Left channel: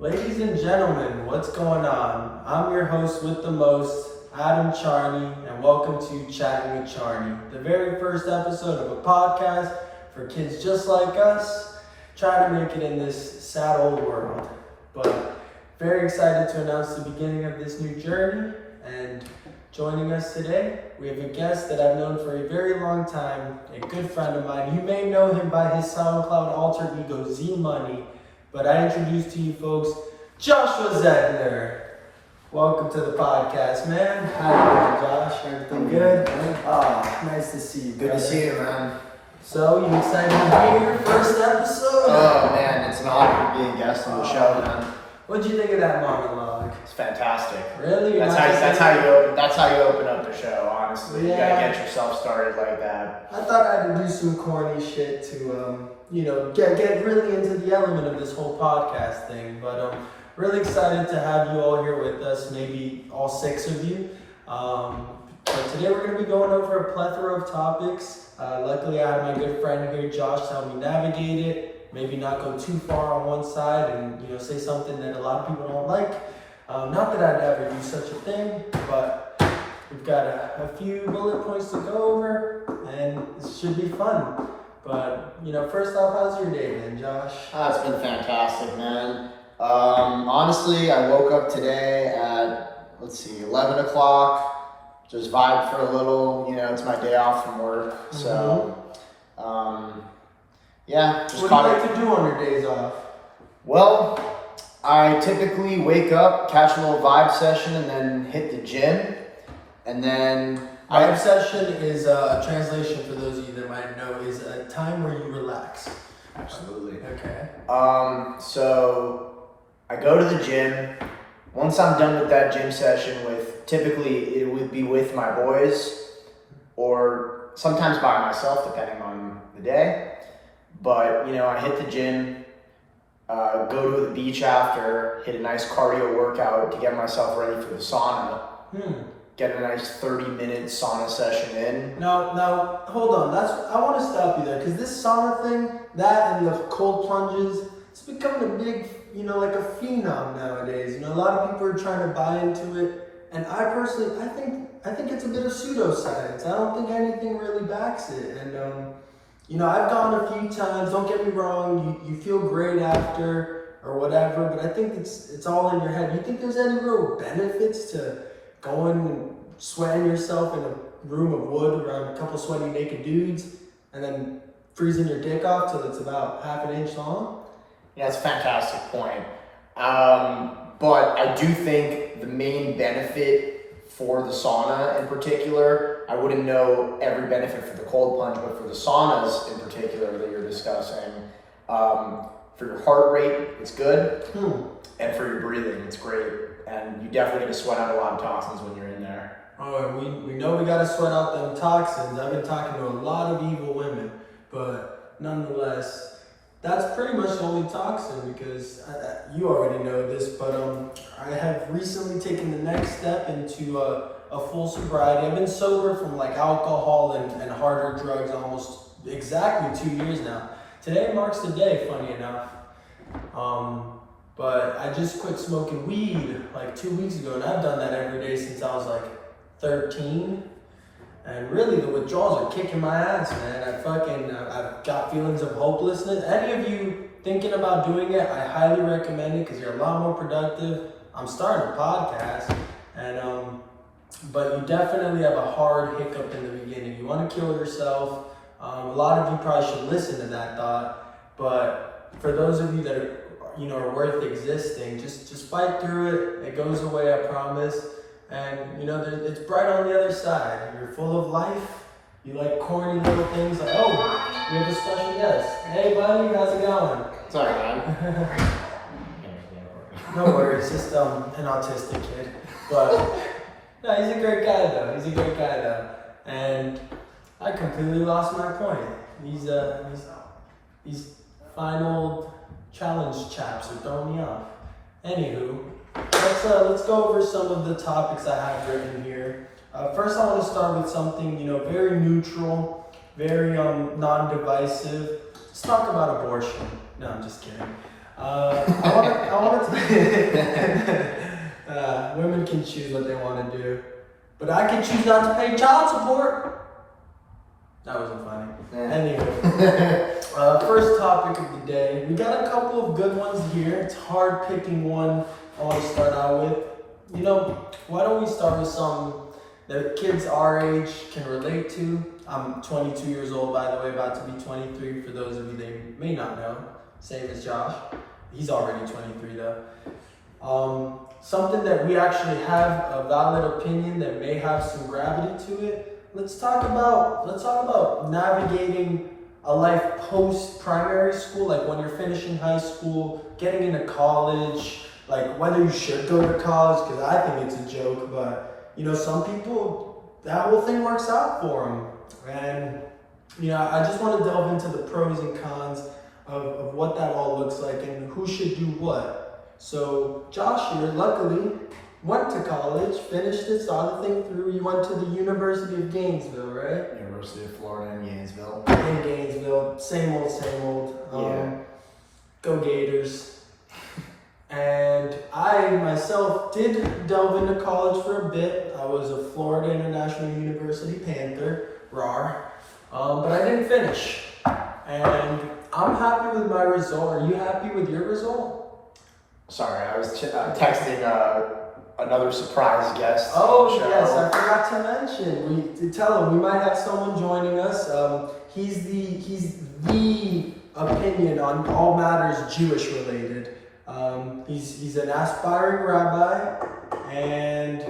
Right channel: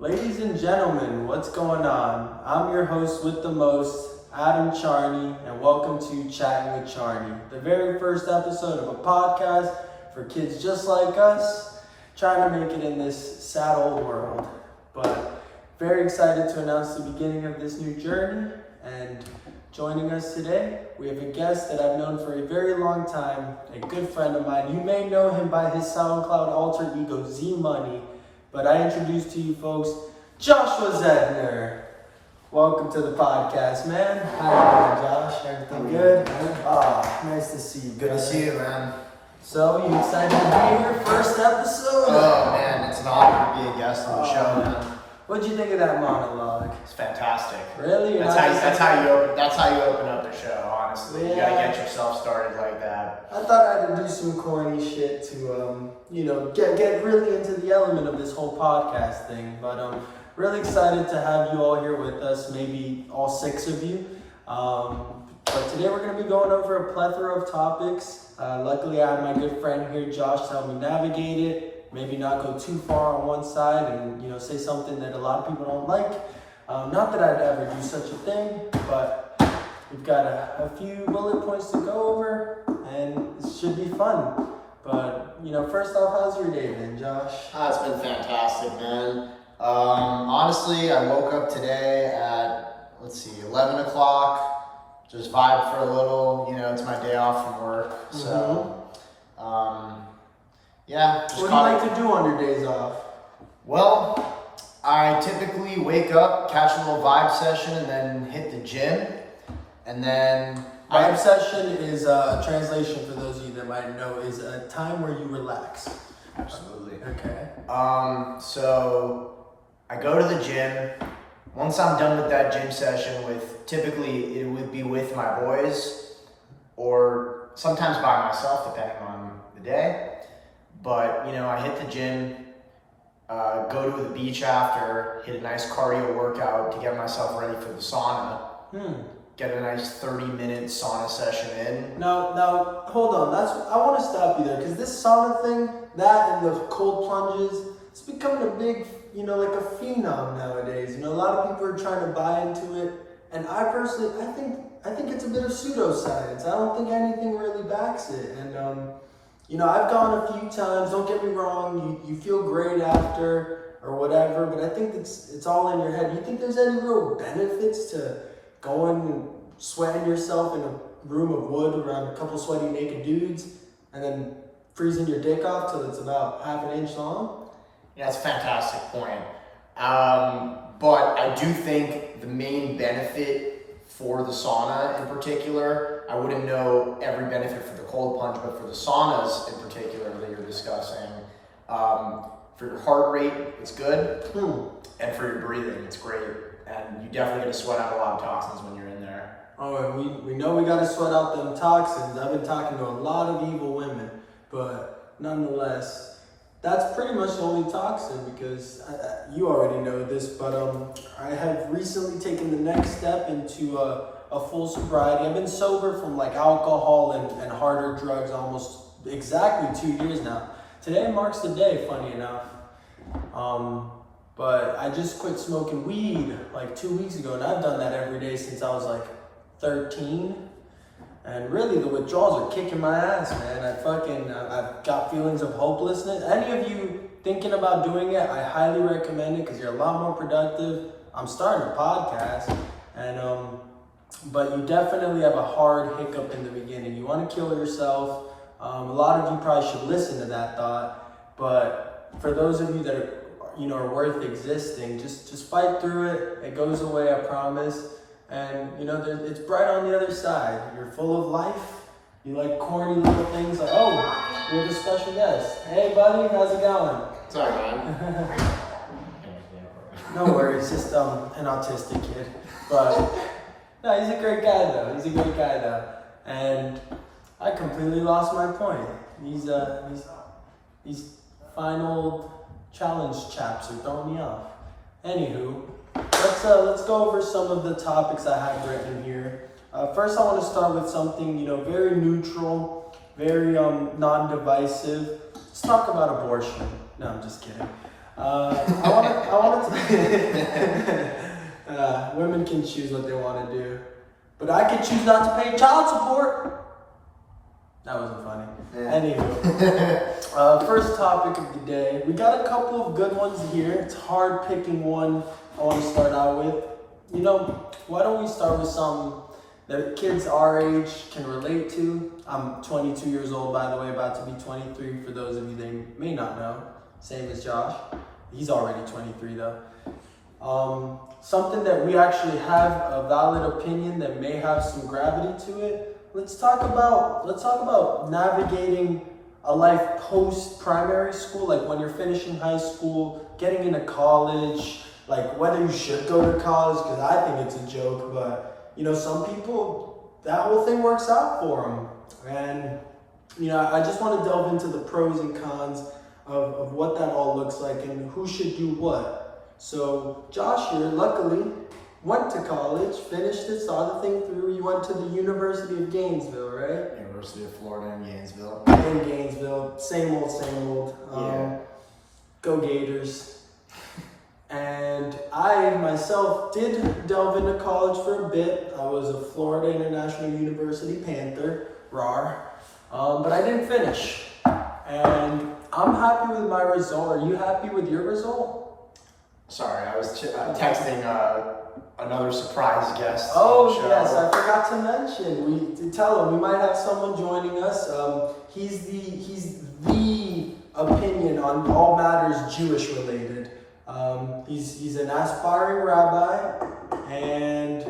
Ladies and gentlemen, what's going on? I'm your host with the most, Chat'n Charni, and welcome to Chat'n Charni, the very first episode of a podcast for kids just like us, trying to make it in this sad old world. But very excited to announce the beginning of this new journey, and joining us today, we have a guest that I've known for a very long time, a good friend of mine. You may know him by his SoundCloud alter ego, Z-Money, but I introduce to you folks, Joshua Zedner. Welcome to the podcast, man. How you doing, Josh? Everything good? Ah, nice to see you. Good to see you, man. So, you excited to be here? First episode? Oh, man, it's an honor to be a guest on the show, man. What'd you think of that monologue? It's fantastic. Really? That's how you open up the show, honestly. Yeah. You gotta get yourself started like that. I thought I had to do some corny shit to, get really into the element of this whole podcast thing. But really excited to have you all here with us, maybe all 6 of you. But today we're going to be going over a plethora of topics. Luckily, I have my good friend here, Josh, to help me navigate it. Maybe not go too far on one side and, say something that a lot of people don't like. Not that I'd ever do such a thing, but we've got a few bullet points to go over, and it should be fun. But, first off, how's your day been, Josh? It's been fantastic, man. Honestly, I woke up today at, 11 o'clock. Just vibed for a little, it's my day off from work. So, yeah. Just what do you like to do on your days off? Well, I typically wake up, catch a little vibe session, and then hit the gym. And then vibe session is a translation for those of you that might know, is a time where you relax. Absolutely. Okay. So I go to the gym. Once I'm done with that gym session, typically it would be with my boys, or sometimes by myself, depending on the day. But I hit the gym. Go to the beach after, hit a nice cardio workout to get myself ready for the sauna. Get a nice 30-minute sauna session in. Now, hold on. I want to stop you there, because this sauna thing, that and the cold plunges, it's becoming a big, like a phenom nowadays. A lot of people are trying to buy into it, and I personally, I think it's a bit of pseudoscience. I don't think anything really backs it, and I've gone a few times, don't get me wrong, you feel great after or whatever, but I think it's all in your head. You think there's any real benefits to going and sweating yourself in a room of wood around a couple sweaty naked dudes and then freezing your dick off till it's about half an inch long? Yeah, that's a fantastic point. But I do think the main benefit for the sauna in particular, I wouldn't know every benefit for the cold plunge, but for the saunas in particular that you're discussing, for your heart rate, it's good, and for your breathing, it's great, and you definitely get to sweat out a lot of toxins when you're in there. Oh, and we know we got to sweat out them toxins. I've been talking to a lot of evil women, but nonetheless, that's pretty much the only toxin, because you already know this, but I have recently taken the next step into a full sobriety. I've been sober from like alcohol and harder drugs almost exactly 2 years now. Today marks the day, funny enough. But I just quit smoking weed like 2 weeks ago, and I've done that every day since I was like 13. And really, the withdrawals are kicking my ass, man. I've got feelings of hopelessness. Any of you thinking about doing it, I highly recommend it, because you're a lot more productive. I'm starting a podcast, and but you definitely have a hard hiccup in the beginning. You want to kill yourself. A lot of you probably should listen to that thought, but for those of you that are worth existing, just fight through it. It goes away, I promise. And it's bright on the other side. You're full of life. You like corny little things like, oh, we have a special guest. Hey buddy, how's it going? Sorry, man. No worries, just an autistic kid. But no, he's a great guy though. And I completely lost my point. These fine old challenge chaps are throwing me off. Anywho, let's go over some of the topics I have written here. First, I want to start with something very neutral, very non-divisive. Let's talk about abortion. No, I'm just kidding. I wanted to Women can choose what they want to do. But I can choose not to pay child support. That wasn't funny. Anyway, first topic of the day. We got a couple of good ones here. It's hard picking one I want to start out with. You know, why don't we start with some that kids our age can relate to? I'm 22 years old, by the way, about to be 23 for those of you that may not know. Same as Josh. He's already 23 though. Something that we actually have a valid opinion that may have some gravity to it. Let's talk about navigating a life post-primary school, like when you're finishing high school, getting into college, like whether you should go to college, because I think it's a joke, but you know, some people, that whole thing works out for them. And you know, I just want to delve into the pros and cons of what that all looks like and who should do what. So Josh here, luckily, went to college, finished it, saw the thing through. You went to the University of Gainesville, right? University of Florida in Gainesville. In Gainesville, same old. Yeah. Go Gators. And I myself did delve into college for a bit. I was a Florida International University Panther, RAR, but I didn't finish. And I'm happy with my result. Are you happy with your result? Sorry, I was texting another surprise guest Oh, on the show. yes, I forgot to mention. To tell him we might have someone joining us. He's the opinion on all matters Jewish related. He's an aspiring rabbi and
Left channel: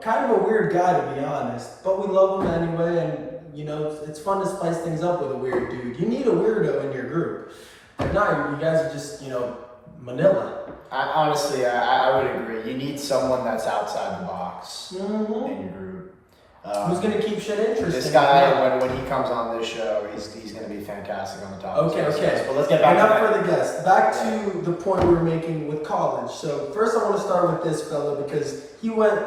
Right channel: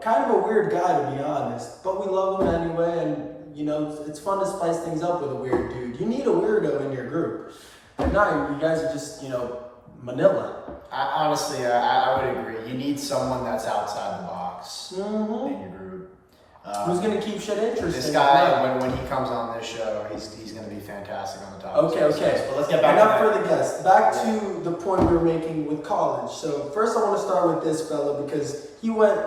kind of a weird guy, to be honest. But we love him anyway, and you know, it's fun to spice things up with a weird dude. You need a weirdo in your group. If not, you guys are just, you know, Manila. Honestly, I would agree. You need someone that's outside the box in your group. Who's gonna keep shit interesting? This guy, when he comes on this show, he's gonna be fantastic on the topic. Okay. But let's get back Enough to that. for the guest. Back to the point we were making with college. So first I want to start with this fella because he went,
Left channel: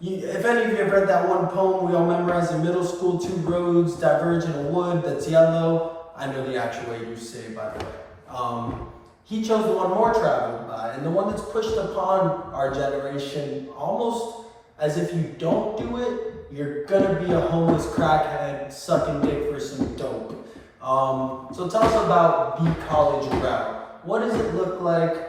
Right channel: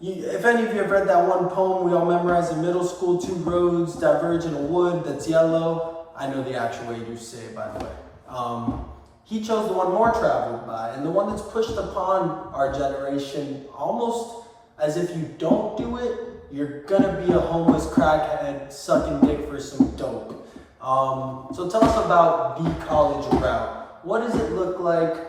if any of you have read that one poem we all memorized in middle school, two roads diverge in a wood that's yellow. I know the actual way you say it, by the way. He chose the one more traveled by, and the one that's pushed upon our generation almost as if you don't do it, you're gonna be a homeless crackhead sucking dick for some dope. So tell us about the college route. What does it look like?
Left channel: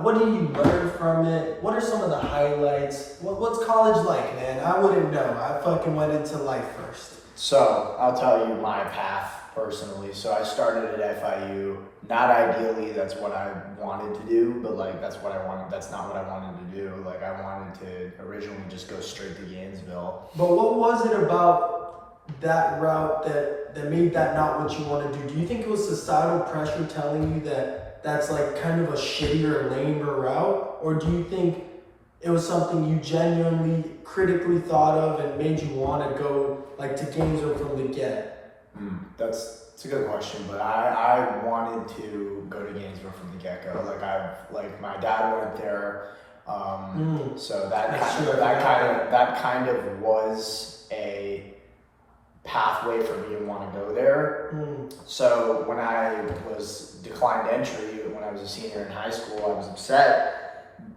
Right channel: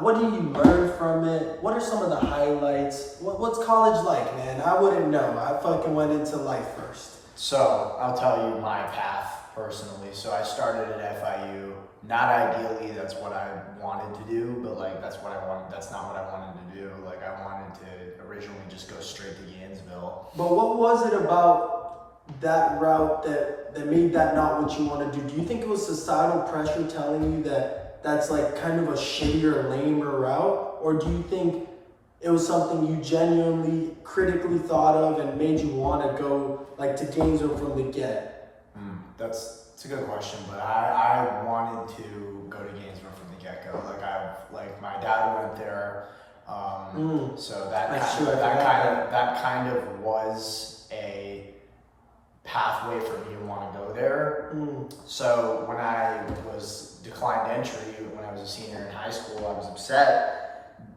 What do you learn from it? What are some of the highlights? What's college like, man? I wouldn't know. I fucking went into life first. So I'll tell you my path personally. So I started at FIU. Not ideally, that's what I wanted to do, but like that's not what I wanted to do. Like I wanted to originally just go straight to Gainesville. But what was it about that route that made that not what you want to do? Do you think it was societal pressure telling you that that's like kind of a shittier, lamer route? Or do you think it was something you genuinely critically thought of and made you want to go like to Gainesville from the get? That's a good question, but I wanted to go to Gainesville from the get-go. Like my dad went there, so that kind of was a pathway for me to want to go there. So when I was declined entry, when I was a senior in high school, I was upset.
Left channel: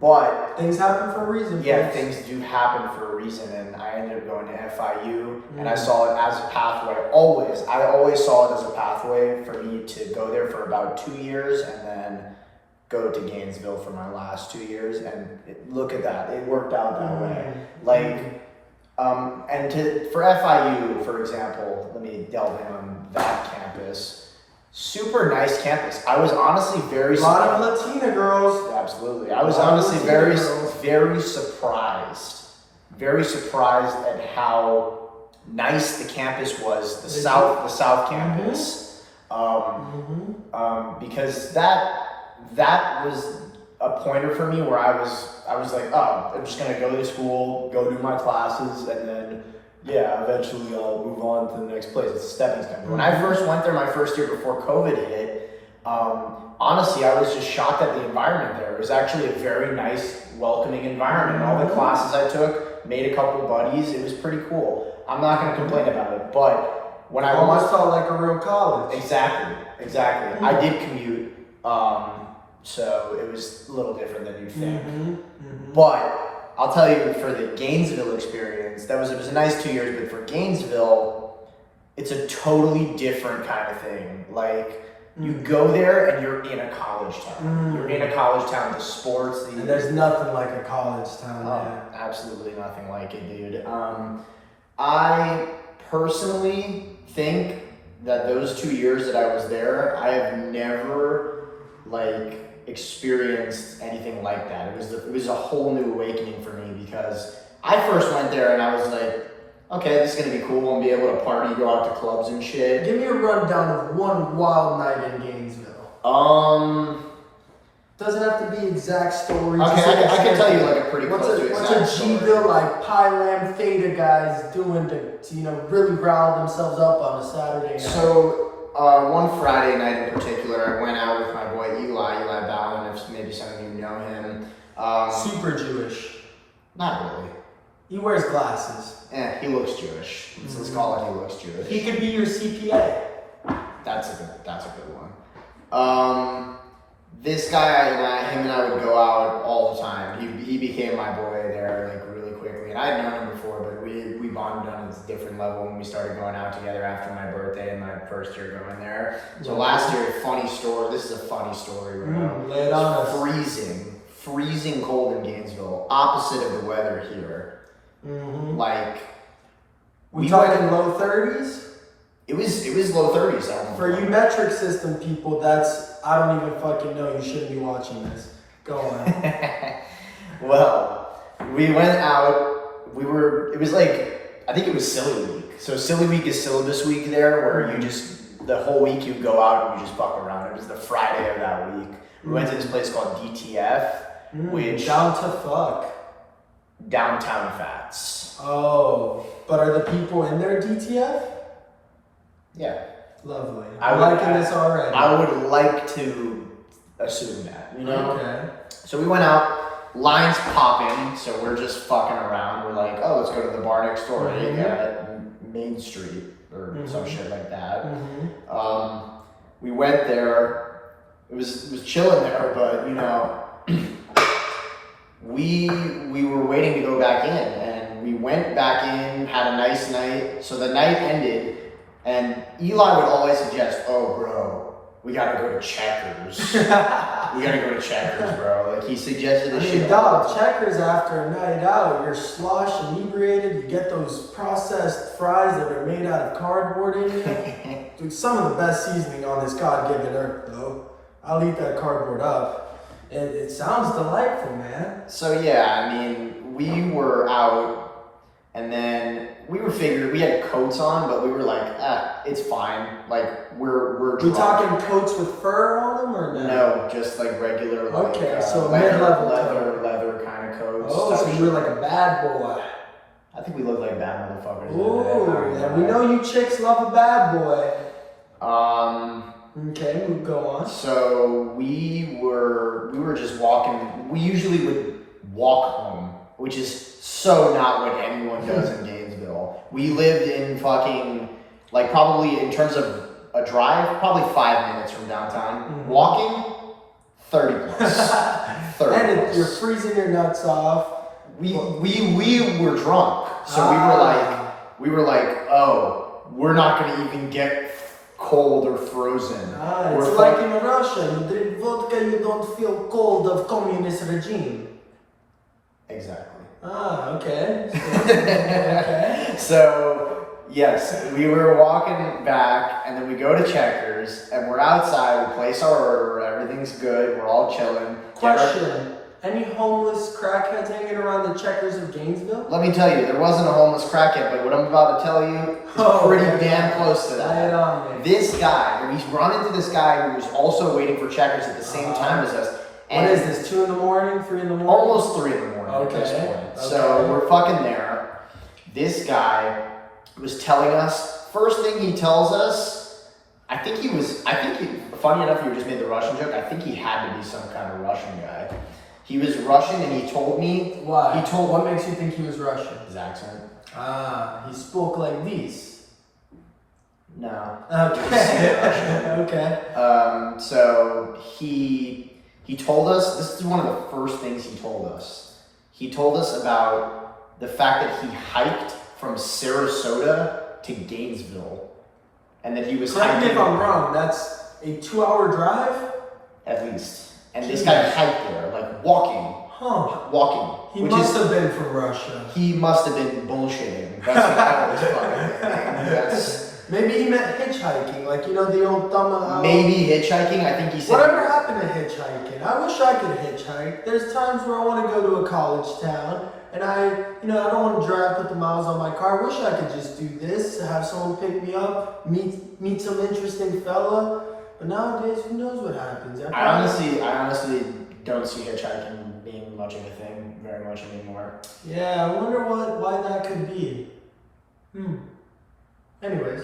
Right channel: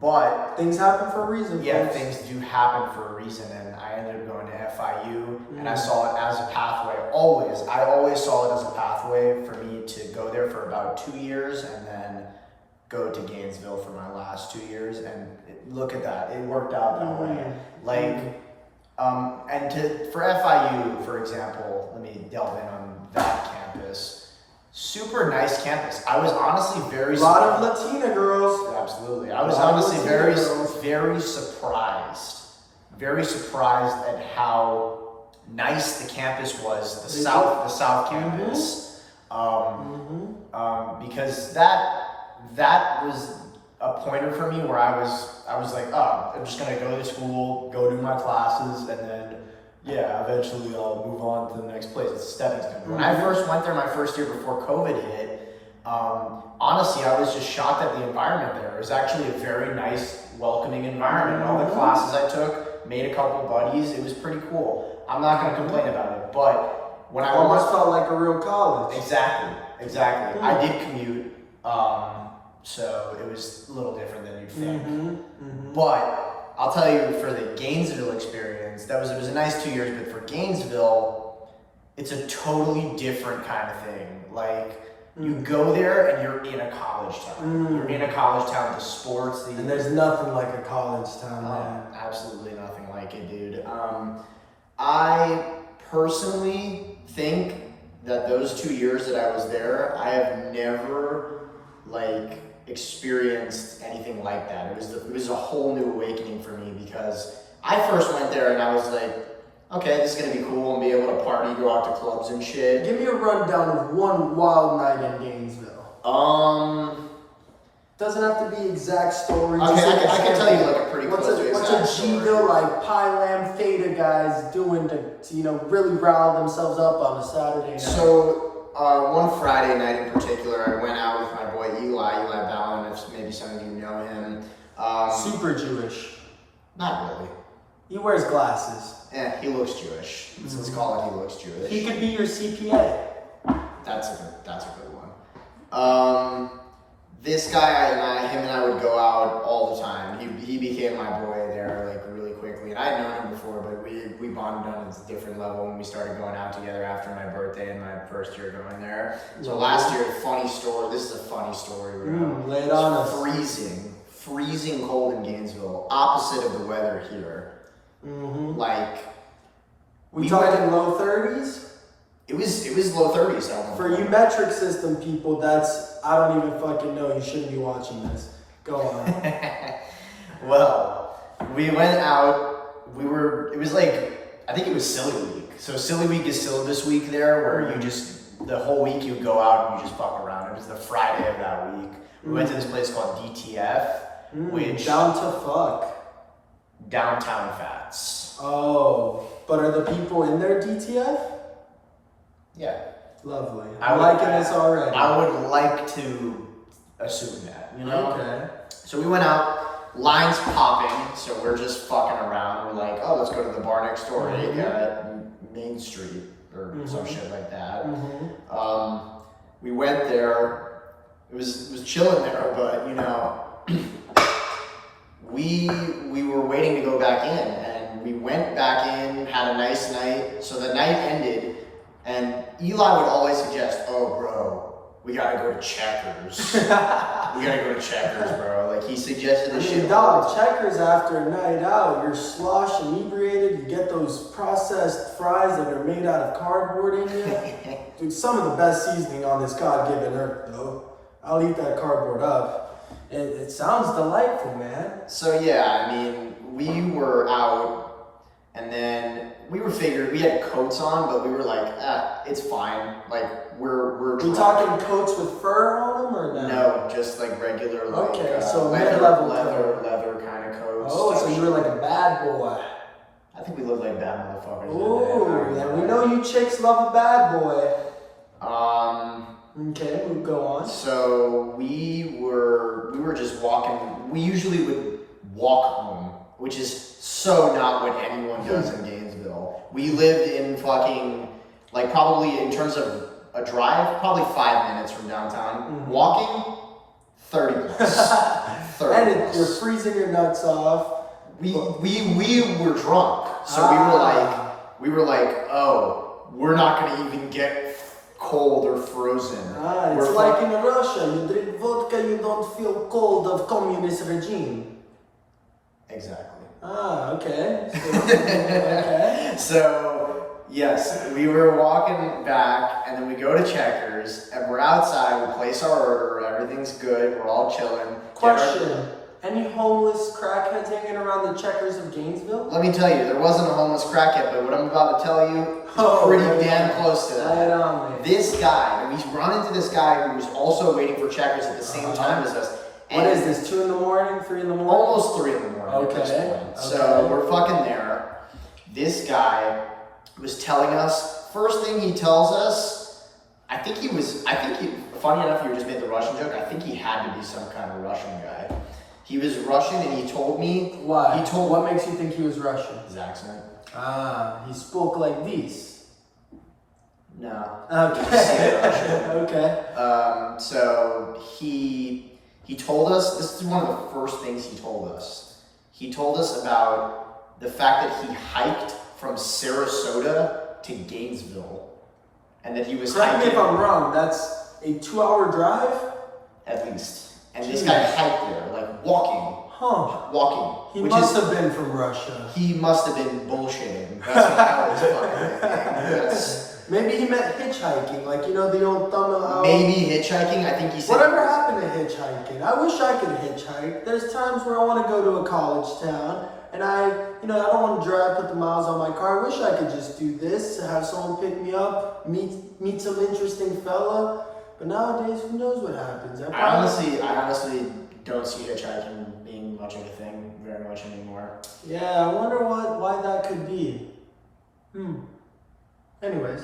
But things happen for a reason. Yeah, folks. things do happen for a reason, and I ended up going to FIU, and I saw it as a pathway. I always saw it as a pathway for me to go there for about 2 years, and then go to Gainesville for my last 2 years. And look at that, it worked out that way. Like, for FIU, for example, let me delve in on that campus. Super nice campus. I was honestly very surprised. A lot of Latina girls. Absolutely. I was honestly very surprised. Very surprised at how nice the campus was, the South campus. Because that was a pointer for me where I was like, oh, I'm just gonna go to school, go do my classes, and then eventually I'll move on to the next place. It's a stepping stone. When I first went there my first year before COVID hit, honestly, I was just shocked at the environment there. It was actually a very nice, welcoming environment. And all the classes I took, made a couple buddies. It was pretty cool. I'm not going to complain about it. But when I almost felt like a real college. Exactly. I did commute So it was a little different than you'd think. Mm-hmm. But I'll tell you, for the Gainesville experience, it was a nice 2 years, but for Gainesville, it's a totally different kind of thing. Like, you go there and you're in a college town. You're in a college town, the sports. And there's nothing like a college town, man. Absolutely nothing like it, dude. I personally think that those 2 years that I was there, I have never, like, experienced anything like that. It was a whole new awakening for me, because I first went there and I was like, okay, this is gonna be cool. I'm gonna be able to party, go out to clubs and shit. Give me a rundown of one wild night in Gainesville. Doesn't have to be exact stories. Okay, I can tell you like a pretty close to exact story. What's a G-ville like Pi Lam Theta guys doing to really rile themselves up on a Saturday night? So one Friday night in particular, I went out with my boy Eli Ballin, if maybe some of you know him. Super Jewish. Not really. He wears glasses. He looks Jewish. Let's call it he looks Jewish. He could be your CPA. That's a good one. This guy him and I would go out all the time. He became my boy there like really quickly, and I had known him before, but we bonded on a different level when we started going out together after my birthday and my first year going there. So last year, funny story. This is a funny story, bro. Lay it on us. Freezing cold in Gainesville, opposite of the weather here. Like, we talking low 30s? It was low 30s at one point. For you metric system people, I don't even fucking know. You shouldn't be watching this. Go on. Well, we went out. It was like, I think it was Silly Week. So Silly Week is syllabus week there, where you just, the whole week you go out and you just fuck around. It was the Friday of that week. We went to this place called DTF, which... Down to fuck. Downtown Fats. Oh, but are the people in there DTF? Yeah. Lovely. I'm liking this already. I would like to assume that, you know? Okay. So we went out, lines popping, so we're just fucking around. We're like, oh, let's go to the bar next door, Main Street, or some shit like that. We went there. It was chilling there, but, you know, we were waiting to go back in, and we went back in, had a nice night. So the night ended, and Eli would always suggest, oh, bro, we gotta go to Checkers. We gotta go to Checkers, bro. Like, he suggested this shit. Dog, Checkers after a night out, you're slosh inebriated, you get those processed fries that are made out of cardboard in you. Dude, some of the best seasoning on this God-given earth, though. I'll eat that cardboard up. It sounds delightful, man. So yeah, I mean, we were out, and then we had coats on, but we were like, it's fine. Like, we're drunk. We talking coats with fur on them, or no? No, just like regular, like, so leather kind of coats. Oh, so you were like a bad boy. I think we looked like bad motherfuckers. Ooh, yeah, we know you chicks love a bad boy. Okay, we'll go on. So we were just walking. We usually would walk home, which is so not what anyone does in Gainesville. We lived in fucking, like, probably in terms of a drive, probably 5 minutes from downtown. Walking, 30 plus. 30 and plus. You're freezing your nuts off. We were drunk, so we were like, oh, we're not gonna even get cold or frozen. It's like in Russia, you drink vodka, you don't feel cold of communist regime. Exactly. Okay. Okay. So, yes, we were walking back, and then we go to Checkers, and we're outside, we place our order, everything's good, we're all chilling. Question. Any homeless crackheads hanging around the Checkers of Gainesville? Let me tell you, there wasn't a homeless crackhead, but what I'm about to tell you is pretty damn close to that. Lay it on me. This guy, we run into this guy who was also waiting for Checkers at the same time as us. And what is this, 2 in the morning, 3 in the morning? Almost 3 in the morning at this point. So we're fucking there. This guy was telling us, first thing he tells us, funny enough, you just made the Russian joke, I think he had to be some kind of Russian guy. He was Russian, and he told me... Why? What makes you think he was Russian? His accent. He spoke like this. No. Okay. Okay. So he He told us, this is one of the first things he told us. He told us about the fact that he hiked from Sarasota to Gainesville. And that he was Correct hiking. me if I'm wrong, that's a 2-hour drive? At least. And this guy hiked there, like walking. Huh. Walking. He must have been from Russia. He must have been bullshitting. That's what I was fucking thing. Maybe he meant hitchhiking, like, the old thumb. Maybe hitchhiking, I think he said. Whatever happened to hitchhiking? I wish I could hitchhike. There's times where I want to go to a college town, and I don't want to drive, put the miles on my car. I wish I could just do this, have someone pick me up, meet some interesting fella. But nowadays, who knows what happens? I honestly don't see hitchhiking being much of a thing very much anymore. Yeah, I wonder why that could be. Anyways.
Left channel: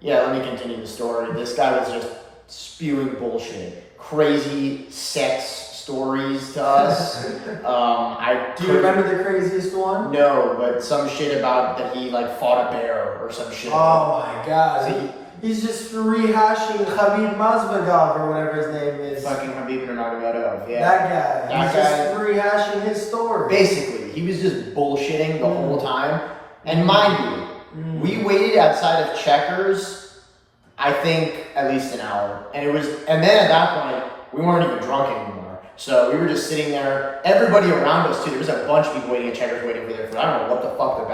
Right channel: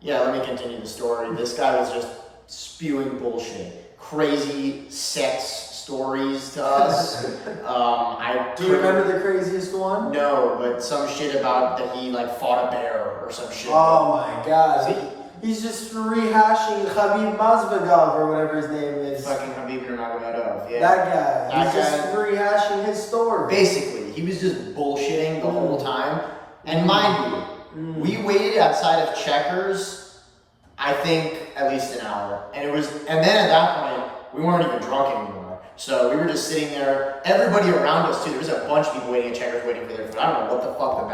Yeah, let me continue the story. This guy was just spewing bullshit. Crazy sex stories to us. Do you remember the craziest one? No, but some shit about that he fought a bear or some shit. Oh my god. He's just rehashing Khabib Masvidal or whatever his name is. Fucking Khabib Nurmagomedov, yeah. That guy. He's just rehashing his story. Basically, he was just bullshitting the whole time. And mind you, we waited outside of Checkers, I think at least an hour. And then at that point, we weren't even drunk anymore. So we were just sitting there. Everybody around us too. There was a bunch of people waiting at Checkers, waiting for their food. I don't know what the fuck the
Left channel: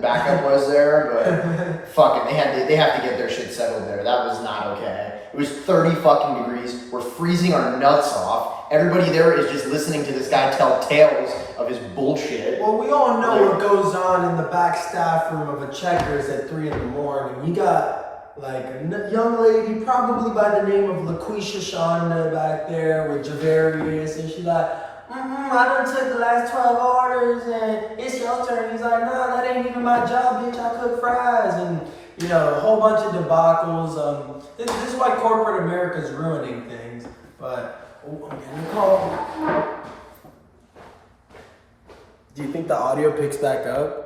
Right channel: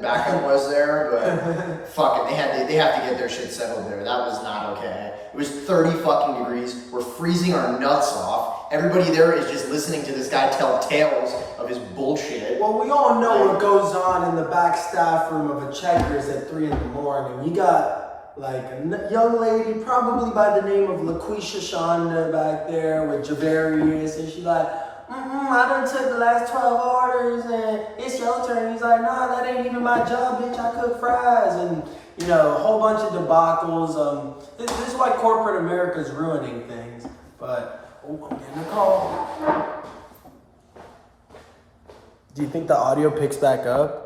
backup was there, but fucking they have to get their shit settled there. That was not okay. It was 30 fucking degrees. We're freezing our nuts off. Everybody there is just listening to this guy tell tales of his bullshit. Well, we all know what goes on in the back staff room of a Checkers at 3 in the morning. You got a young lady, probably by the name of LaQuisha Shonda back there with Javarius, and she's like, I done took the last 12 orders and it's your turn. He's like, no, that ain't even my job, bitch. I cook fries. And, a whole bunch of debacles. This is why corporate America's ruining things. But, I'm gonna call. Do you think the audio picks back up?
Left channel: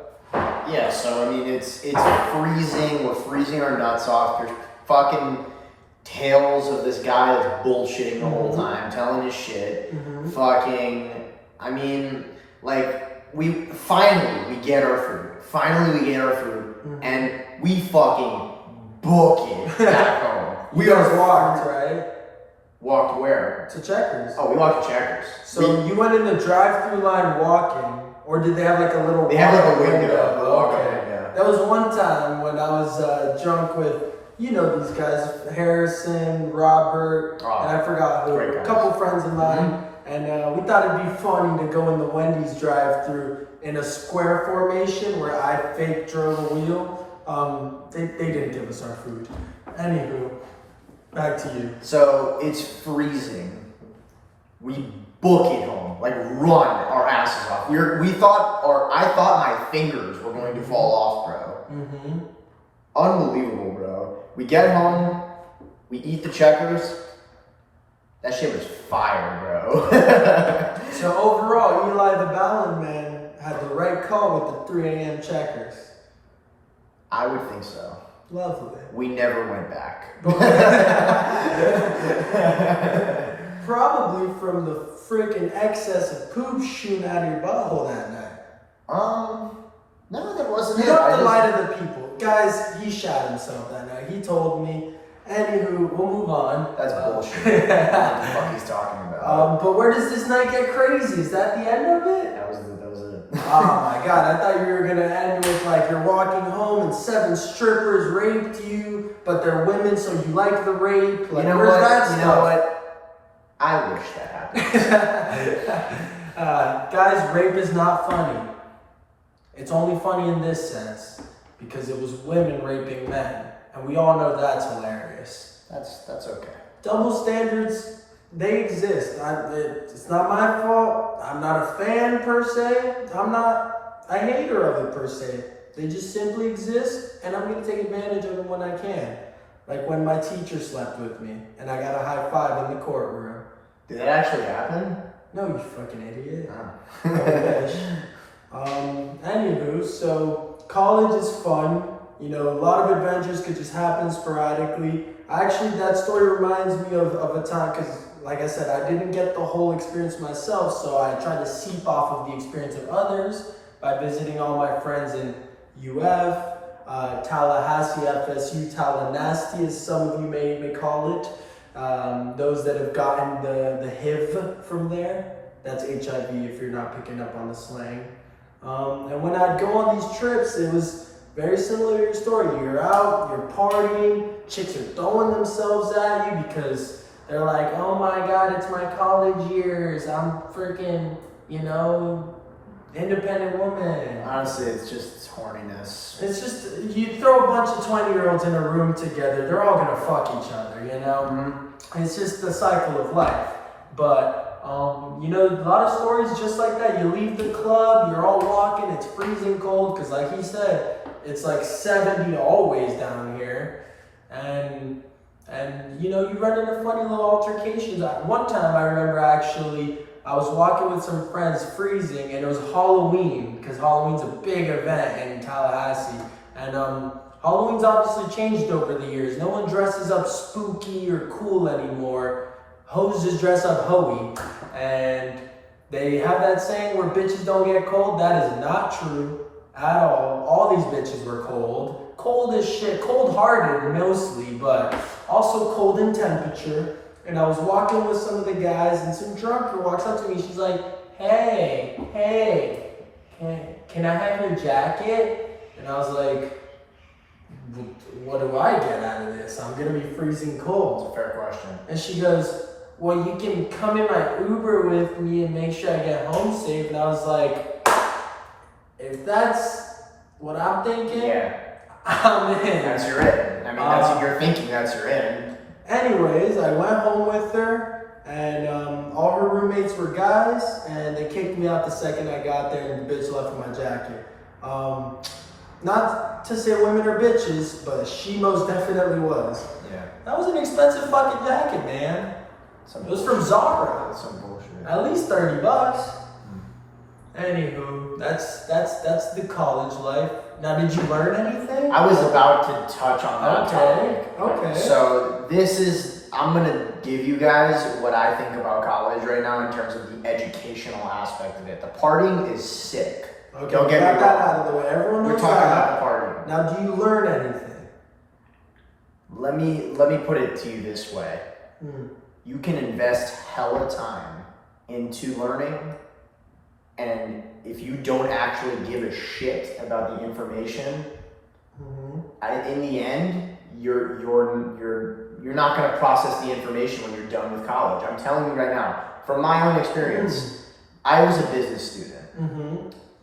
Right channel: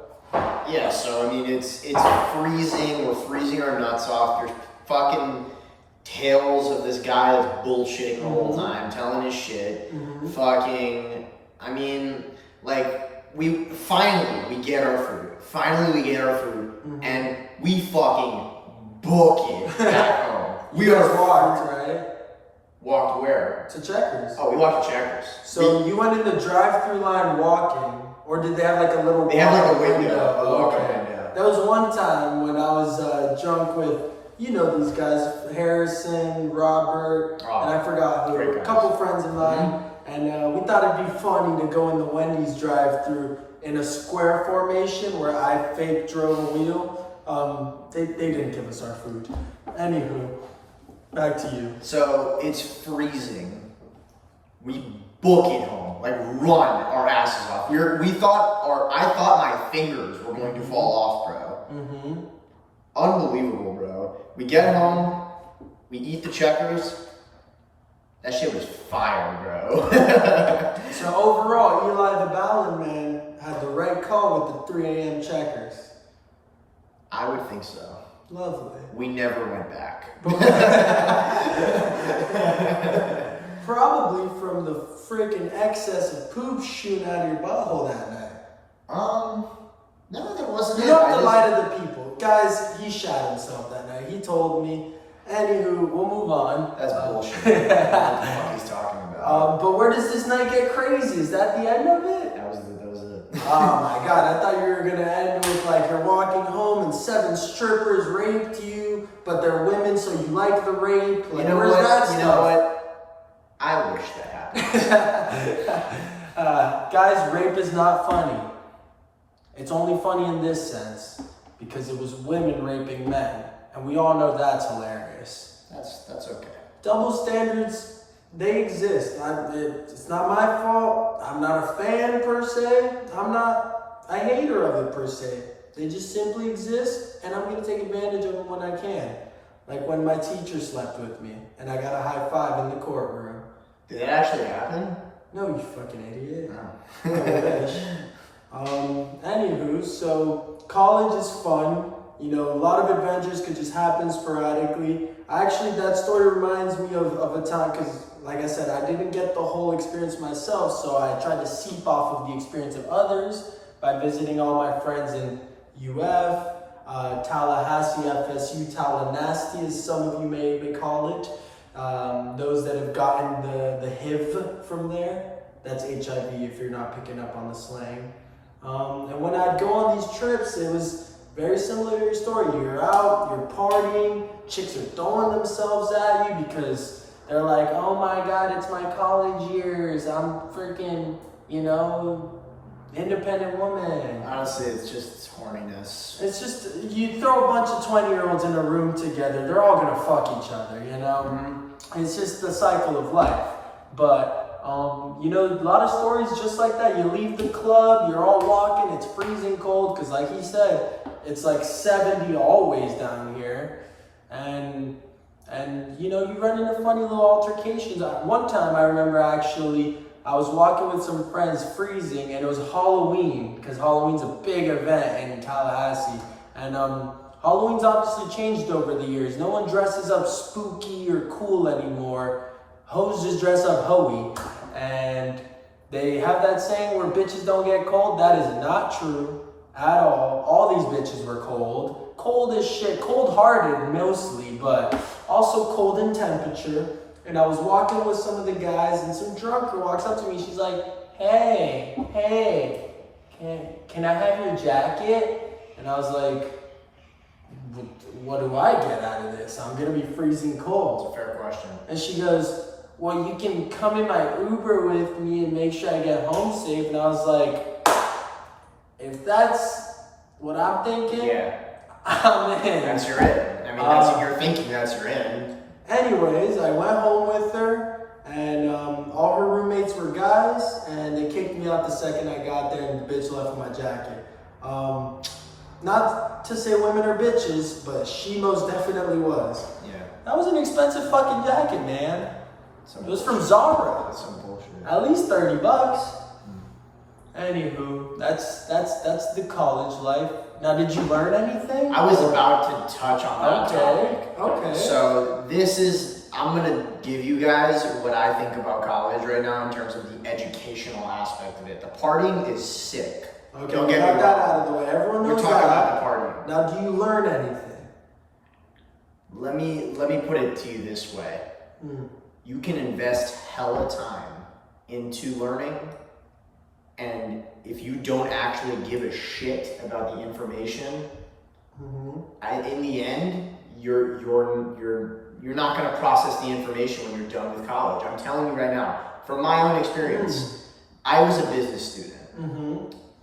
Yeah, so it's freezing. We're freezing our nuts off. There's fucking tales of this guy that's bullshitting the whole time, telling his shit. Fucking, we finally get our food. And we fucking book it back home. We are walked, right? Walked where? To Checkers. Oh, we walked to Checkers. So you went in the drive-through line walking. Or did they have a little... They have a window. Okay. That was one time when I was drunk with, these guys, Harrison, Robert, and I forgot who, a couple friends of mine. And we thought it'd be funny to go in the Wendy's drive-through in a square formation where I fake drove a wheel. They didn't give us our food. Anywho, back to you. So it's freezing. We book it home, run our asses off. I thought my fingers were going to fall off, bro. Unbelievable, bro. We get home, we eat the Checkers. That shit was fire, bro. So overall, Eli the Ballon Man had the right call with the 3 a.m. Checkers. I would think so. Lovely. We never went back. Probably from the freaking excess of poop shooting out of your butthole that night. No, that wasn't it. You have to lie to the people. Guys, he shot himself that night. He told me. Anywho, we'll move on. That's bullshit. What the fuck he's talking about? But where does this night get crazy? Is that the end of it? That was it. Oh my god, I thought you were gonna end with you're walking home and 7 strippers raped you, but they're women, so you like the rape. You know what? I wish that happened. Guys, rape is not funny. It's only funny in this sense because it was women raping men, and we all know that's hilarious. That's okay. Double standards, they exist. It's not my fault. I'm not a fan per se. I'm not a hater of it per se. They just simply exist, and I'm gonna take advantage of them when I can. Like when my teacher slept with me, and I got a high five in the courtroom. Did that actually happen? No, you fucking idiot. I wish. Anywho, so college is fun. A lot of adventures could just happen sporadically. Actually, that story reminds me of a time, because like I said, I didn't get the whole experience myself, so I tried to seep off of the experience of others by visiting all my friends in UF, Tallahassee, FSU, Tallahassee, as some of you may call it. Those that have gotten the HIV from there, that's HIV if you're not picking up on the slang. And when I'd go on these trips, it was very similar to your story. You're out, you're partying, chicks are throwing themselves at you because they're like, oh my God, it's my college years. I'm freaking, independent woman. Honestly, it's just horniness. It's just, you throw a bunch of 20-year-olds in a room together, they're all gonna fuck each other, Mm-hmm. It's just the cycle of life. But, a lot of stories just like that. You leave the club, you're all walking, it's freezing cold, because like he said, it's like 70 always down here. And you run into funny little altercations. One time I remember actually, I was walking with some friends, freezing, and it was Halloween, because Halloween's a big event in Tallahassee. And Halloween's obviously changed over the years. No one dresses up spooky or cool anymore. Hoes just dress up hoey. And they have that saying where bitches don't get cold. That is not true at all. All these bitches were cold. Cold as shit. Cold-hearted mostly, but also cold in temperature. And I was walking with some of the guys, and some drunker walks up to me. She's like, hey, can I have your jacket? And I was like, what do I get out of this? I'm gonna be freezing cold. It's a fair question. And she goes, well, you can come in my Uber with me and make sure I get home safe. And I was like, if that's what I'm thinking, yeah, I'm in. That's your in. I mean, that's you're thinking that's your in. Anyways, I went home with her, and all her roommates were guys, and they kicked me out the second I got there, and the bitch left with my jacket. Not to say women are bitches, but she most definitely was. Yeah. That was an expensive fucking jacket, man. It was from Zara. That's some bullshit. At least $30. Anywho, that's the college life. Now, did you learn anything? I was about to touch on that topic. Okay. So I'm gonna give you guys what I think about college right now in terms of the educational aspect of it. The partying is sick. Okay, Don't get me got wrong. that out of the way. Everyone knows We're talking that. about the partying. Now, do you learn anything? Let me put it to you this way. You can invest hella time into learning, and if you don't actually give a shit about the information, in the end, you're not going to process the information when you're done with college. I'm telling you right now, from my own experience, I was a business student,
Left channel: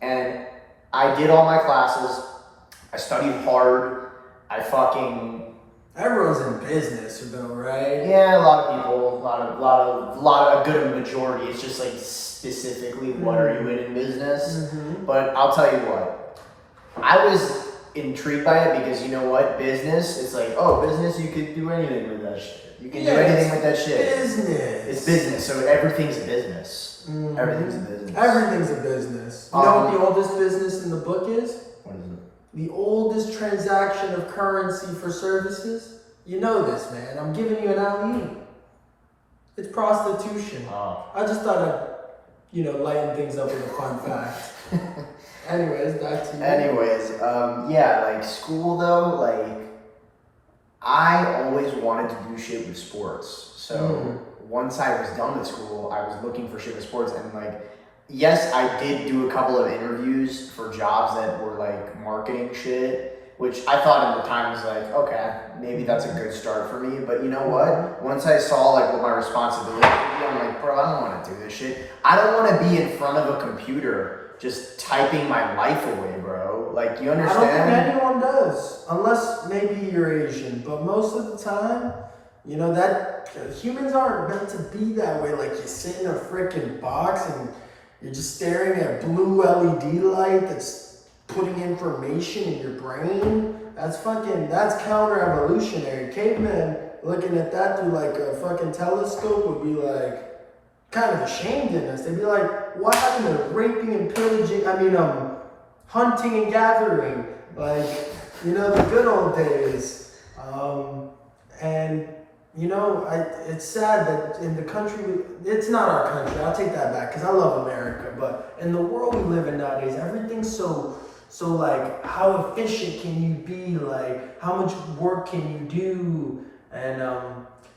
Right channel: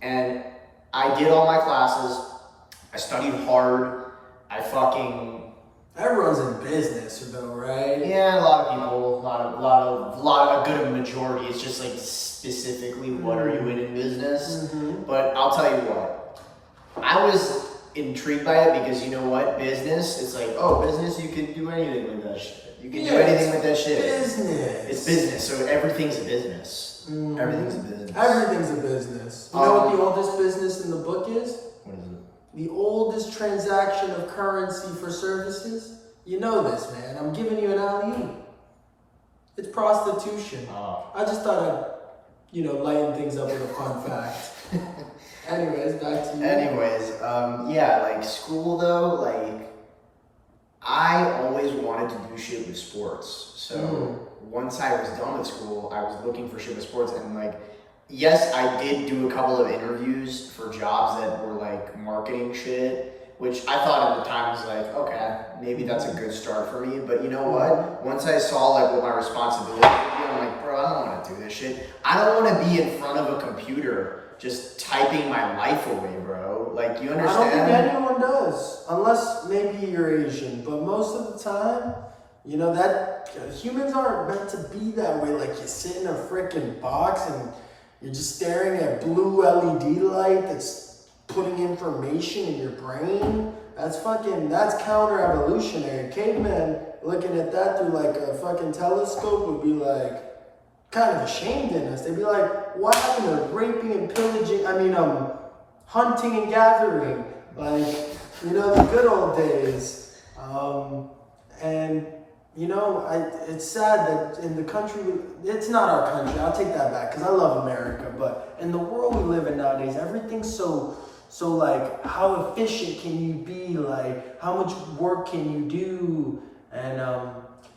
and I did all my classes. I studied hard. Everyone's in business, though, right? Yeah, a lot of people, a good majority. It's just like specifically what are you in business? But I'll tell you what, I was intrigued by it because you know what, business. It's like, oh, business, you could do anything with that shit. You can do anything with that shit. Business. It's business, so everything's a business. Everything's a business. Everything's a business. You know what the oldest business in the book is? What is it? The oldest transaction of currency for services? You know this, man. I'm giving you an LE. It's prostitution. I just thought I'd, lighten things up with a fun fact. Anyways, back to you. Anyways, like school though, like I always wanted to do shit with sports. So once I was done with school, I was looking for shit with sports, and like, yes, I did do a couple of interviews for jobs that were like marketing shit, which I thought at the time was like, okay, maybe that's a good start for me. But you know what? Once I saw like what my responsibility would be, I'm like, bro, I don't want to do this shit. I don't want to be in front of a computer just typing my life away, bro. Like, you understand? I don't think anyone does, unless maybe you're Asian. But most of the time, that humans aren't meant to be that way. Like, you sit in a freaking box and you're just staring at blue LED light that's putting information in your brain. That's counter-evolutionary. Cavemen looking at that through like a fucking telescope would be like kind of ashamed in us. They'd be like, what happened to raping and pillaging? Hunting and gathering. Like, the good old days. And you know, it's sad that in the country, it's not our country, I'll take that back, because I love America, but in the world we live in nowadays, everything's so like, how efficient can you be, like, how much work can you do, and,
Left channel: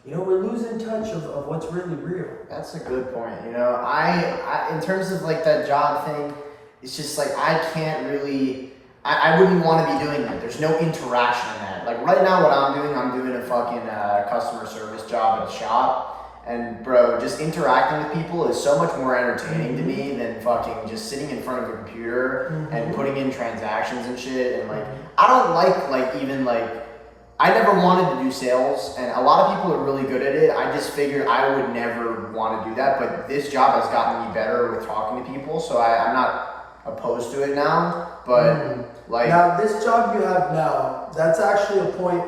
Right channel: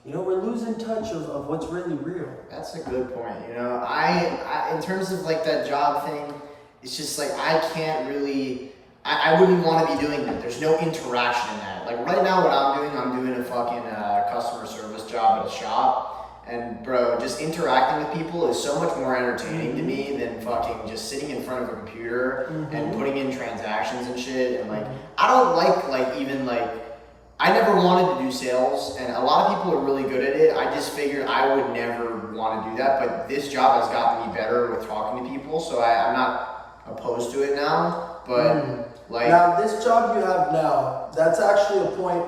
you know, we're losing touch of what's really real. That's a good point. You know, I in terms of like that job thing, it's just like I can't really. I wouldn't want to be doing that. There's no interaction in that. Like right now, what I'm doing a fucking customer service job at a shop, and bro, just interacting with people is so much more entertaining to me than fucking just sitting in front of a computer and putting in transactions and shit. And like, I don't like even like. I never wanted to do sales, and a lot of people are really good at it. I just figured I would never want to do that, but this job has gotten me better with talking to people, so I'm not opposed to it now. But like now, this job you have now, that's actually a point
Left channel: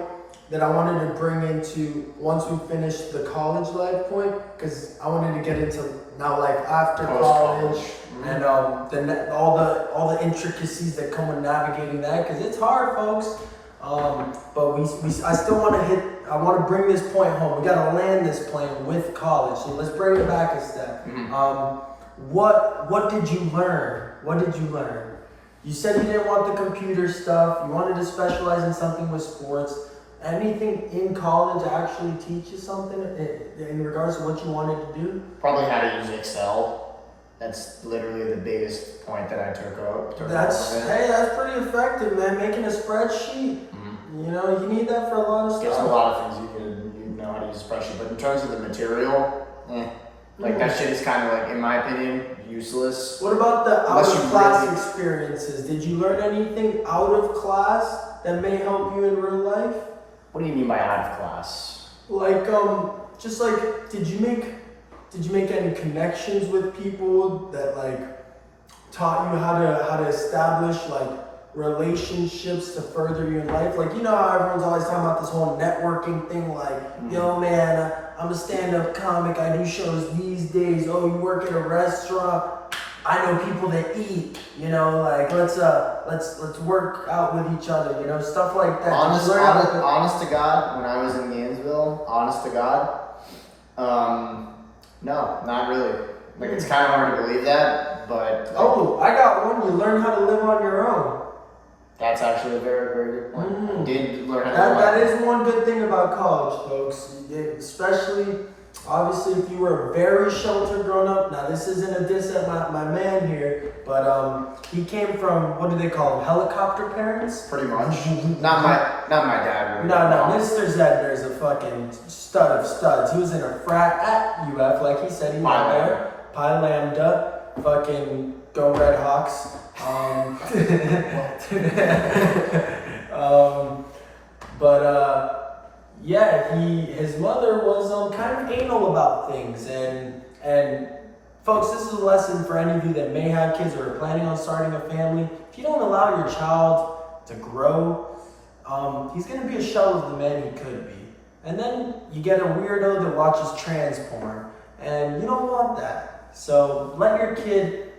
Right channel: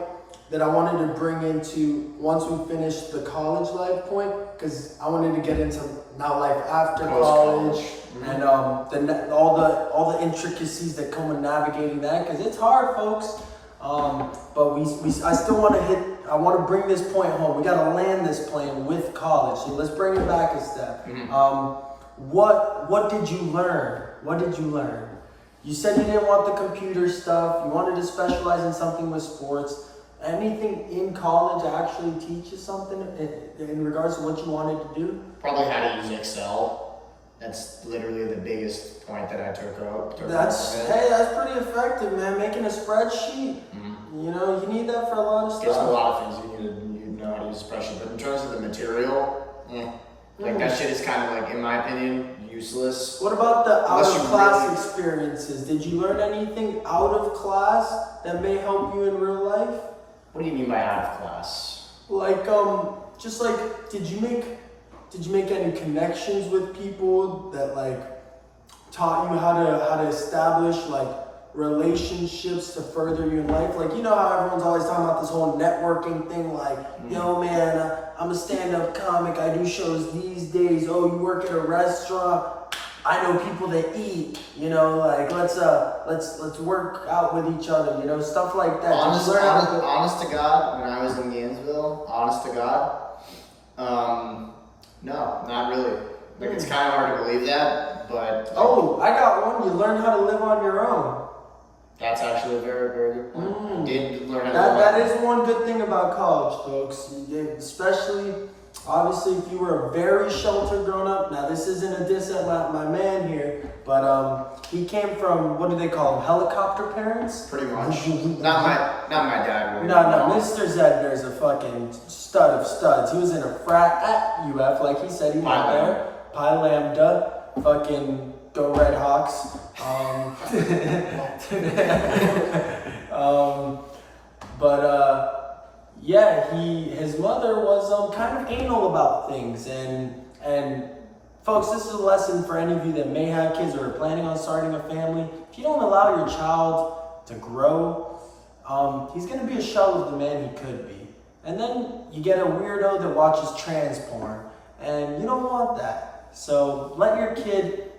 that I wanted to bring into once we finish the college life point, because I wanted to get into now like after college and all the intricacies that come with navigating that, because it's hard, folks. But I still want to I want to bring this point home. We got to land this plane with college. So let's bring it back a step. What did you learn? What did you learn? You said you didn't want the computer stuff. You wanted to specialize in something with sports. Anything in college actually teach you something in regards to what you wanted to do? Probably how to use Excel. That's literally the biggest point that I took up. That's pretty effective, man. Making a spreadsheet. You know, you need that for a lot of stuff. There's a lot of things you know how to use a spreadsheet, but in terms of the material, like that shit is kind of like, in my opinion, useless. What about the out of class experiences? Did you learn anything out of class that may help you in real life? What do you mean by out of class? Like, just like, did you make any connections with people that like taught you how to establish like relationships to further you in life? Like, you know how everyone's always talking about this whole networking thing, like, yo man, I'm a stand-up comic, I do shows these days. Oh, you work at a restaurant, I know people that eat, you know, like let's work out with each other, you know, stuff like that. Honest to God, when I was in Gainesville, honest to God, no, not really. Like, it's kind of hard to believe that, but... Oh, I got one. You learn how to live on your own. That's actually a very, very good point. I did learn how to live on my own. That is one good thing about college, folks. Especially, obviously, if you were very sheltered growing up. Now, this isn't a diss at my man here, but he came from, what do they call them, helicopter parents? Pretty much. Not my dad. Really. No, Mr. Zedner is a fucking stud of studs. He was in a frat at UF, like he said he was there. Pi Lambda, fucking go Red Hawks. Yeah, his mother was kind of anal about things, and folks, this is a lesson for any of you that may have kids or are planning on starting a family. If you don't allow your child to grow, he's going to be a shell of the man he could be. And then you get a weirdo that watches trans porn, and you don't want that. So let your kid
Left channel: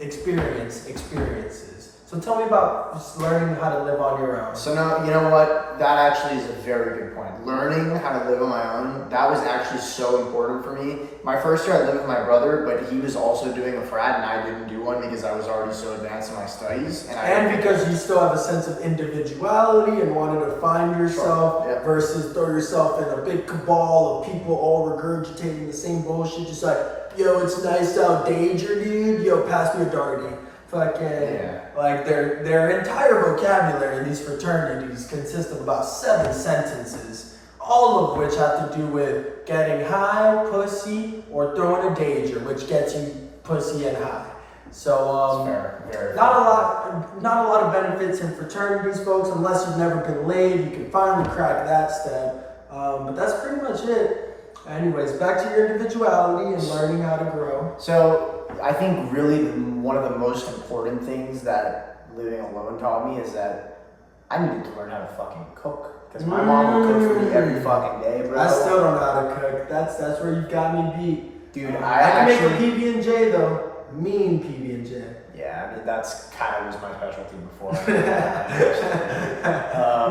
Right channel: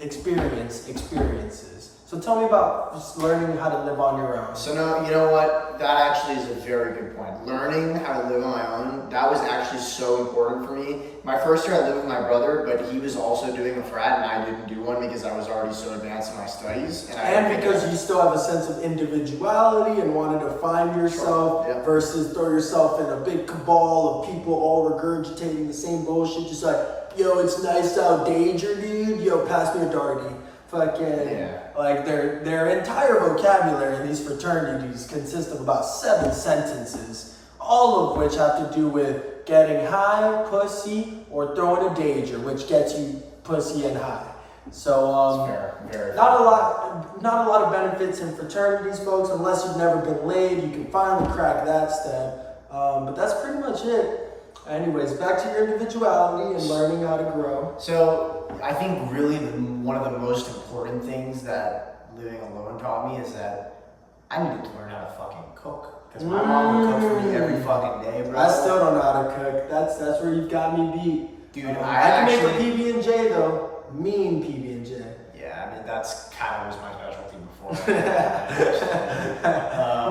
experience experiences. So tell me about just learning how to live on your own. So now, you know what? That actually is a very good point. Learning how to live on my own, that was actually so important for me. My first year I lived with my brother, but he was also doing a frat and I didn't do one because I was already so advanced in my studies. And because you still have a sense of individuality and wanted to find yourself versus throw yourself in a big cabal of people all regurgitating the same bullshit. Just like, yo, it's nice out danger, dude. Yo, pass me a darty. Fucking, like their entire vocabulary in these fraternities consists of about 7 sentences, all of which have to do with getting high, pussy, or throwing a danger, which gets you pussy and high. So, not a lot of benefits in fraternities, folks, unless you've never been laid. You can finally crack that step. But that's pretty much it. Anyways, back to your individuality and learning how to grow. So, I think really one of the most important things that living alone taught me is that I needed to learn how to fucking cook. Because my mom would cook for me every fucking day, bro. I still don't know how to cook. That's where you've got me beat. Dude, I can make a PB&J though. mean PB&J. Yeah, I mean, that's kind of was my specialty before.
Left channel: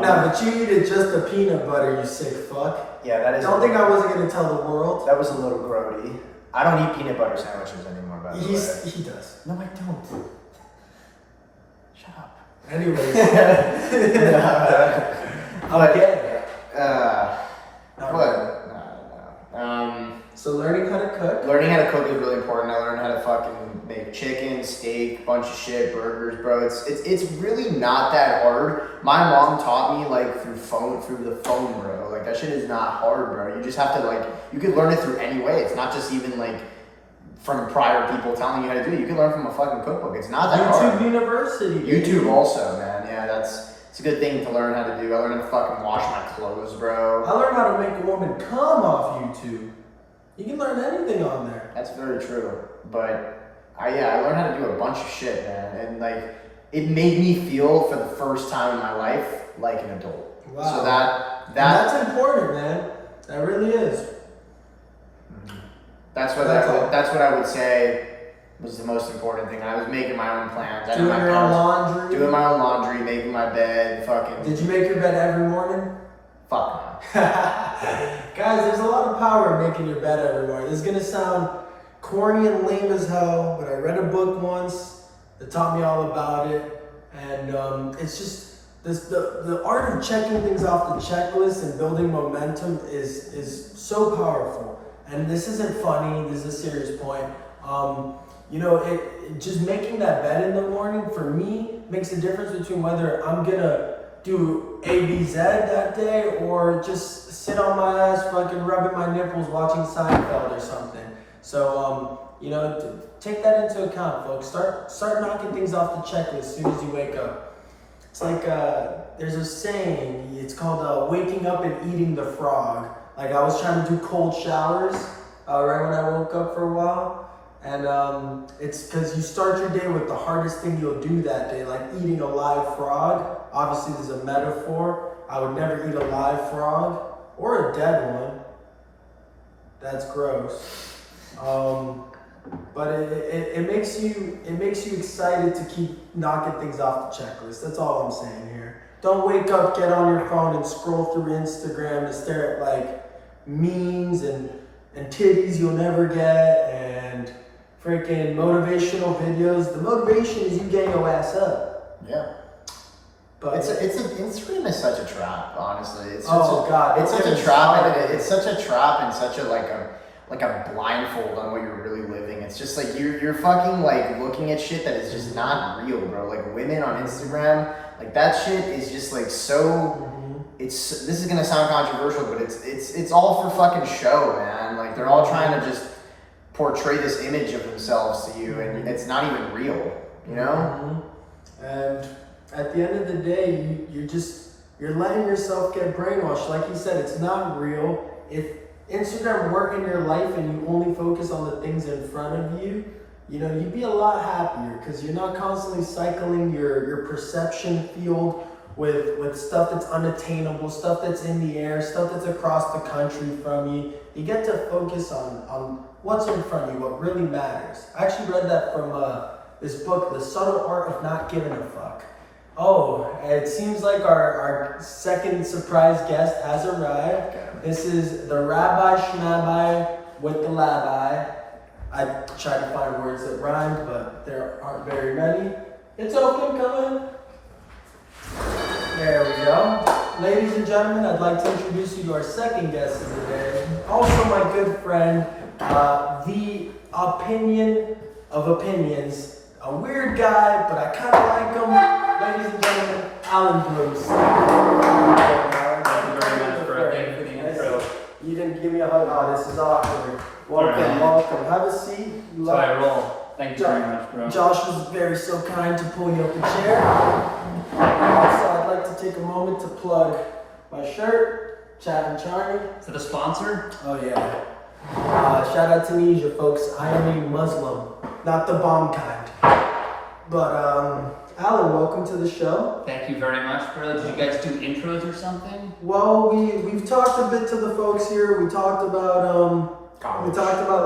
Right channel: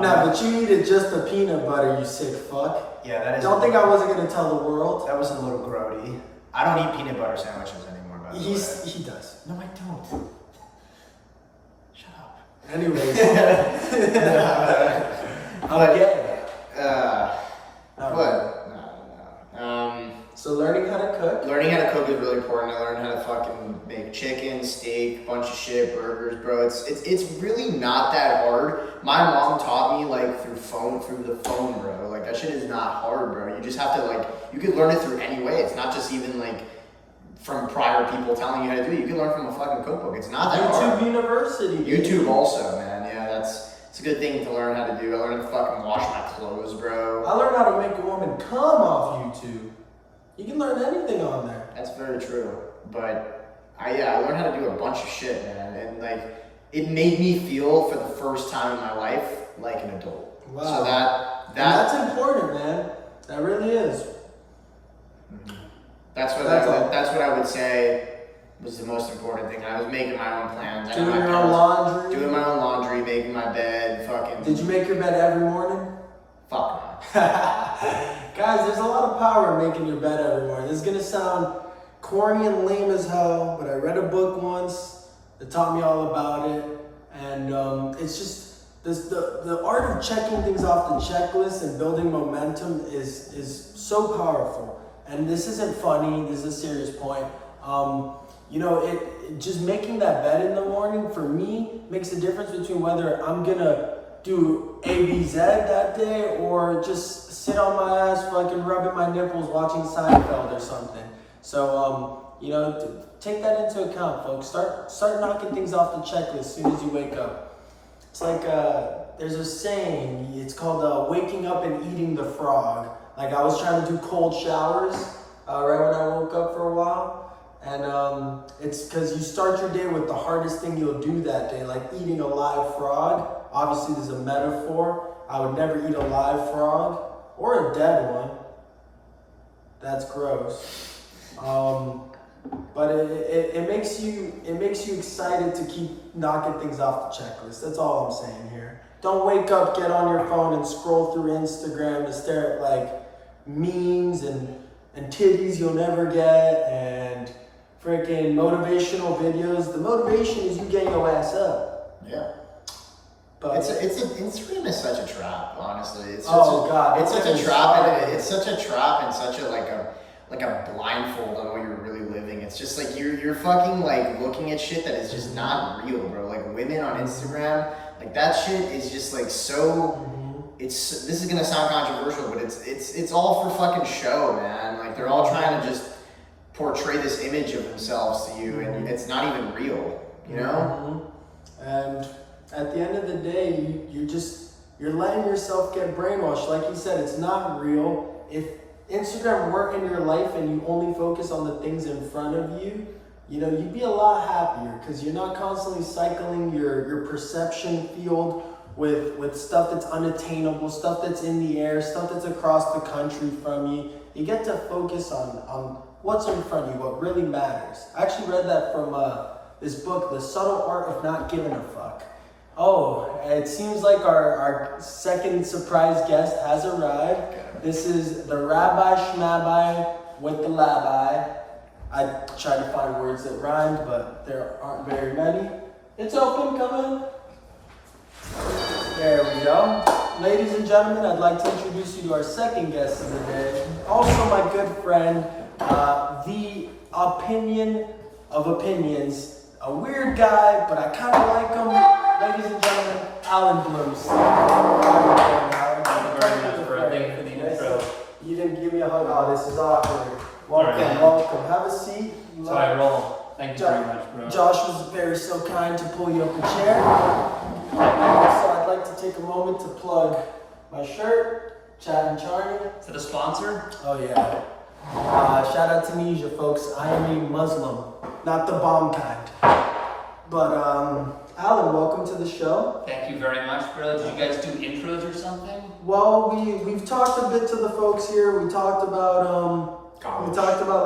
No, but you eat just a peanut butter, you sick fuck. Yeah, that is. Don't think I wasn't gonna tell the world. That was a little grody. I don't eat peanut butter sandwiches anymore, by the way. He does. No, I don't. Shut up. Anyways. Okay. So learning how to cook. Learning how to cook is really important. I learned how to fucking make chicken, steak, bunch of shit, burgers, bro. It's really not that hard. My mom taught me like through the phone, bro. Like that shit is not hard, bro. You just have to you can learn it through any way. It's not just even like from prior people telling you how to do it. You can learn from a fucking cookbook. It's not that hard. YouTube University. YouTube also, man. Yeah, it's a good thing to learn how to do. I learned how to fucking wash my clothes, bro. I learned how to make a woman come off YouTube. You can learn anything on there. That's very true. But I learned how to do a bunch of shit, man. And it made me feel for the first time in my life like an adult. Wow. So that's important, man. That really is. Mm-hmm. That's what I would say was the most important thing. I was making my own plans. Doing your own laundry. Doing my own laundry, making my bed, fucking. Did you make your bed every morning? Fuck no. Guys, there's a lot of power in making your bed every morning. This is gonna sound corny and lame as hell, but I read a book once that taught me all about it, and it's just the art of checking things off the checklist and building momentum is so powerful. And this isn't funny. This is a serious point. It just making that bed in the morning for me makes a difference between whether I'm gonna do ABZ that day or just sit on my ass fucking rubbing my nipples watching Seinfeld or something. So take that into account, folks. Start knocking things off the checklist as soon as you wake up. It's like there's a saying, it's called waking up and eating the frog. Like I was trying to do cold showers right when I woke up for a while. And it's because you start your day with the hardest thing you'll do that day, like eating a live frog. Obviously, there's a metaphor. I would never eat a live frog or a dead one. That's gross. But it makes you excited to keep knocking things off the checklist. That's all I'm saying here. Don't wake up, get on your phone, and scroll through Instagram and stare at like memes and titties you'll never get and freaking motivational videos. The motivation is you getting your ass up. Yeah. But Instagram is such a trap, honestly. It's such a trap and such a like a blindfold on what you're really living. It's just like you're fucking like looking at shit that is just not real, bro. Like women on Instagram, like that shit is just like so. This is gonna sound controversial, but it's all for fucking show, man. Like they're all trying to just portray this image of themselves to you, and it's not even real, you know. And at the end of the day, you're letting yourself get brainwashed. Like you said, it's not real. If Instagram worked in your life and you only focus on the things in front of you, you'd be a lot happier because you're not constantly cycling your perception field with stuff that's unattainable, stuff that's in the air, stuff that's across the country from you. You get to focus on what's in front of you, what really matters. I actually read that from this book, The Subtle Art of Not Giving a Fuck. Oh, it seems like our second surprise guest has arrived. This is the Rabbi Schmabbi with the Labbi. I tried to find words that rhymed, but there aren't very many. It's open, come in. There we go. Ladies and gentlemen, I'd like to introduce you to our second guest of the day. Also my good friend, the opinion of opinions. A weird guy, but I kind of like him. Ladies and gentlemen, Alan Bruce. Thank you very much for the intro. You didn't give me a hug. Oh, this is awkward. Welcome. Have a seat. So I roll. Thank you very much, bro. Josh was so kind to pull you up a chair. Also, I'd like to take a moment to plug my shirt, Chat'n Charni. Is it a sponsor? Oh yeah. Shout out to Tunisia, folks. I am a Muslim, not the bomb kind. But Alan, welcome to the show. Thank you very much, bro. Did you guys do intros or something? Well, we've talked a bit to the folks here. We talked about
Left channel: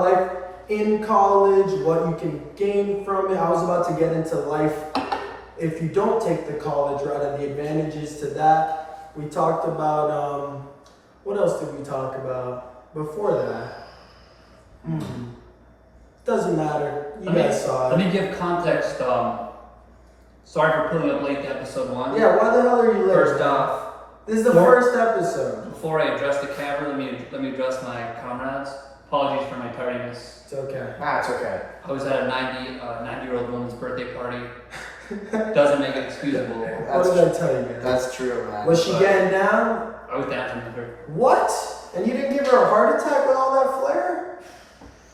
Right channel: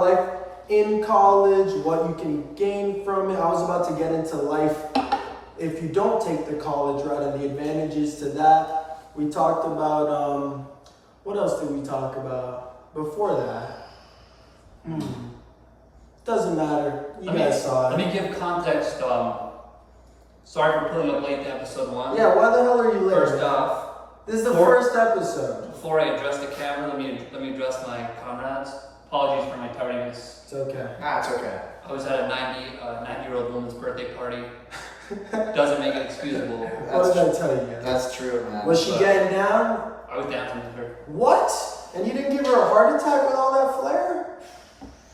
life in college, what you can gain from it. I was about to get into life if you don't take the college route and the advantages to that. We talked about, what else did we talk about before that? Doesn't matter. You guys saw it. Let me give context. Sorry for pulling up late to episode 1. Yeah, why the hell are you late? First off, this is the first episode. before I address the camera, let me address my comrades. Apologies for my tardiness. It's okay. Nah, it's okay. I was at a 90-year-old woman's birthday party. Doesn't make it excusable. What did I tell you? That's true, man. Was she getting down? I was dancing with her. What? And you didn't give her a heart attack with all that flair?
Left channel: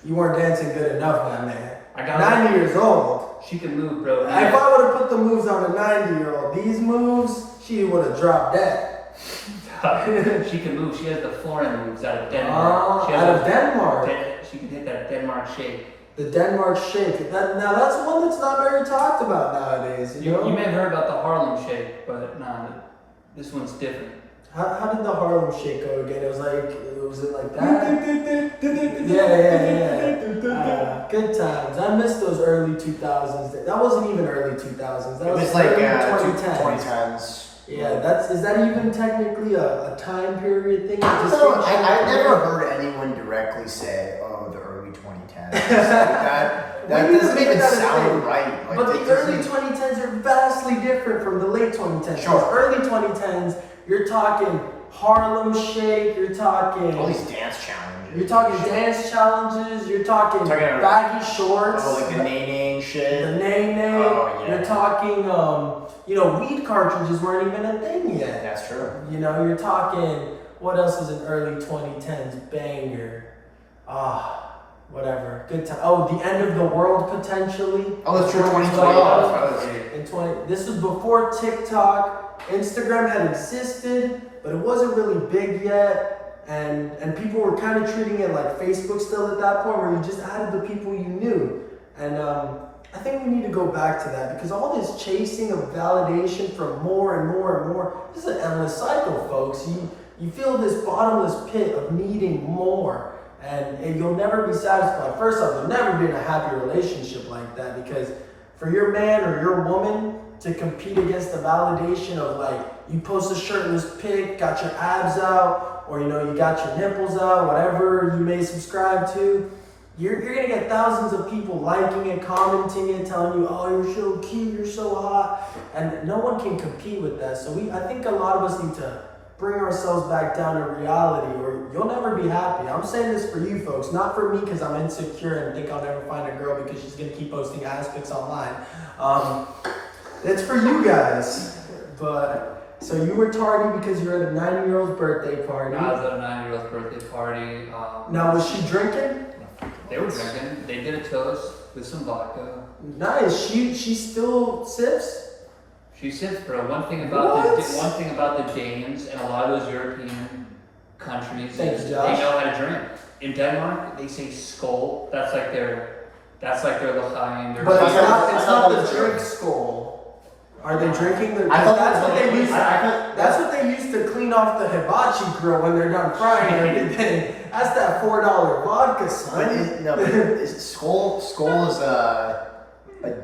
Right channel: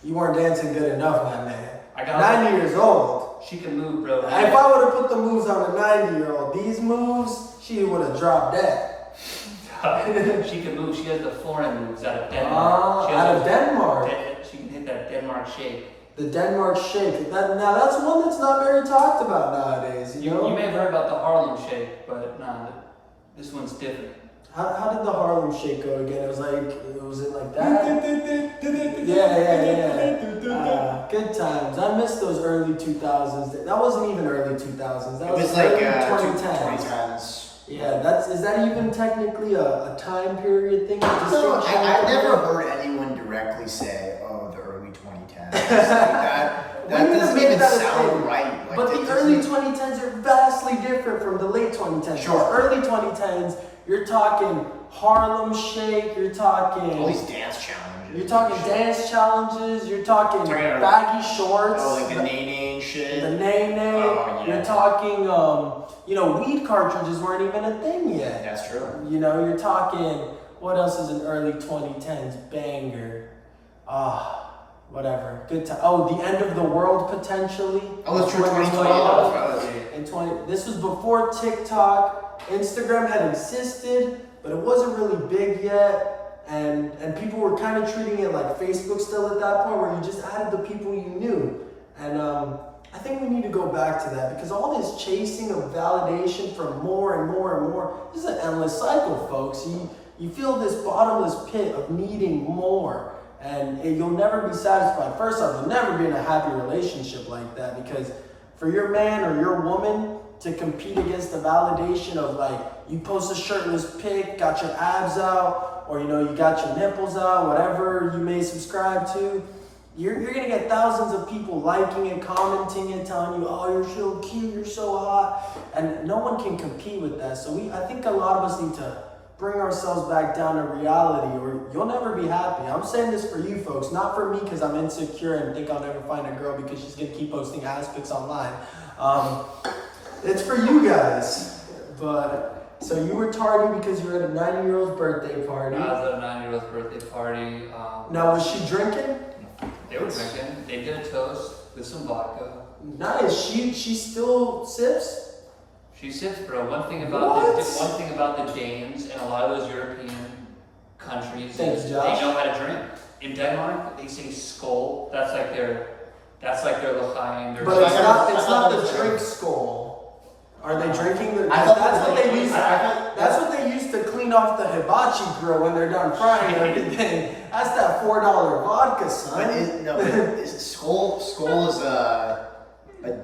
You weren't dancing good enough, my man. I got 90 years old. She can move, bro. If I would have put the moves on a 90-year-old, these moves, she would have dropped dead. She can move. She has the foreign moves out of Denmark. Out of Denmark. She can hit that Denmark shake. The Denmark shake. Now that's one that's not very talked about nowadays. You know? You may have heard about the Harlem shake, but nah, this one's different. How did the Harlem shake go again? It was like that? Yeah. Good times. I miss those early 2000s. That wasn't even early 2000s. That was like early 2010s. Yeah, is that even technically a time period thing? I've never heard anyone directly say, "Oh, the early 2010s." that doesn't even sound right. But the early 2010s are vastly different from the late 2010s. Sure. Early 2010s, you're talking Harlem Shake. You're talking all these dance challenges. You're talking dance challenges. You're talking baggy shorts. Oh, like the nay shit. The nay. Oh, yeah. You're talking, weed cartridges weren't even a thing yet. That's true. You're talking, what else is an early 2010s banger? Whatever. Good time. Oh, the end of the world potentially. Oh, that's true. 2012. This was before TikTok. Instagram had existed, but it wasn't really big yet. And people were kind of treating it like Facebook still at that point, where you just added the people you knew. And I think we need to go back to that, because all this chasing of validation from more and more and more, this is an endless cycle, folks. You feel this bottomless pit of needing more, and you'll never be satisfied. First off, you'll never be in a happy relationship like that, because for your man or your woman to compete against the validation of, like, you post a shirtless pic, got your abs out, or you got your nipples out, whatever you may subscribe to, you're gonna get thousands of people liking it, commenting it, telling you, oh, you're so cute, you're so hot, and no one can compete with that. So I think a lot of us need to bring ourselves back down to reality, or you'll never be happy. I'm saying this for you folks, not for me because I'm insecure and think I'll never find a girl because she's gonna keep posting ass pics online. It's for you guys. But so you were tardy because you were at a 9-year-old's birthday party. I was at a 9-year-old's birthday party. Now, was she drinking? They were drinking. They did a toast with some vodka. Nice. She still sips? She sips, bro. One thing about the Danes and a lot of those European countries Thanks, is Josh. they know how to drink. In Denmark, they say skål. That's like their l'chaim. But it's not the drink skull. Are they drinking the? That's what they used to clean off the hibachi grill when they're done frying everything. That's that $4 vodka, son. Is skål is a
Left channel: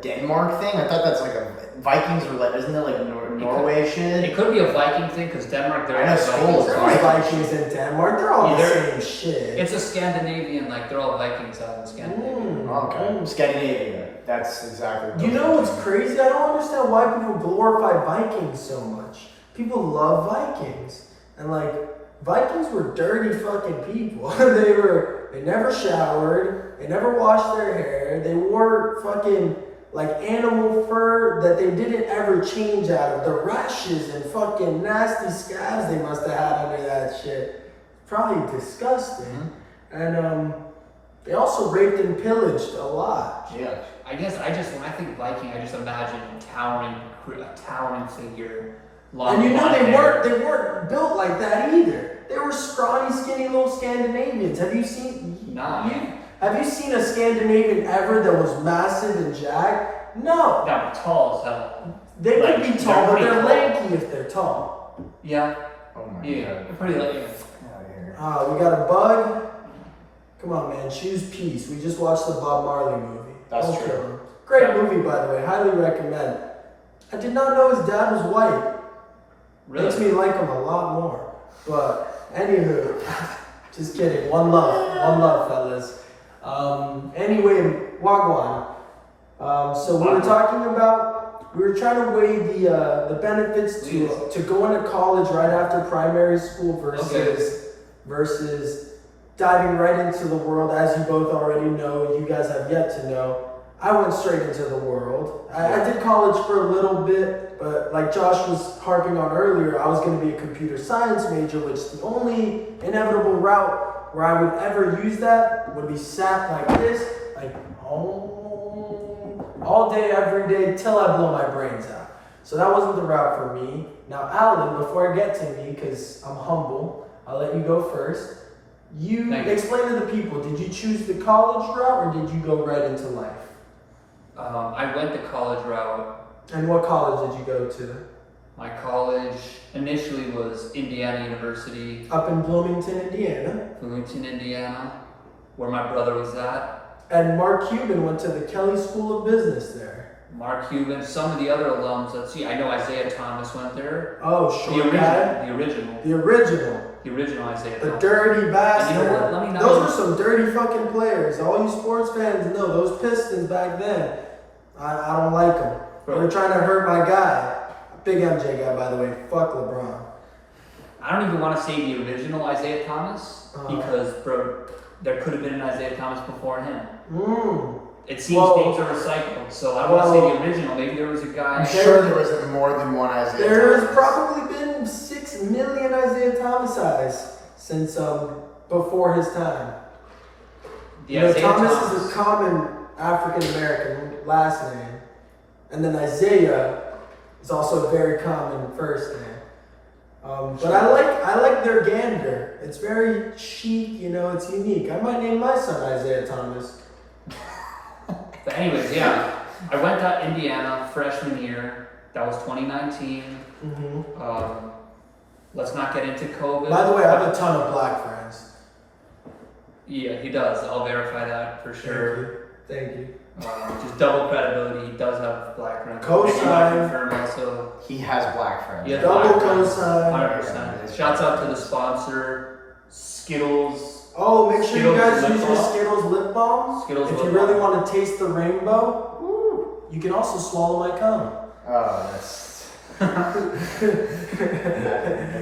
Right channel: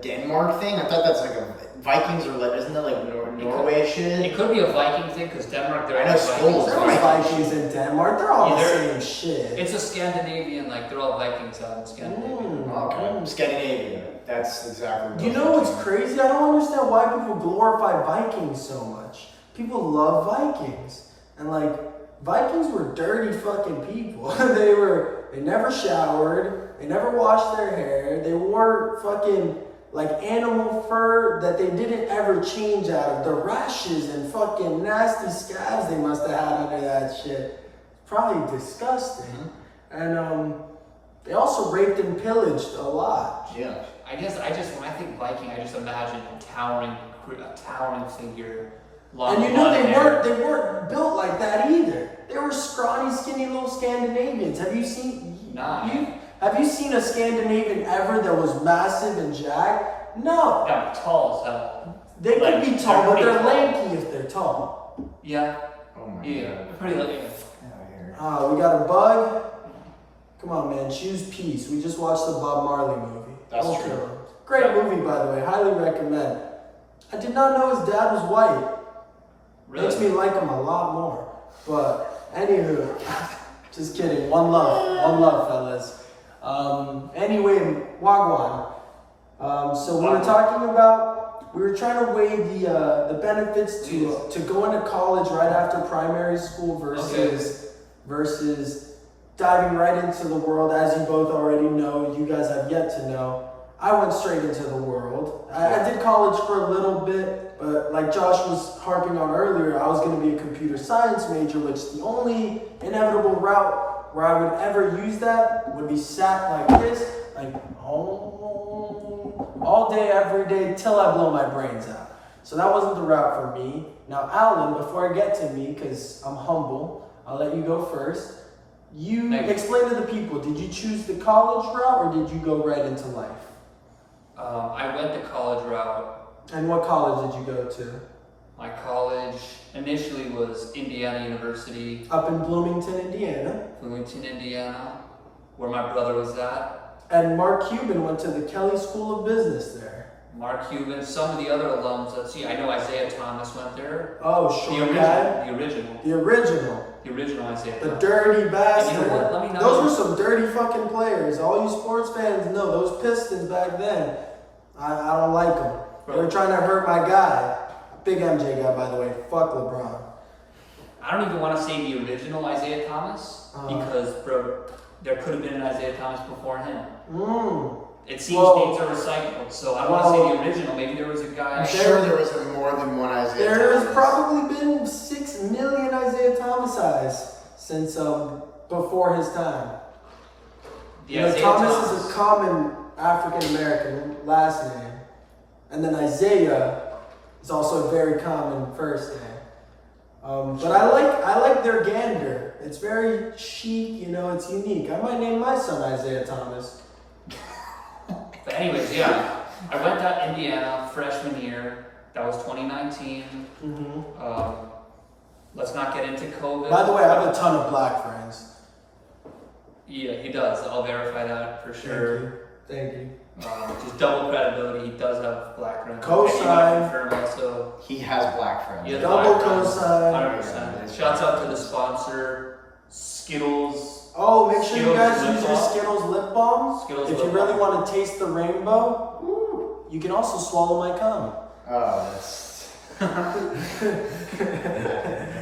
Denmark thing? I thought that's like a Vikings or like, isn't it like Norway shit? It could be a Viking thing because Denmark. I know skål is Vikings in Denmark. They're all the same shit. It's a Scandinavian, like they're all Vikings out in Scandinavia. Okay. Scandinavia. That's exactly. You know what's crazy? I don't understand why people glorify Vikings so much. People love Vikings, and like Vikings were dirty fucking people. They never showered. They never washed their hair. They wore fucking like animal fur that they didn't ever change out of. The rashes and fucking nasty scabs they must have had under that shit. Probably disgusting. And they also raped and pillaged a lot. Yeah. I guess when I think Viking, I just imagine a towering figure. And they weren't built like that either. They were scrawny, skinny little Scandinavians. Have you seen? Nah. Have you seen a Scandinavian ever that was massive and jacked? No. No, tall as hell. They could be tall, but they're lanky if they're tall. Yeah. Oh my God. They're pretty lanky. We got a bug. Come on, man. Choose peace. We just watched the Bob Marley movie. That's Don't true. kill him. Great movie, by the way. Highly recommend. I did not know his dad was white. Really? Makes me like him a lot more. But anywho, just kidding. One love, fellas. Anyway, Wagwan. So we were talking about, we were trying to weigh the benefits to going to college right after primary school versus diving right into the world. As you both already know, you guys have yet to know, I went straight into the world. I did college for a little bit, but like Josh was harping on earlier, I was going to be a computer science major, which the only inevitable route where I would ever use that would be sat like this, like all day, every day, till I blow my brains out. So that wasn't the route for me. Now, Alan, before I get to me, because I'm humble, I'll let you go first. You explain to the people, did you choose the college route or did you go right into life? I went the college route. And what college did you go to? My college initially was Indiana University. Up in Bloomington, Indiana. Bloomington, Indiana, where my brother was at. And Mark Cuban went to the Kelly School of Business there. Mark Cuban, some of the other alums. Let's see, I know Isaiah Thomas went there. Oh, short guy? The original Isaiah The Thomas. dirty bastard. And you know what? Let me know. Those were some dirty fucking players. All you sports fans know, those Pistons back then, I don't like them. They were trying to hurt my guy. Big MJ guy, by the way. Fuck LeBron. I don't even want to say the original Isaiah Thomas because, bro, there could have been an Isaiah Thomas before him. It seems things are recycled, so I don't want to say the original. Maybe there was a guy. I'm sure there was more than one Isaiah Thomas. There's probably been 6 million Isaiah Thomas eyes since before his time. Thomas is a common African American last name, and then Isaiah is also a very common first name. But I like their gander. It's very chic, it's unique. I might name my son Isaiah Thomas. But anyways, yeah, I went to Indiana freshman year. That was 2019. Let's not get into COVID. By the way, I have a ton of black friends. Yeah, he does. I'll verify that for sure. Thank you. Just double credibility. He does have black friends. Cosign. Also, he has black friends. Yeah, double cosign. 100%. Shouts out to the sponsor, Skittles. Oh, make sure you guys use your balm. Skittles lip balm. Skittles if you lip really balm. want to taste the rainbow, you can also swallow my cum. Oh, that's... that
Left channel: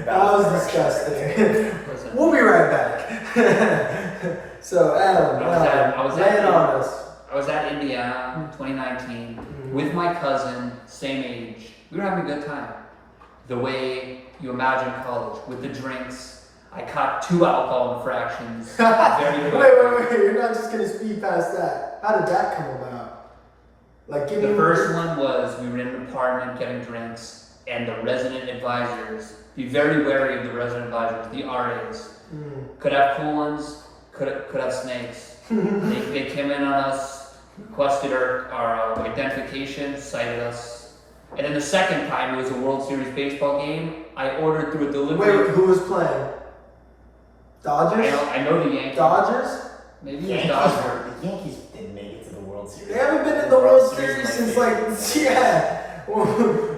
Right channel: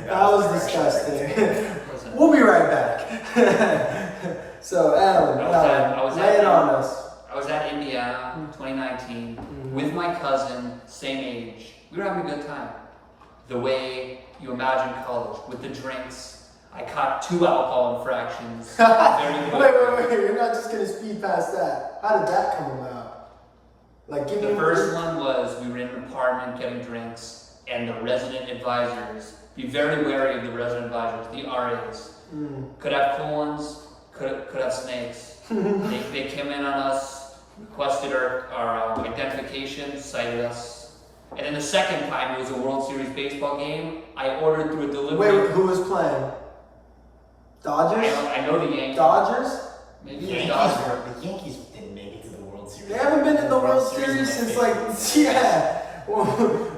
was disgusting. We'll be right back. So, Adam, lay it on us. I was at Indiana 2019 with my cousin, same age. We were having a good time. The way you imagine college, with the drinks. I caught 2 alcohol infractions very quickly. Wait, you're not just going to speed past that. How did that come about? The first one was we were in an apartment getting drinks, and the resident advisors, be very wary of the resident advisors, the RAs. Could have cool ones, could have snakes. They came in on us, requested our identification, cited us. And then the second time, it was a World Series baseball game. I ordered through a delivery. Wait, who was playing? Dodgers? I know the Yankees. Dodgers? Maybe the Dodgers. The Yankees didn't make it to the World Series. They haven't been in the World Series since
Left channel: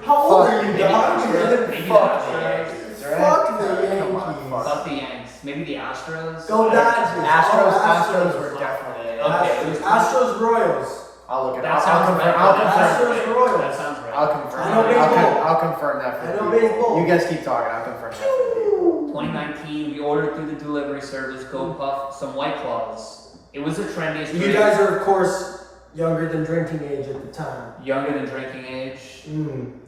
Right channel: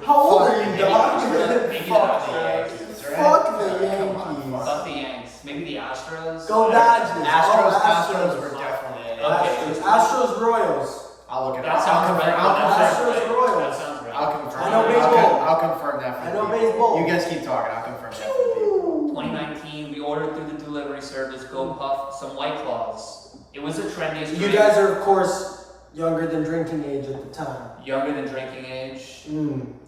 How old are you, Dodgers? Maybe the Astros. Fuck the Yankees. Fuck the Yanks. Maybe the Astros. Go Dodgers. Astros were definitely in it. Okay. Astros Royals. I'll look it That up. sounds right. I'll confirm. Astros Royals. That sounds right. I'll confirm. I know baseball. I'll confirm that for I you. know baseball. You guys keep talking. I'll confirm that for you. 2019, we ordered through the delivery service, go puff some White Claws. It was the trendiest drink. You guys are, of course, younger than drinking age at the time. Younger than drinking age.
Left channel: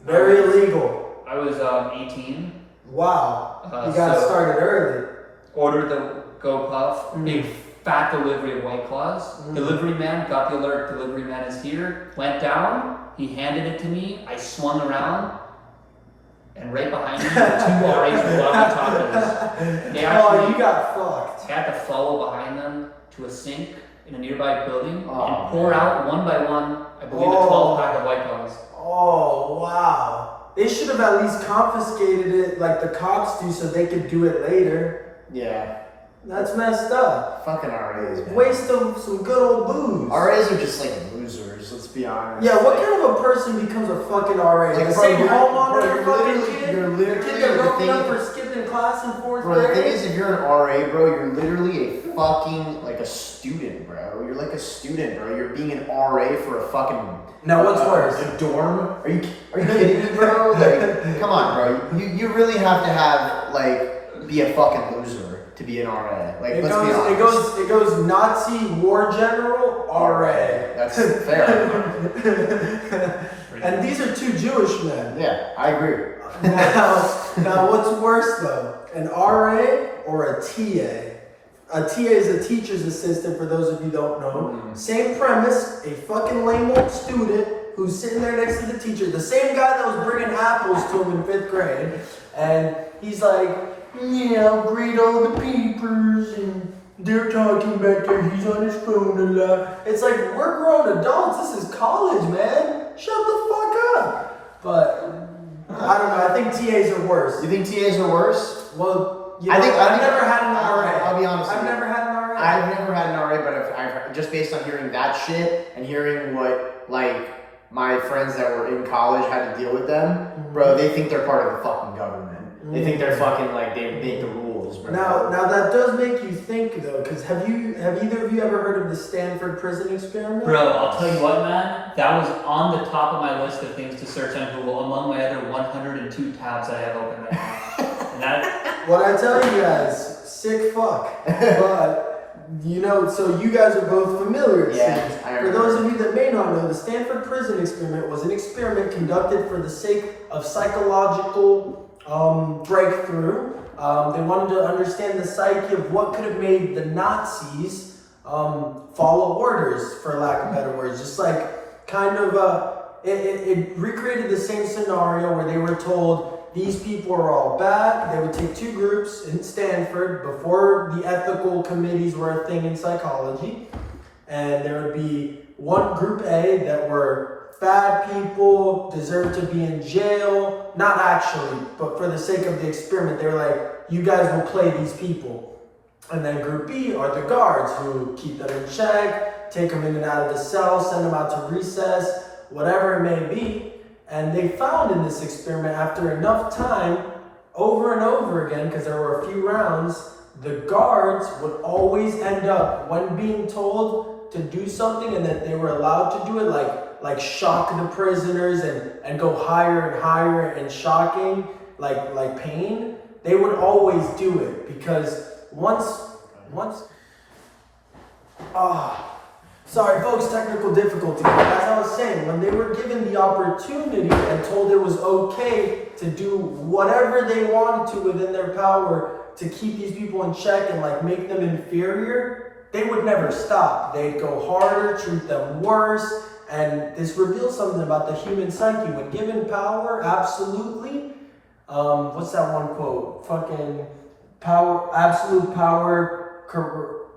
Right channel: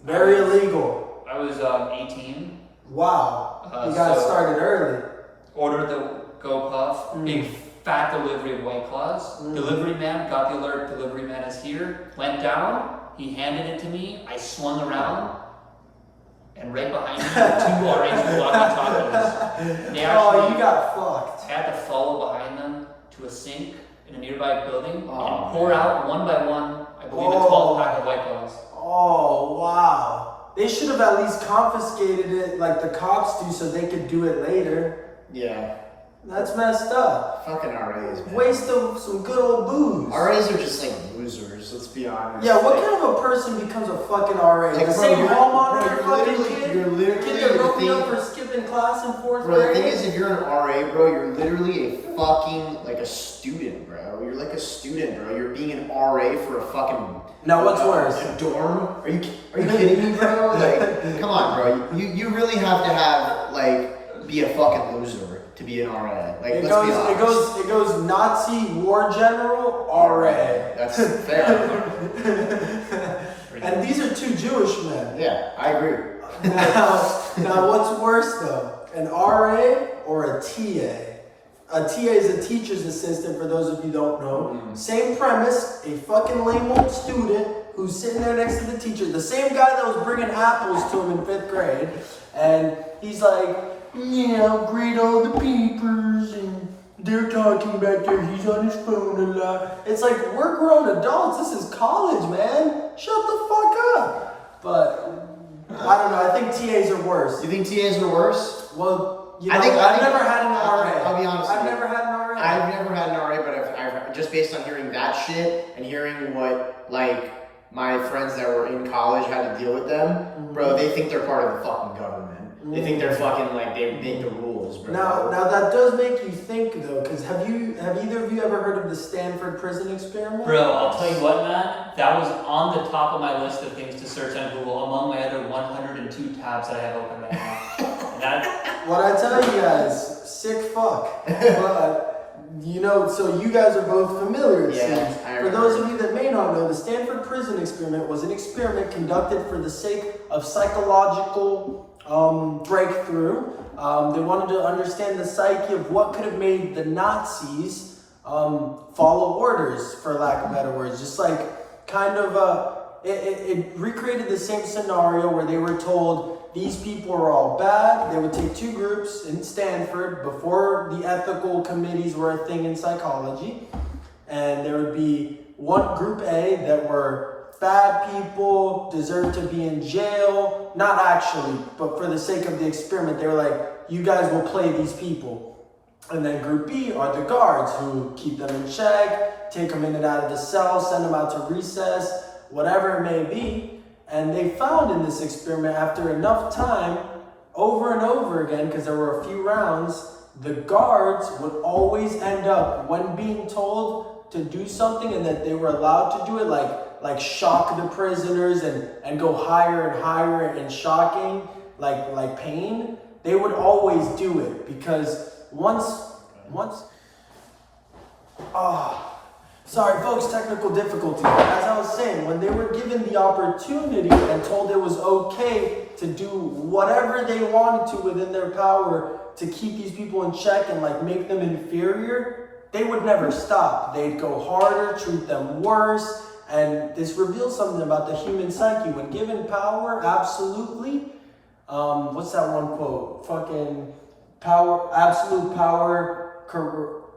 Very illegal. I was 18. Wow. You got started early. Ordered the go puff. Big fat delivery of White Claws. Delivery man got the alert. Delivery man is here. Went down. He handed it to me. I swung around. And right behind me were 2 RAs with walkie-talkies. They actually, you got fucked. I had to follow behind them to a sink in a nearby building and pour out one by one, I believe, a 12-pack of White Claws. Oh, wow. They should have at least confiscated it like the cops do so they could do it later. Yeah. That's messed up. Fucking RAs, man. Waste of some good old booze. RAs are just like losers, let's be honest. Yeah, what kind of a person becomes a fucking RA? Like, The bro, same you're fucking literally- kid? you're literally- The kid that broke me up for skipping class in 4th Bro, grade? the thing is, if you're an RA, bro, you're literally a fucking, like, a student, bro. You're like a student, bro. You're being an RA for a fucking... Now, what's worse? A dorm? Are you kidding me, bro? Like, come on, bro. You really have to have, like, be a fucking loser to be an RA. Like, let's be honest. It goes Nazi war general, RA. That's fair. And these are 2 Jewish men. Yeah, I agree. Now, what's worse though? An RA or a TA? A TA is a teacher's assistant, for those of you who don't know. Same premise, a fucking lame old student who's sitting there next to the teacher, the same guy that was bringing apples to him in 5th grade, and he's like, yeah, greet all the peepers, and they're talking back there, he's on his phone a lot. It's like, we're grown adults, this is college, man. Shut the fuck up. But, I don't know, I think TAs are worse. You think TAs are worse? Well, you know, I've never had an RA. I'll be honest. I've never had an RA. I've never had an RA, but I've just based on hearing that shit and hearing what, like, my friends that were in college had to deal with them, bro, they think they're part of the fucking government. They think they're fucking, like, they make the rules, bro. Now that does make you think though, because have either of you ever heard of the Stanford prison experiment? Bro, I'll tell you what, man. That was on the top of my list of things to search on Google, among my other 102 tabs that I have open right now. And that, What I tell you guys, sick fuck. But you know, so you guys are both familiar. It Yeah, seems. I For those of you that may not know, the Stanford prison experiment was an experiment conducted for the sake of psychological breakthrough. They wanted to understand the psyche of what could have made the Nazis follow orders, for lack of better words. Just like kind of it recreated the same scenario where they were told these people are all bad. They would take 2 groups in Stanford before the ethical committees were a thing in psychology, and there would be one group A that were bad people, deserve to be in jail. Not actually, but for the sake of the experiment, they were like, you guys will play these people. And then group B are the guards who keep them in check, take them in and out of the cell, send them out to recess, whatever it may be. And they found in this experiment, after enough time, over and over again, because there were a few rounds, the guards would always end up, when being told to do something and that they were allowed to do it, like shock the prisoners and go higher and higher and shocking, like pain, they would always do it, because once sorry folks, technical difficulty. As I was saying, when they were given the opportunity and told it was okay to do whatever they wanted to within their power to keep these people in check and like make them inferior, they would never stop. They'd go harder, treat them worse, and this reveals something about the human psyche. When given power, absolutely, what's that one quote? Fucking power, absolute power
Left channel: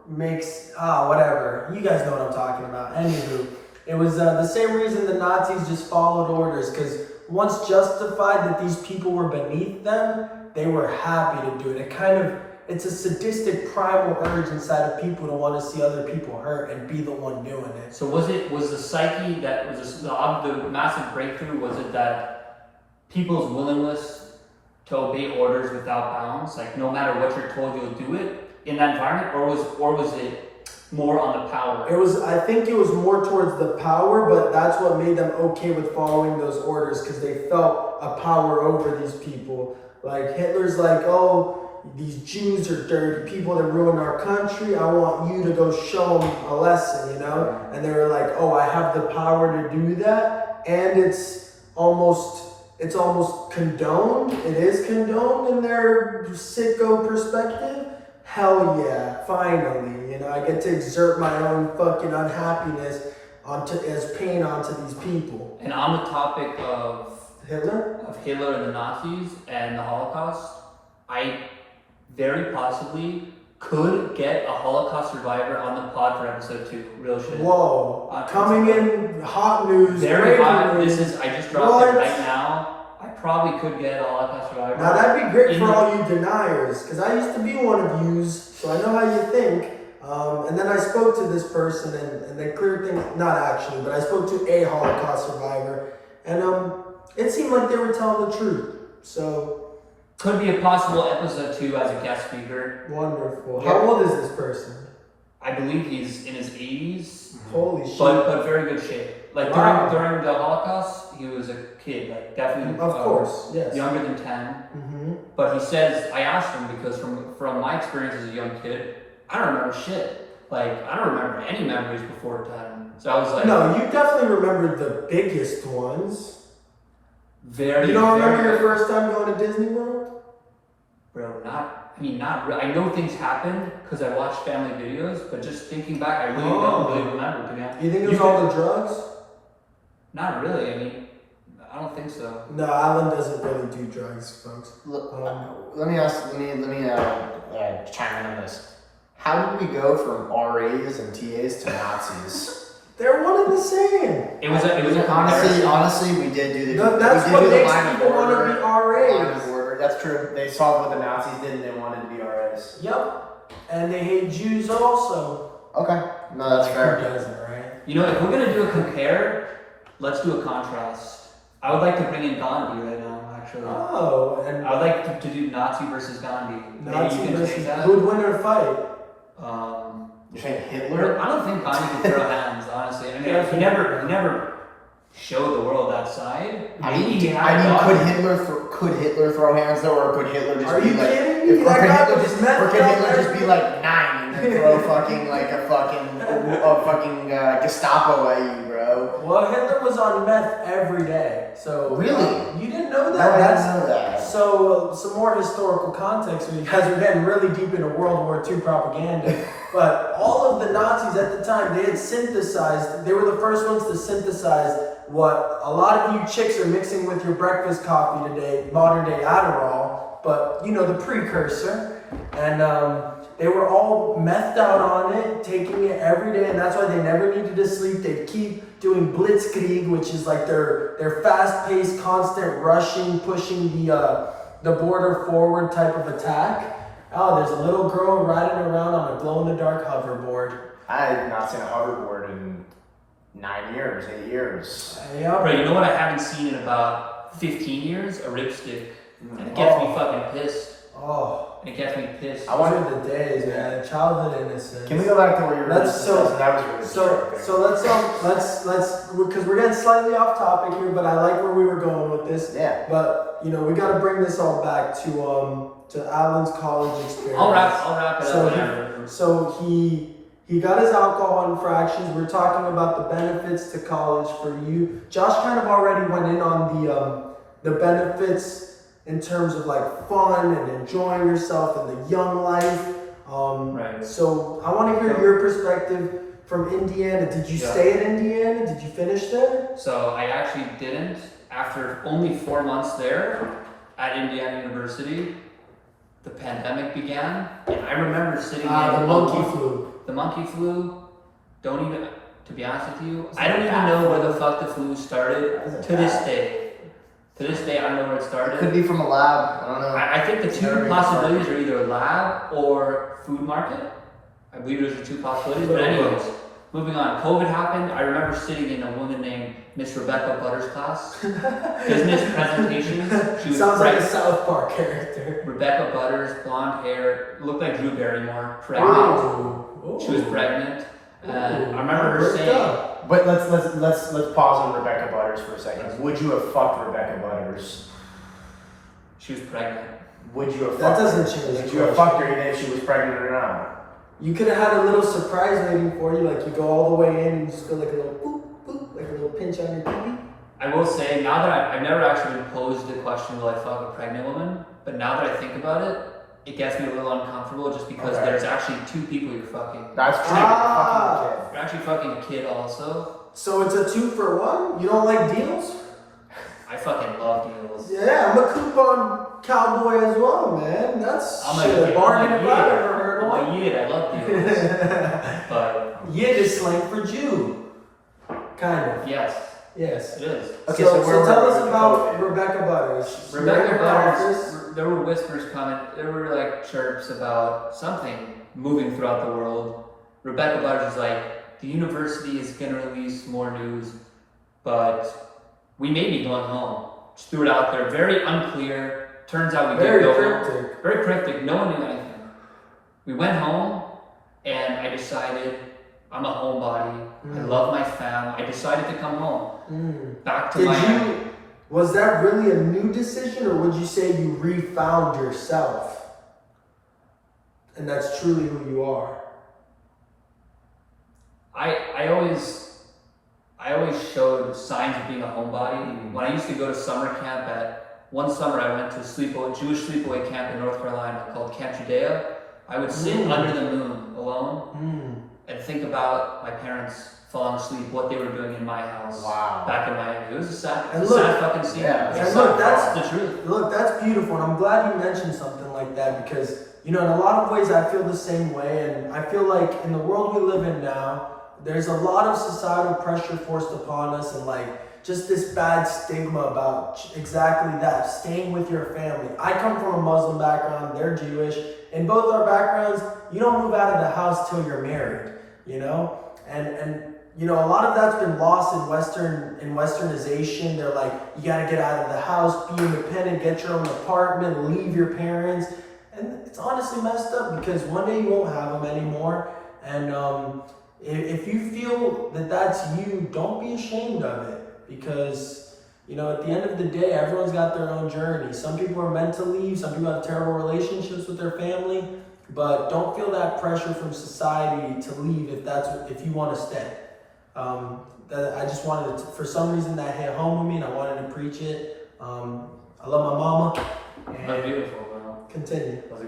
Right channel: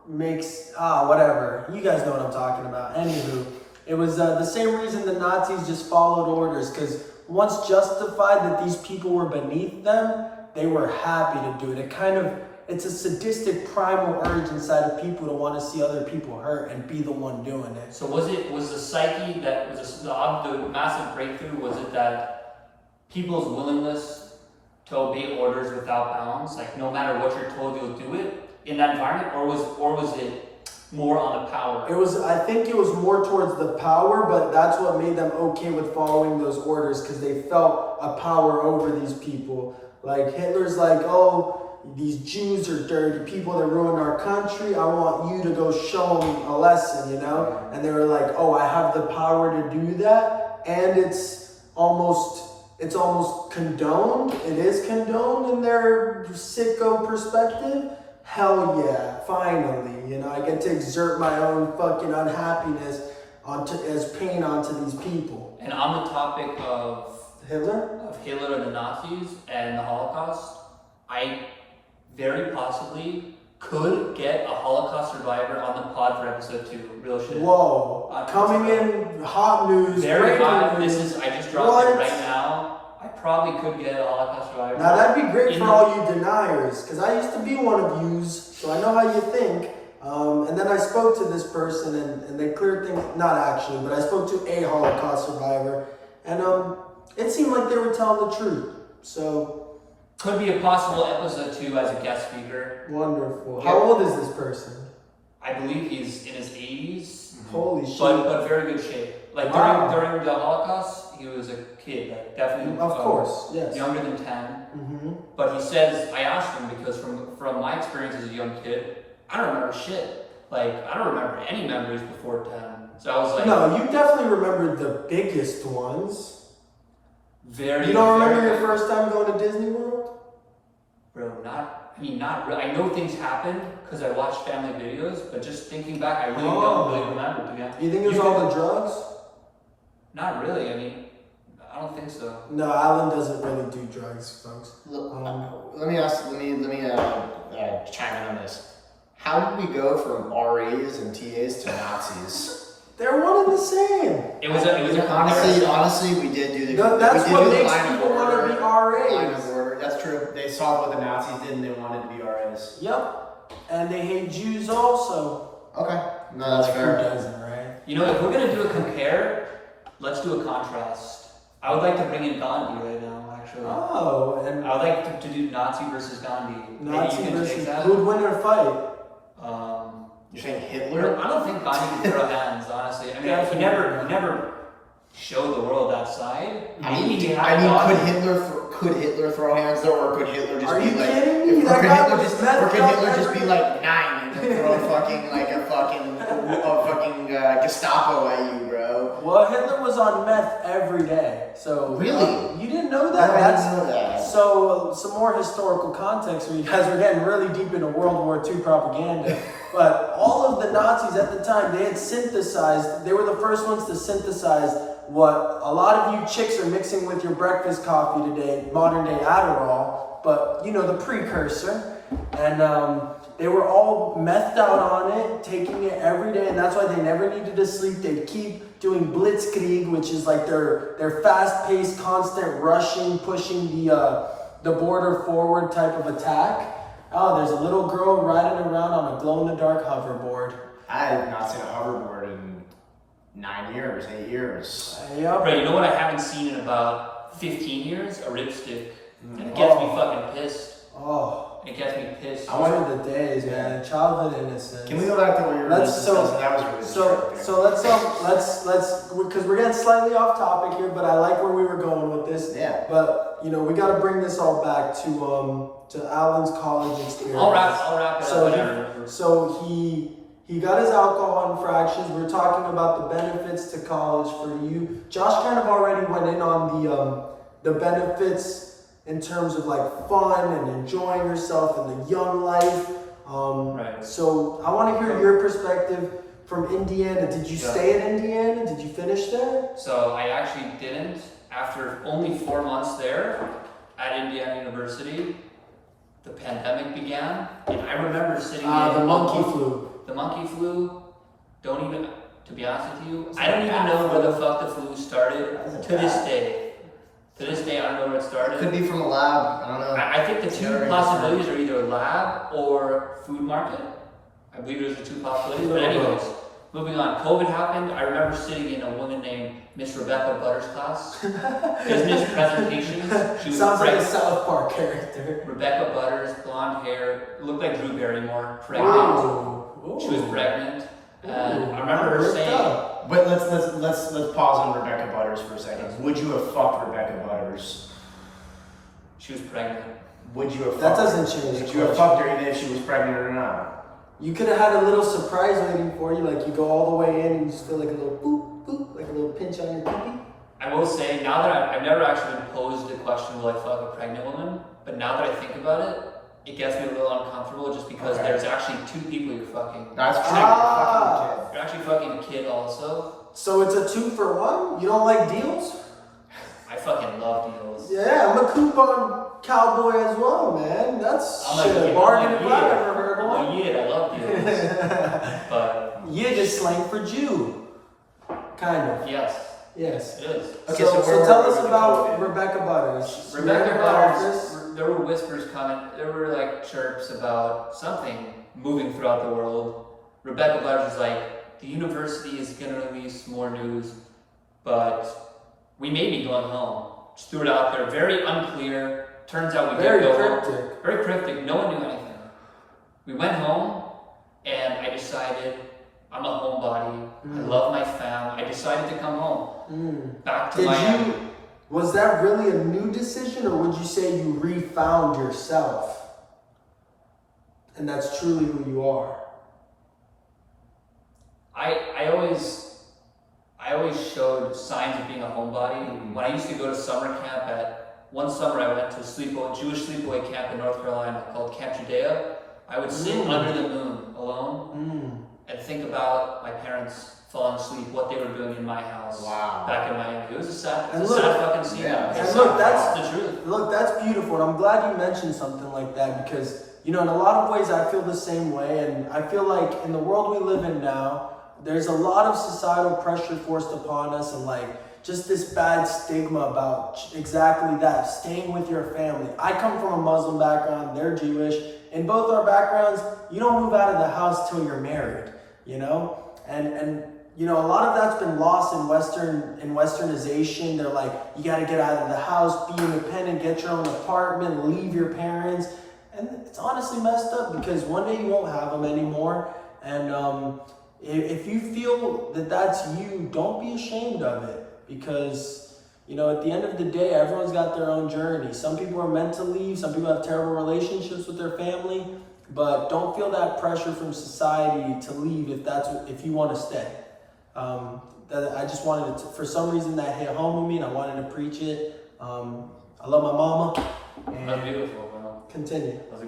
makes, whatever. You guys know what I'm talking about. Anywho, it was the same reason the Nazis just followed orders, because once justified that these people were beneath them, they were happy to do it. It's a sadistic primal urge inside of people to want to see other people hurt and be the one doing it. so was the psyche that was the massive breakthrough, was it that people's willingness to obey orders without bounds, like no matter what you're told, you'll do it in that environment, or was it more on the power? I think it was more towards the power, but that's what made them okay with following those orders, because they felt a power over these people. Like Hitler's like, oh, these Jews are dirty people that ruined our country. I want you to go show them a lesson, you know? And they were like, oh, I have the power to do that, and it's almost condoned. It is condoned in their sicko perspective. Hell yeah, finally, you know, I get to exert my own fucking unhappiness as pain onto these people. And on the topic of Hitler and the Nazis and the Holocaust, I very possibly could get a Holocaust survivor on the pod for episode 2. Real shit. Whoa, coming in hot news. Very hot. news. I just dropped it right now. I probably could get a Holocaust survivor. Now that'd be great for all you deniers, because I used to be one of yous, so I know how you think. And then I spoke to this person, and they cleared things. Not actually, but I spoke to a Holocaust survivor, and it seemed like they were telling the truth. So could be a possible episode 2 as a guest speaker. Wonderful. How old is this person? I believe he's in his 80s. Holy shit! But very good shape. Like Wow. during the Holocaust, he was a kid, like definitely. Of course, yes. Younger than 10. Mm-hmm. But he says, I asked him because from my experience as a young kid, I don't remember shit. Like, I don't remember any memories before 10. So I was like... No, you definitely remember the biggest ones. Very, You don't remember very, your first time going to Disney World? Bro, not really. I know things happened because I watched family videos, but just thinking back, I really don't really remember, to be honest. You think it was all the drugs? Not really, I mean, I don't think so. No, Alan doesn't really do drugs, folks. Let me chime in on this. How did we go from RAs and TAs to Nazis? They're one and the same. It was a comparison. Honestly, we did do the. That's we did what do the makes line of people want to order. be Line of RAs. order. That's true. They saw what the Nazis did and they wanted to be RAs. Yep. And they hate Jews also. Okay. No, that's Who fair. doesn't, right? You know, if we're gonna do a compare, let's do a contrast. I would like to bring in Gandhi right now, actually. Oh, and I would like to do Nazi versus Gandhi. Maybe Nazi you can versus take that. who would win a fight? You're saying Hitler? I don't think Gandhi could throw hands, honestly. I mean, he never showed the world that side. Could Hitler throw hands though, or could Hitler just Are be you like? kidding me? Or That could guy Hitler was just, messed or could up Hitler just be every- like 9 and then throw a fucking Gestapo at you, bro? Well, Hitler was on meth every day. So Really? You didn't know No, that? I didn't know that. So some more historical context because we're getting really deep into World War II propaganda. But all of the Nazis at the time, they had synthesized. They were the first ones to synthesize what a lot of you chicks are mixing with your breakfast coffee today, modern day Adderall. But you know the precursor, and they were all methed out on it, taking it every day, and that's why they never needed to sleep. They'd keep doing blitzkrieg, which is like their fast-paced, constant rushing, pushing the border forward type of attack. Oh, there's a little girl riding around on a glow-in-the-dark hoverboard. I have not seen a hoverboard in 9 years, 8 years. Yeah, Bro, you know what I haven't seen in about 15 years? A ripstick. And it gets me fucking pissed. Oh, It gets me pissed. those are the days, man. Childhood innocence. Can we go back to where you were Let's- discussing? That was really distracting. So let's because we're getting slightly off topic here, but I like where we were going with this. Yeah. But you know, we got to bring this all back to Alan's college experience. I'll wrap it So up. he- Whatever. So he got his alcohol infractions. We're talking about the benefits to college for you. Josh kind of already went in on the benefits in terms of like fun and enjoying yourself in the young life. Right. So I want to hear your perspective from Indiana. Did you stay in Indiana? Did you finish there? So I actually didn't. After only 4 months there at Indiana University, the pandemic began, and I remember sitting in The monkey flu. The monkey flu. Don't even. To be honest with you, I don't even know where the fuck the flu started. To this day. To this day, I don't know where it started. Could be from a lab. I don't know. I think the two possibilities are either lab or food market. I believe those are two possibilities. But anyways, moving on. COVID happened. I remember sitting in a woman named Miss Rebecca Butters' class. Business presentations. She was Sounds like a pregnant. South Park character. Rebecca Butters, blonde hair, looked like Drew Barrymore. Pregnant. Ooh. She was pregnant. Ooh. I remember her Worked saying, up. But let's pause on Rebecca Butters for a second. Would you have fucked Rebecca Butters? she was pregnant. Would you have That fucked her? doesn't change the Would you have question. fucked her even if she was pregnant or not? You could have had a little surprise waiting for you, like you go all the way in and you just feel like a little boop, boop, like a little pinch on your pee. I will say, now that I've never actually posed the question, will I fuck a pregnant woman? But now that I think about it, it gets me a little uncomfortable just because there's actually two people you're fucking. That's You're actually fucking a kid also. So it's a 2-for-1? You don't like deals? I fucking love deals. Yeah, I'm a coupon cowboy as well, man. That's I'm shit, a bargain if yid. I've ever heard I'm one. a yid, I love deals. But Yid is slang for Jew. Kind of. yes. Yes. It is. Okay, so where tell were us we with about COVID? Rebecca Butters. Rebecca Butters, there were whispers coming, there were like chirps about something moving throughout the world. Rebecca Butters is like, the university is going to release more news, but we may be going home. Just threw it out there. Very unclear. Turns out we did go home. Very cryptic. No one knew anything. We went home, and I decided I'm a homebody. I love my fam. I decided to come home. Back to Miami. Was that really a new decision, or would you say you refound yourself? And that's truly who you are? I always showed signs of being a homebody. When I used to go to summer camp one summer I went to a Jewish sleepaway camp in North Carolina called Camp Judea. I would sit under the moon alone and think about my parents falling asleep, what they were doing in my house back in Miami. It was a sad fucking scene. Yeah. And look, that's the truth. Look, that's beautiful, and I'm glad you mentioned something like that because, you know, in a lot of ways I feel the same way, and I feel like in the world we live in now, there's a lot of societal pressure forced upon us, and like just this bad stigma about exactly that, staying with your family. I come from a Muslim background, they're Jewish. In both our backgrounds, you don't move out of the house till you're married, you know? And you know, a lot of that's been lost in westernization. They're like, you gotta get out of the house, be independent, get your own apartment, leave your parents. And it's honestly messed up because one day you won't have them anymore. And if you feel that that's you, don't be ashamed of it because, you know, at the end of the day, everyone's got their own journey. Some people are meant to leave. Some people have terrible relationships with their family, but don't feel that pressure from society to leave if you want to stay. I just wanted to, for some reason that hit home with me and I wanted to preach it. I love my mama. That's beautiful, man. Continue. That was a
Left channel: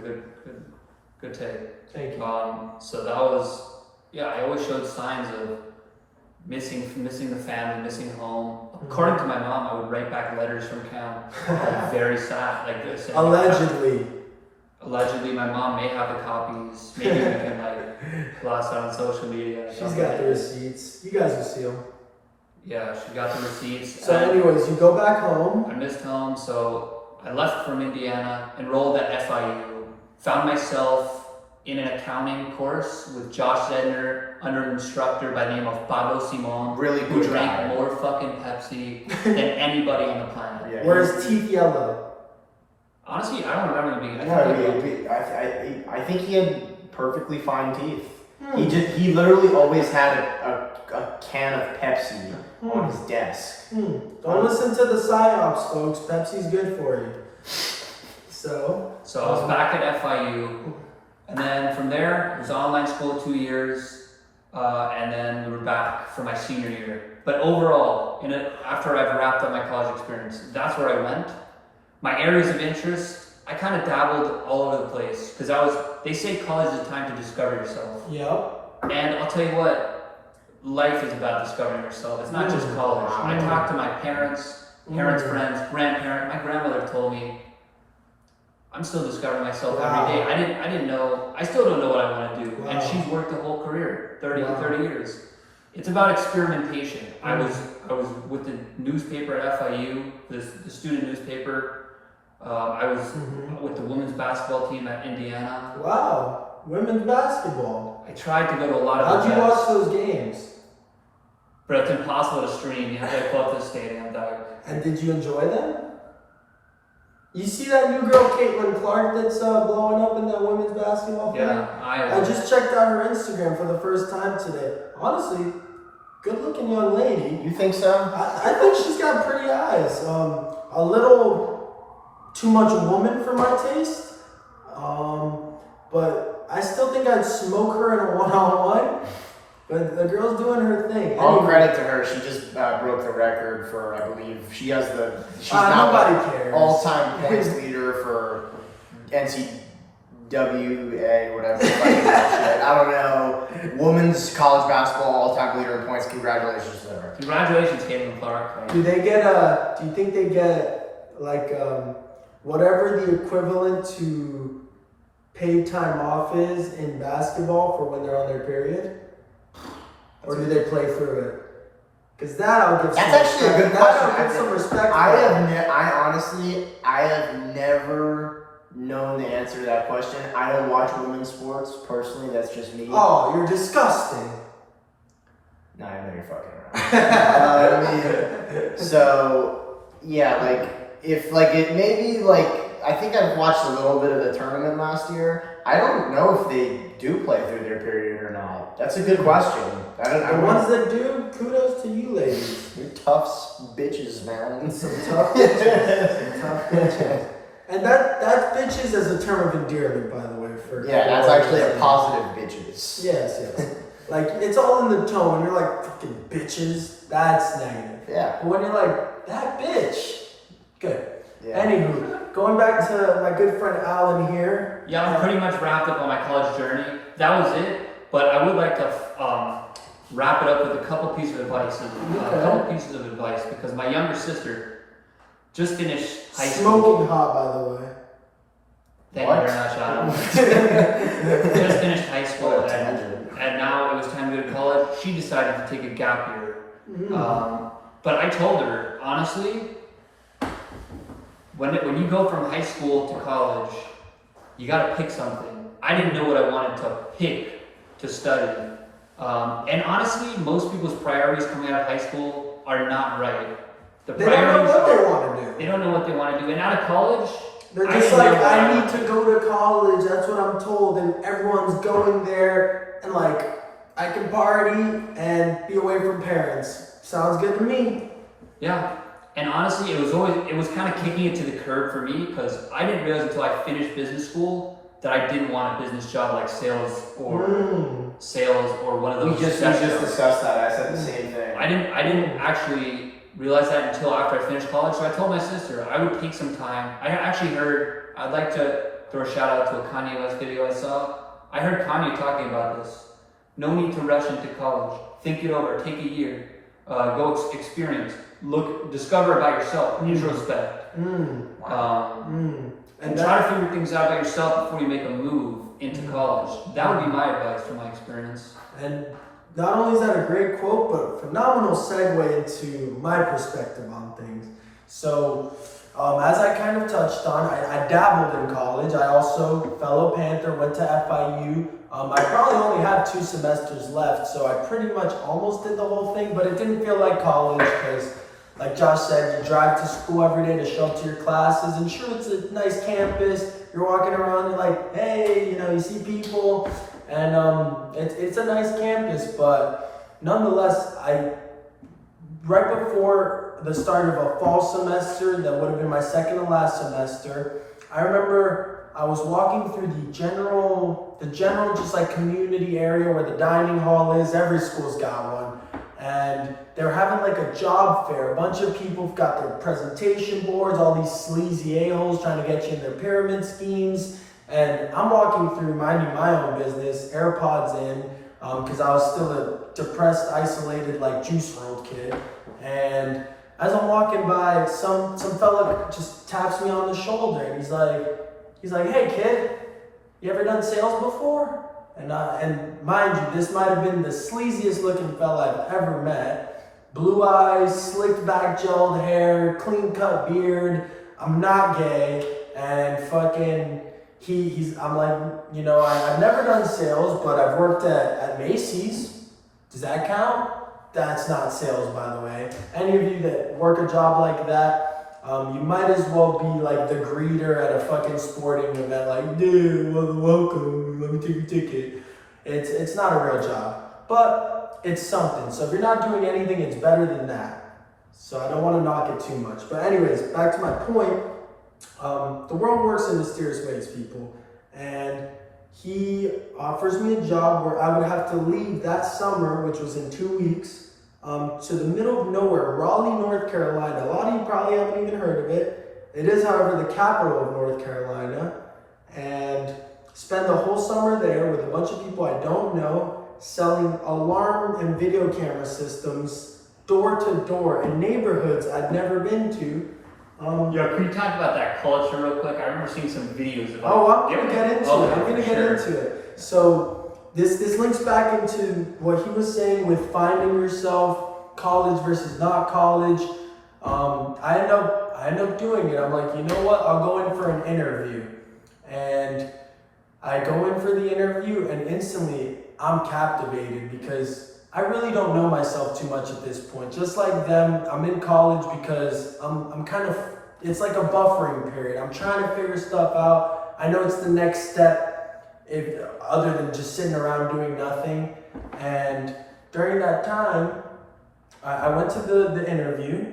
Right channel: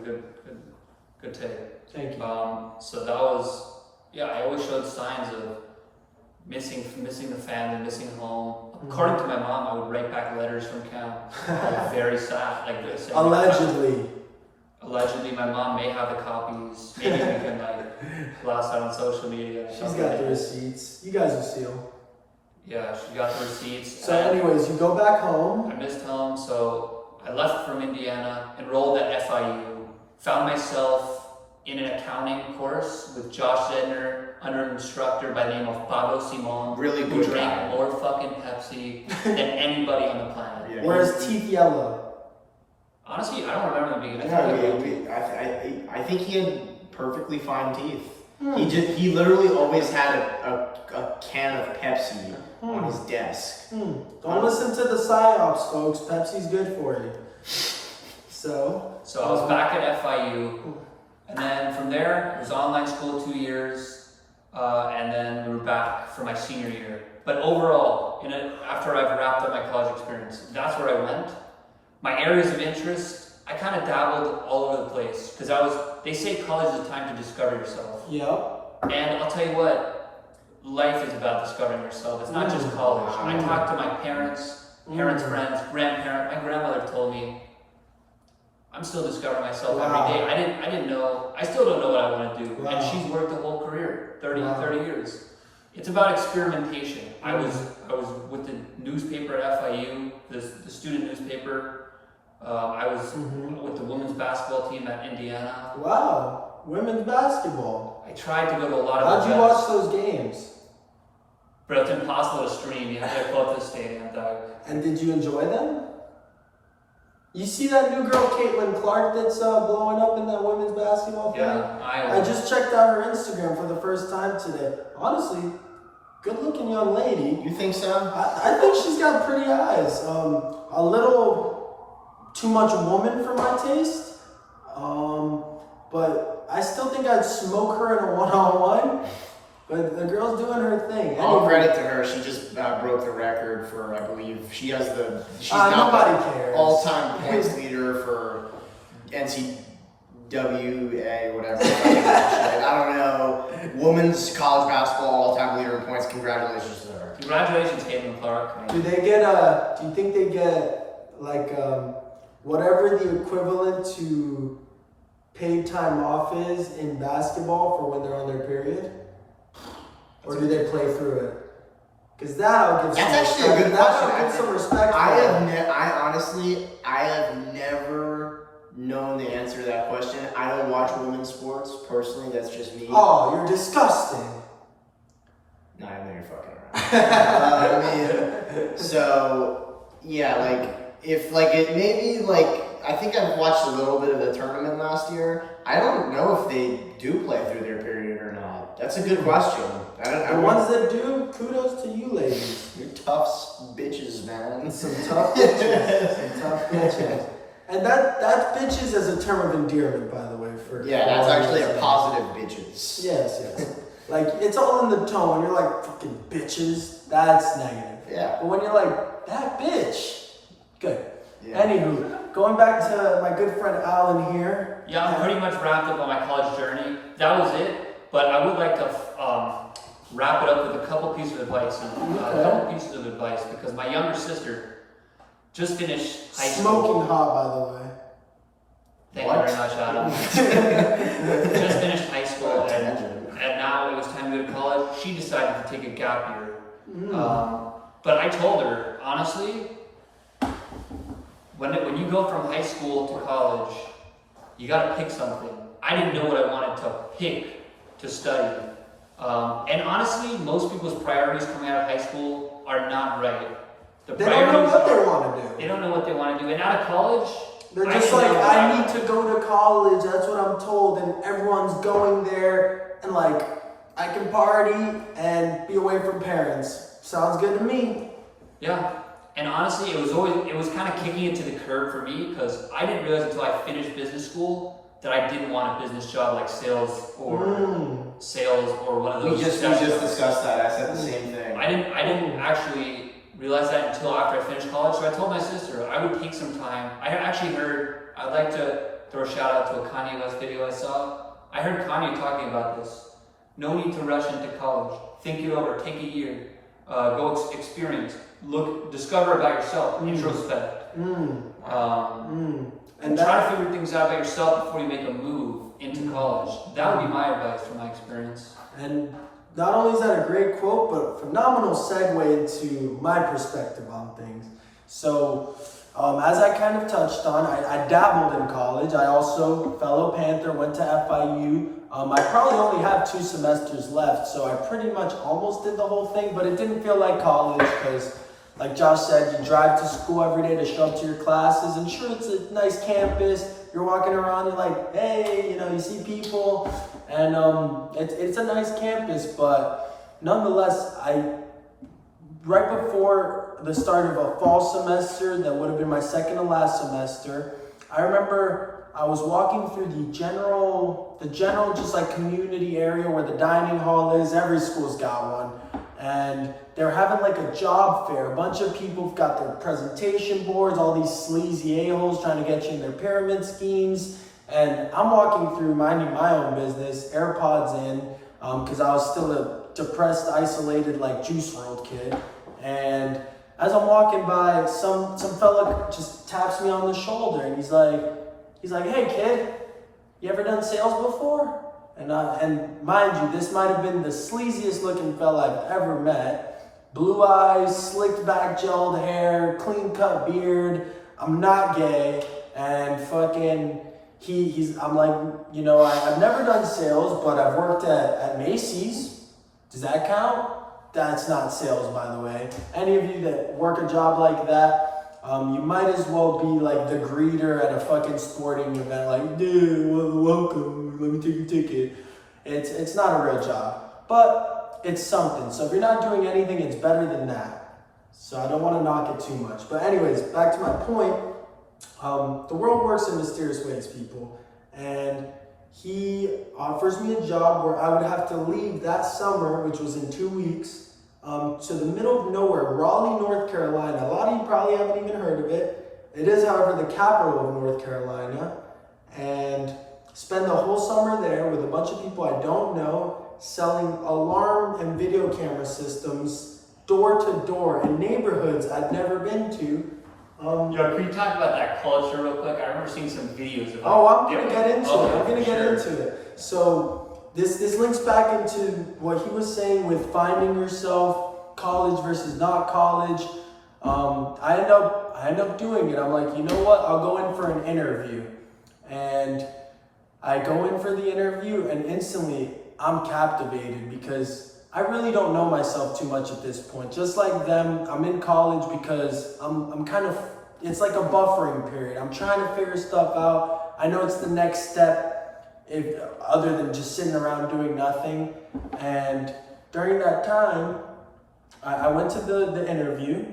good take. Thank you. So that was, I always showed signs of missing the family, missing home. According to my mom, I would write back letters from camp. Very sad, like this. Allegedly, my mom may have the copies. Maybe we can like blast out on social media. She's got the receipts. You guys will see them. Yeah, she got the receipts. So anyways, you go back home. I missed home, so I left from Indiana, enrolled at FIU, found myself in an accounting course with Josh Zedner under an instructor by the name of Pablo Simon, Really who good drank guy. more fucking Pepsi than anybody on the planet. Yeah, Where's teeth yellow? Honestly, I don't remember them being. I think he had perfectly fine teeth. He literally always had a can of Pepsi on his desk. Don't listen to the psyops, folks. Pepsi's good for you. So I was back at FIU, and then from there, it was online school 2 years, and then we were back for my senior year. But overall, after I've wrapped up my college experience, that's where I went. My areas of interest, I kind of dabbled all over the place because they say college is a time to discover yourself. Yep. And I'll tell you what, life is about discovering yourself. It's not just college. I talked to my parents, friends, grandparents. My grandmother told me, I'm still discovering myself every day. I didn't know, I still don't know what I want to do. And she's worked a whole career, 30 years. It's about experimentation. I was with the newspaper at FIU, the student newspaper. I was with the women's basketball team at Indiana. Wow, women's basketball. I tried to go to a lot of How'd you events, watch those games? but it's impossible to stream. You have to pull up to the stadium. And did you enjoy them? You see that new girl, Caitlyn Clark, that's blowing up in that women's basketball thing? Yeah, I just checked out her Instagram for the first time today. Honestly, good-looking young lady. You think so? I think she's got pretty eyes. A little too much woman for my taste. But I still think I'd smoke her in a one-on-one. But the girl's doing her thing. All credit to her. She just broke the record for, I believe, she's now nobody cares. all-time points leader for NCAA, whatever. Fucking bullshit. I don't know. Women's college basketball all-time leader in points. Congratulations to her. Congratulations, Caitlyn Clark. Do you think they get like whatever the equivalent to paid time off is in basketball for when they're on their period? Or do they play through it? Because that I'll give some That's actually a good question. That I'll give some respect I for. have never known the answer to that question. I don't watch women's sports personally. That's just me. Oh, you're disgusting. No, I know you're fucking around. So yeah, like if like it maybe like I think I've watched a little bit of the tournament last year. I don't know if they do play through their period or not. That's a good question. The ones that do, kudos to you ladies. You're tough bitches, man. Some tough bitches. Some tough bitches. And that bitches is a term of endearment, by the way. That's actually a positive bitches. Yes. Like, it's all in the tone. When you're like, fucking bitches, that's negative. Yeah. But when you're like, that bitch, good. Yeah. Anywho, going back to my good friend Alan here. Yeah, I'm pretty much wrapped up on my college journey. That was it, but I would like to wrap it up with a couple pieces of advice. Because my younger sister just finished high school. Smoking hot, by the way. Thank you very much, Adam. Just finished high school, and now it was time to go to college. She decided to take a gap year. But I told her, honestly, when you go from high school to college, you got to pick something. I didn't know what I wanted to pick to study. And honestly, most people's priorities coming out of high school are not right. They don't know what they want to do. They don't know what they want to do. And out of college, they're just like, I need to go to college. That's what I'm told. And everyone's going there. And like, I can party and be away from parents. Sounds good to me. Yeah. And honestly, it was kind of kicking it to the curb for me because I didn't realize until I finished business school that I didn't want a business job like sales or one of those. We just discussed that. I said the same thing. I didn't actually realize that until after I finished college. So I told my sister I would take some time. I actually heard, I'd like to throw a shout out to a Kanye West video I saw. I heard Kanye talking about this. No need to rush into college. Think it over. Take a year. Go experience. Look, discover about yourself. Introspect. And try to figure things out about yourself before you make a move into college. That would be my advice from my experience. And not only is that a great quote, but a phenomenal segue into my perspective on things. So, as I kind of touched on, I dabbled in college. I also, fellow Panther, went to FIU. I probably only have 2 semesters left, so I pretty much almost did the whole thing, but it didn't feel like college because, like Josh said, you drive to school every day to show up to your classes, and sure, it's a nice campus. You're walking around, you're like, hey, you see people, and it's a nice campus, but nonetheless, right before the start of a fall semester, that would have been my second to last semester, I remember I was walking through the general just like community area where the dining hall is. Every school's got one. And they're having like a job fair. A bunch of people have got their presentation boards, all these sleazy a-holes trying to get you in their pyramid schemes. And I'm walking through minding my own business, AirPods in, because I was still a depressed, isolated, like juice-rolled kid. And as I'm walking by, some fella just taps me on the shoulder, and he's like, hey kid, you ever done sales before? And mind you, this might have been the sleaziest looking fella I've ever met. Blue eyes, slicked back gelled hair, clean cut beard. I'm not gay, and fucking I'm like, I've never done sales, but I've worked at Macy's. Does that count? That's not sales, by the way. Any of you that work a job like that, you might as well be like the greeter at a fucking sporting event, like, dude, welcome, let me take your ticket. It's not a real job, but it's something. So if you're not doing anything, it's better than that. So I don't want to knock it too much. But anyways, back to my point. The world works in mysterious ways, people. And he offers me a job where I would have to leave that summer, which was in 2 weeks, to the middle of nowhere, Raleigh, North Carolina. A lot of you probably haven't even heard of it. It is, however, the capital of North Carolina. And spend the whole summer there with a bunch of people I don't know, selling alarm and video camera systems door to door in neighborhoods I'd never been to. Yo, can you talk about that culture real quick? I remember seeing some videos of I'm gonna get into it. So this links back into what he was saying with finding yourself, college versus not college. I end up doing it. I'm like, you know what? I'll go in for an interview. And I go in for the interview and instantly I'm captivated because I really don't know myself too much at this point. Just like them, I'm in college because I'm kind of, it's like a buffering period. I'm trying to figure stuff out. I know it's the next step, other than just sitting around doing nothing. And during that time, I went to the interview,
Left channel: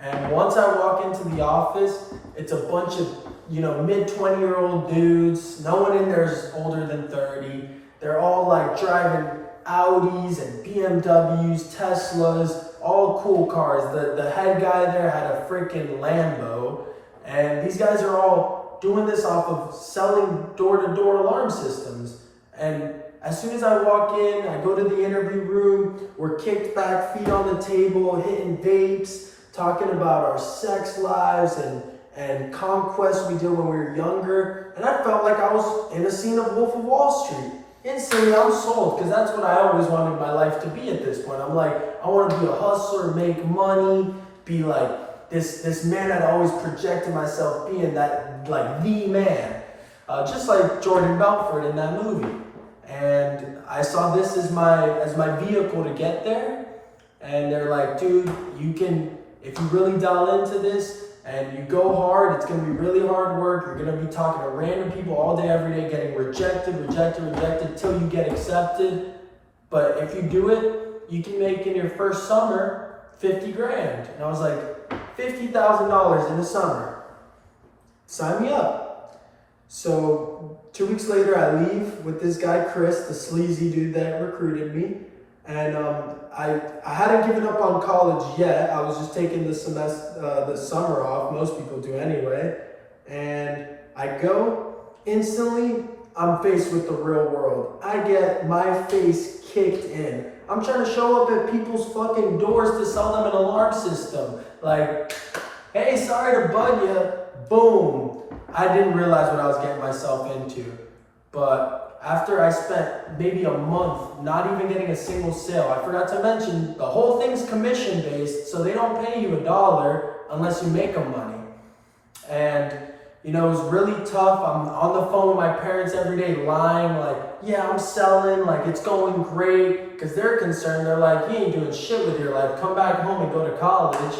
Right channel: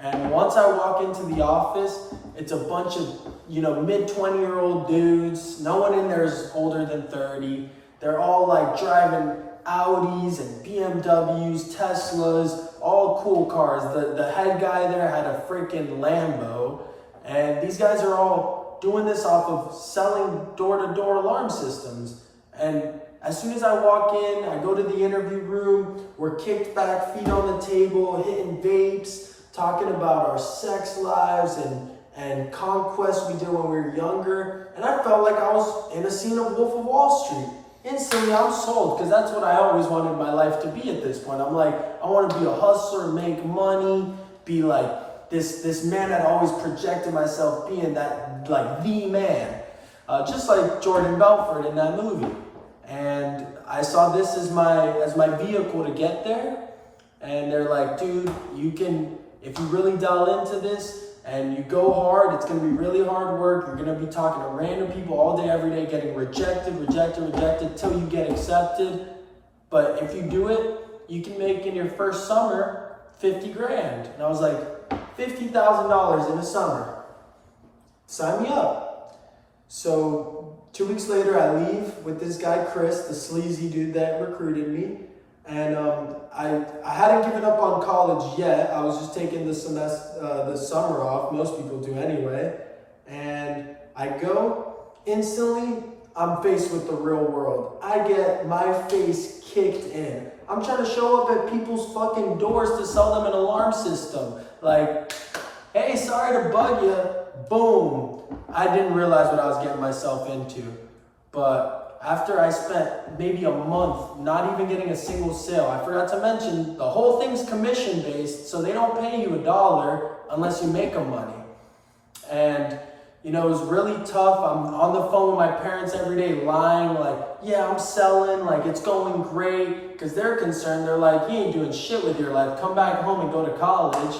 and once I walk into the office, it's a bunch of, mid-20-year-old dudes. No one in there is older than 30. They're all like driving Audis and BMWs, Teslas, all cool cars. The head guy there had a freaking Lambo, and these guys are all doing this off of selling door-to-door alarm systems. And as soon as I walk in, I go to the interview room, we're kicked back, feet on the table, hitting vapes, talking about our sex lives and conquests we did when we were younger. And I felt like I was in a scene of Wolf of Wall Street. Instantly, I'm sold, because that's what I always wanted my life to be at this point. I'm like, I want to be a hustler, make money, be like this man I'd always projected myself being, that like the man. Just like Jordan Belfort in that movie. And I saw this as my vehicle to get there. And they're like, dude, you can, if you really dial into this and you go hard, it's going to be really hard work. You're going to be talking to random people all day, every day, getting rejected till you get accepted. But if you do it, you can make in your first summer $50 grand. And I was like, $50,000 in a summer. Sign me up. So 2 weeks later, I leave with this guy, Chris, the sleazy dude that recruited me. And I hadn't given up on college yet. I was just taking the summer off. Most people do anyway. And I go, instantly, I'm faced with the real world. I get my face kicked in. I'm trying to show up at people's fucking doors to sell them an alarm system. Like, hey, sorry to bug you. Boom. I didn't realize what I was getting myself into. But after I spent maybe a month not even getting a single sale, I forgot to mention the whole thing's commission based, so they don't pay you $1 unless you make them money. And it was really tough. I'm on the phone with my parents every day lying like, yeah, I'm selling, like it's going great, because they're concerned. They're like, you ain't doing shit with your life. Come back home and go to college.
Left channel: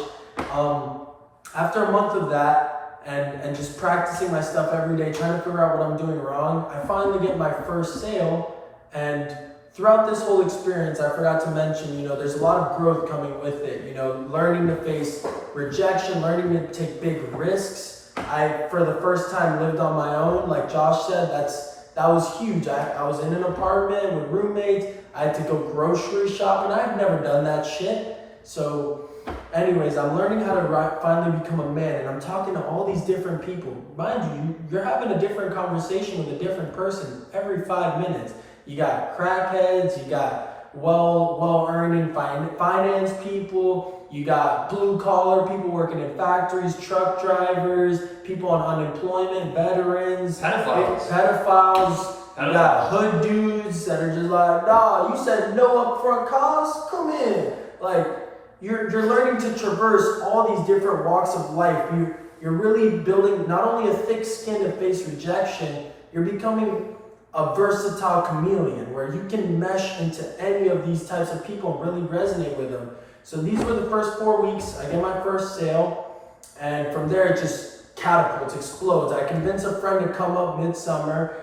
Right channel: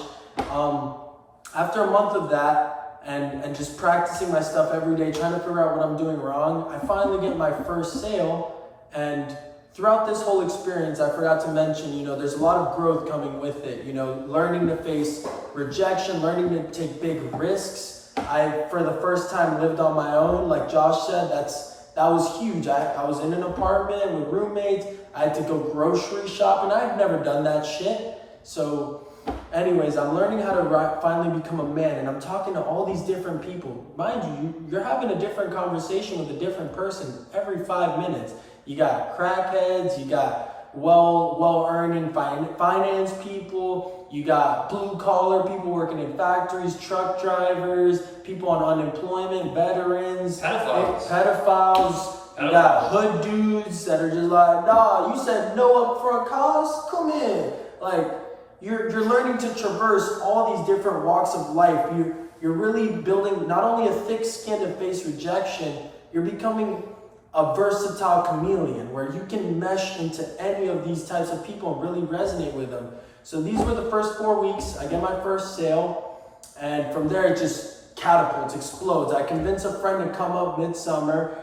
After a month of that, and just practicing my stuff every day, trying to figure out what I'm doing wrong, I finally get my first sale. And throughout this whole experience, I forgot to mention, there's a lot of growth coming with it. Learning to face rejection, learning to take big risks. I, for the first time, lived on my own. Like Josh said, that was huge. I was in an apartment with roommates. I had to go grocery shopping. I had never done that shit. So anyways, I'm learning how to finally become a man, and I'm talking to all these different people. Mind you, you're having a different conversation with a different person every 5 minutes. You got crackheads, you got well-earning finance people, you got blue-collar people working in factories, truck drivers, people on unemployment, veterans, pedophiles. You got hood dudes that are just like, nah, you said no upfront costs? Come in. Like, You're learning to traverse all these different walks of life. You're really building not only a thick skin to face rejection, you're becoming a versatile chameleon where you can mesh into any of these types of people and really resonate with them. So these were the first 4 weeks. I get my first sale, and from there it just catapults, explodes. I convince a friend to come up midsummer.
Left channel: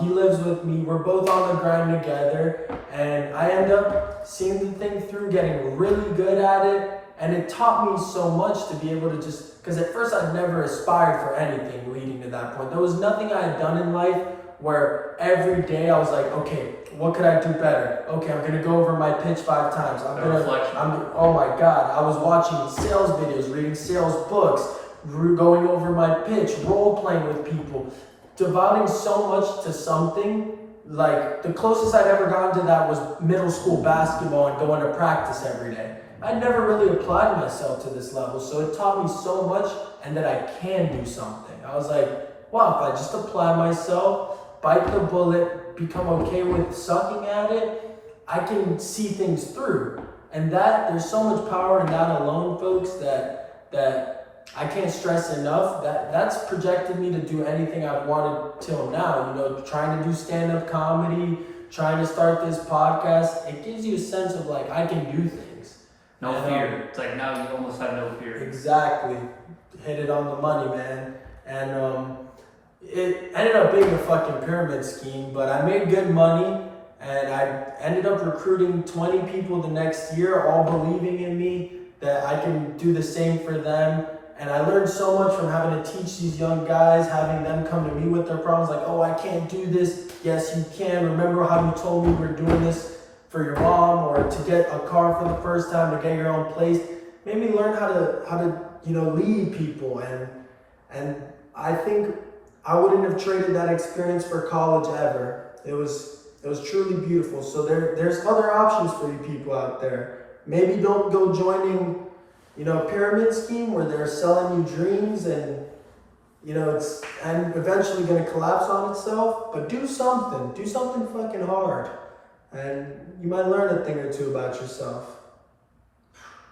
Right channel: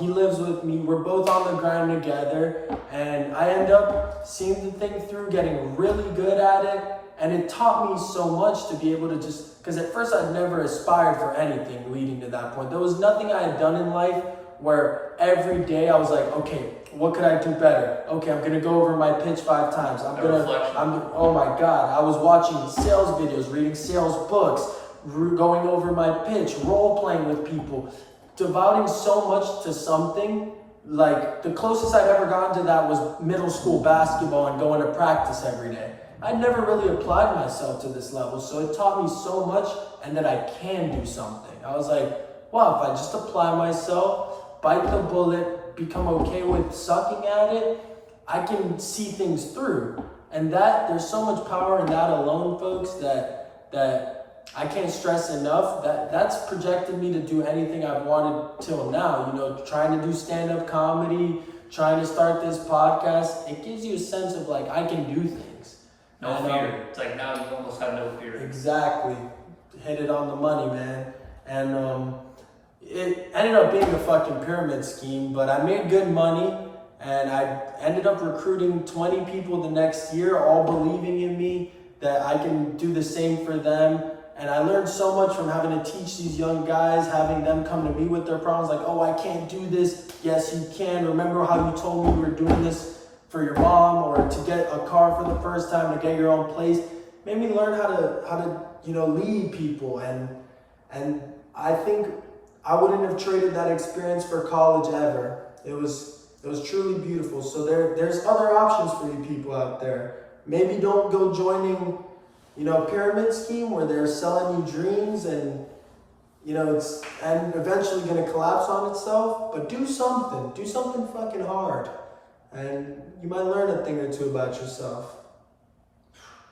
He lives with me. We're both on the grind together, and I end up seeing the thing through, getting really good at it, and it taught me so much to be able to because at first I'd never aspired for anything leading to that point. There was nothing I had done in life where every day I was like, okay, what could I do better? Okay, I'm gonna go over my pitch 5 times. Oh my God, I was watching sales videos, reading sales books, going over my pitch, role playing with people, devoting so much to something. Like, the closest I'd ever gotten to that was middle school basketball and going to practice every day. I never really applied myself to this level, so it taught me so much, and that I can do something. I was like, well, if I just apply myself, bite the bullet, become okay with sucking at it, I can see things through. And there's so much power in that alone, folks, that I can't stress enough. That's projected me to do anything I've wanted till now. You know, trying to do stand-up comedy, trying to start this podcast. It gives you a sense of like, I can do things. No fear. It's like now you almost have no fear. Exactly. Hit it on the money, man. And it ended up being a fucking pyramid scheme, but I made good money. And I ended up recruiting 20 people the next year, all believing in me that I can do the same for them. And I learned so much from having to teach these young guys, having them come to me with their problems like, oh, I can't do this. Yes, you can. Remember how you told me you were doing this for your mom, or to get a car for the first time, to get your own place. Made me learn how to lead people. And I think I wouldn't have traded that experience for college ever. It was truly beautiful. So there's other options for you people out there. Maybe don't go joining, pyramid scheme where they're selling you dreams and, it's and eventually going to collapse on itself. But do something fucking hard, and you might learn a thing or two about yourself.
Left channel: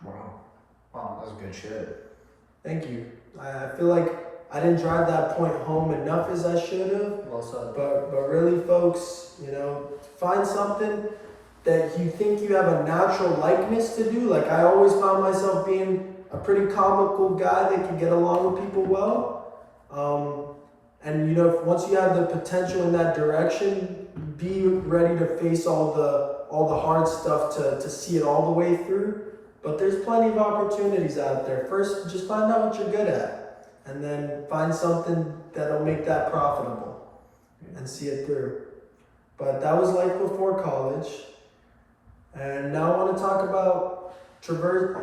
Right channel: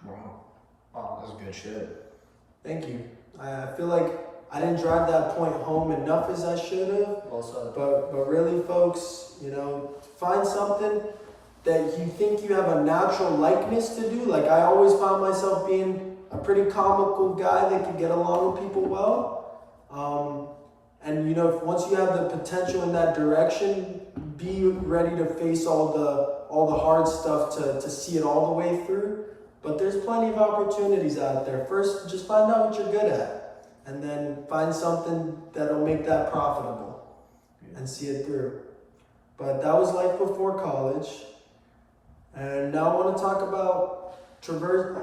Wow, that's good shit. Thank you. I feel like I didn't drive that point home enough as I should have. Well said. But really, folks, find something that you think you have a natural likeness to do. Like, I always found myself being a pretty comical guy that can get along with people well. And once you have the potential in that direction, be ready to face all the hard stuff to see it all the way through. But there's plenty of opportunities out there. First, just find out what you're good at, and then find something that'll make that profitable and see it through. But that was life before college. And now I want to talk about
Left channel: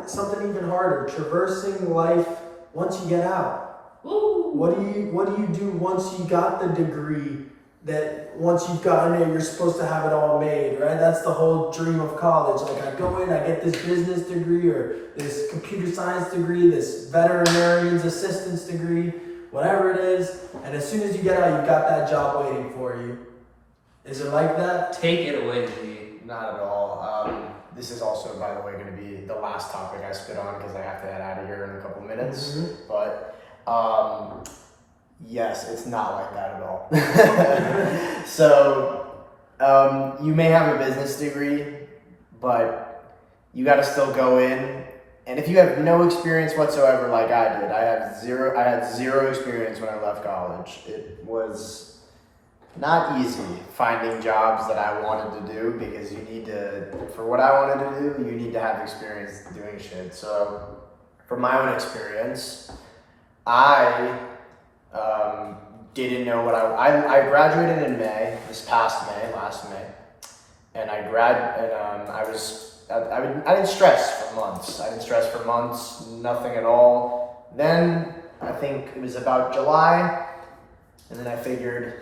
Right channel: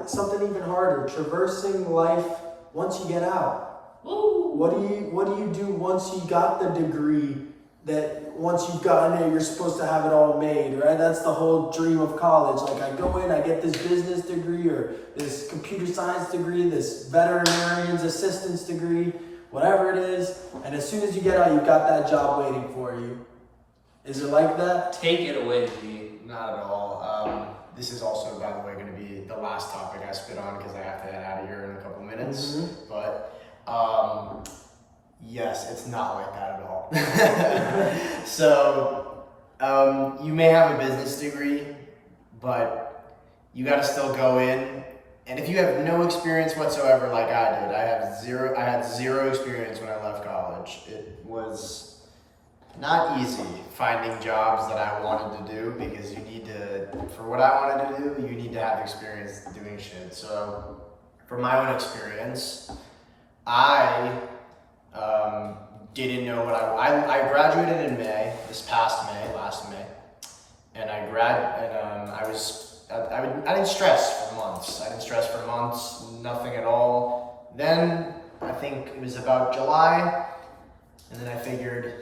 something even harder, traversing life once you get out. Woo. What do you do once you got the degree that once you've gotten it, you're supposed to have it all made, right? That's the whole dream of college. Like, I go in, I get this business degree or this computer science degree, this veterinarian's assistance degree, whatever it is. And as soon as you get out, you've got that job waiting for you. Is it like that? Take it away, G. Not at all. This is also, by the way, going to be the last topic I spit on because I have to head out of here in a couple minutes. Mm-hmm. But yes, it's not like that at all. So you may have a business degree, but you got to still go in. And if you have no experience whatsoever, like I did, I had zero experience when I left college. It was not easy finding jobs that I wanted to do because for what I wanted to do, you need to have experience doing shit. So from my own experience, I didn't know what I graduated in May, last May, and I didn't stress for months. Nothing at all. Then I think it was about July, and then I figured,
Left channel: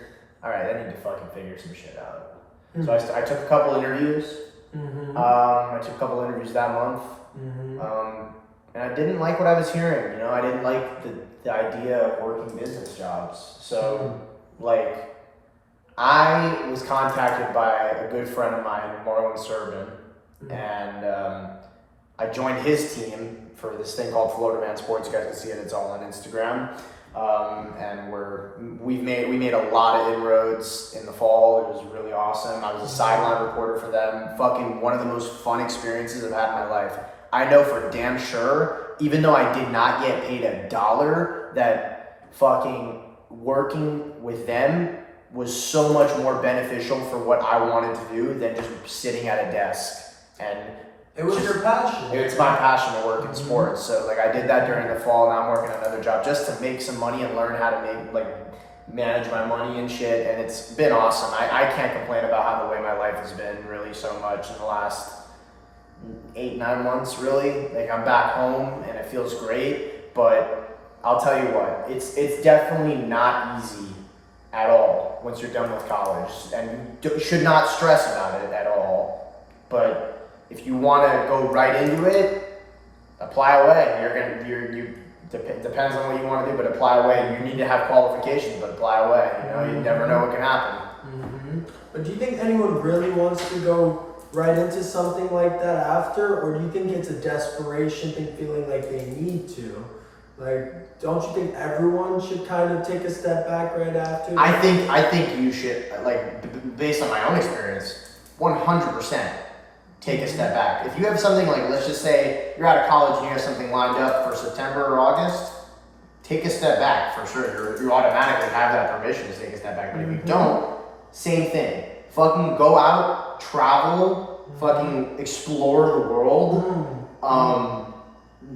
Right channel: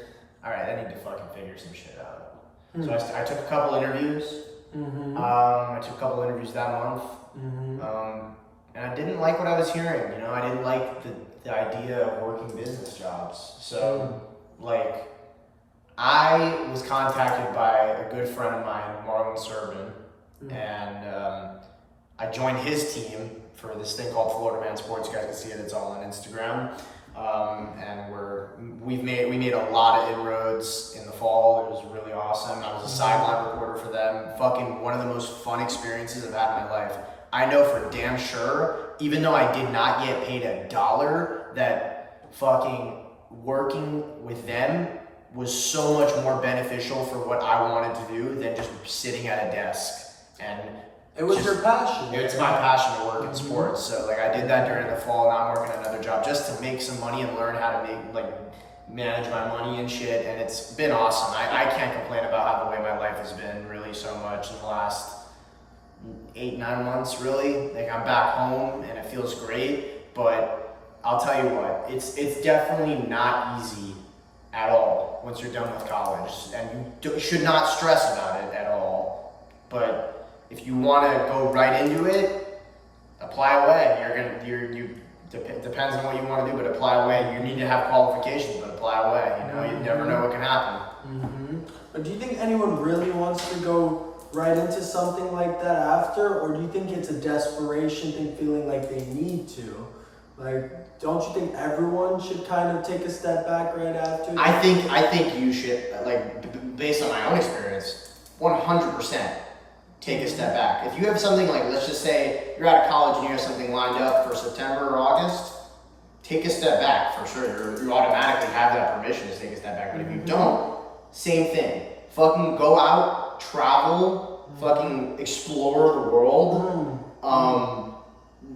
all right, I need to fucking figure some shit out. Mm-hmm. So I took a couple interviews. Mm-hmm. I took a couple interviews that month. Mm-hmm. And I didn't like what I was hearing. I didn't like the idea of working business jobs. So, I was contacted by a good friend of mine, Marlon Servin, and I joined his team for this thing called Florida Man Sports. You guys can see it. It's all on Instagram. And we made a lot of inroads in the fall. It was really awesome. I was a sideline reporter for them. Fucking one of the most fun experiences I've had in my life. I know for damn sure, even though I did not get paid $1, that fucking working with them was so much more beneficial for what I wanted to do than just sitting at a desk. And it was your passion. It's my passion to work in sports. So I did that during the fall. Now I'm working another job just to make some money and learn how to manage my money and shit. And it's been awesome. I can't complain about how the way my life has been really so much in the last 8-9 months, really. I'm back home and it feels great, but I'll tell you what, it's definitely not easy at all once you're done with college, and you should not stress about it at all. But if you want to go right into it, apply away. Depends on what you want to do, but apply away. You need to have qualifications, but apply away. You never know what can happen. Mm-hmm. But do you think anyone really wants to go right into something like that after, or do you think it's a desperation thing, feeling like they need to? Like, don't you think everyone should kind of take a step back right after? I think you should, like, based on my own experience, 100% take a step back. If you have something like, let's just say you're out of college and you have something lined up for September or August, take a step back for sure. You automatically have that permission to take a step back. But if you don't, same thing. Fucking go out, travel, fucking explore the world.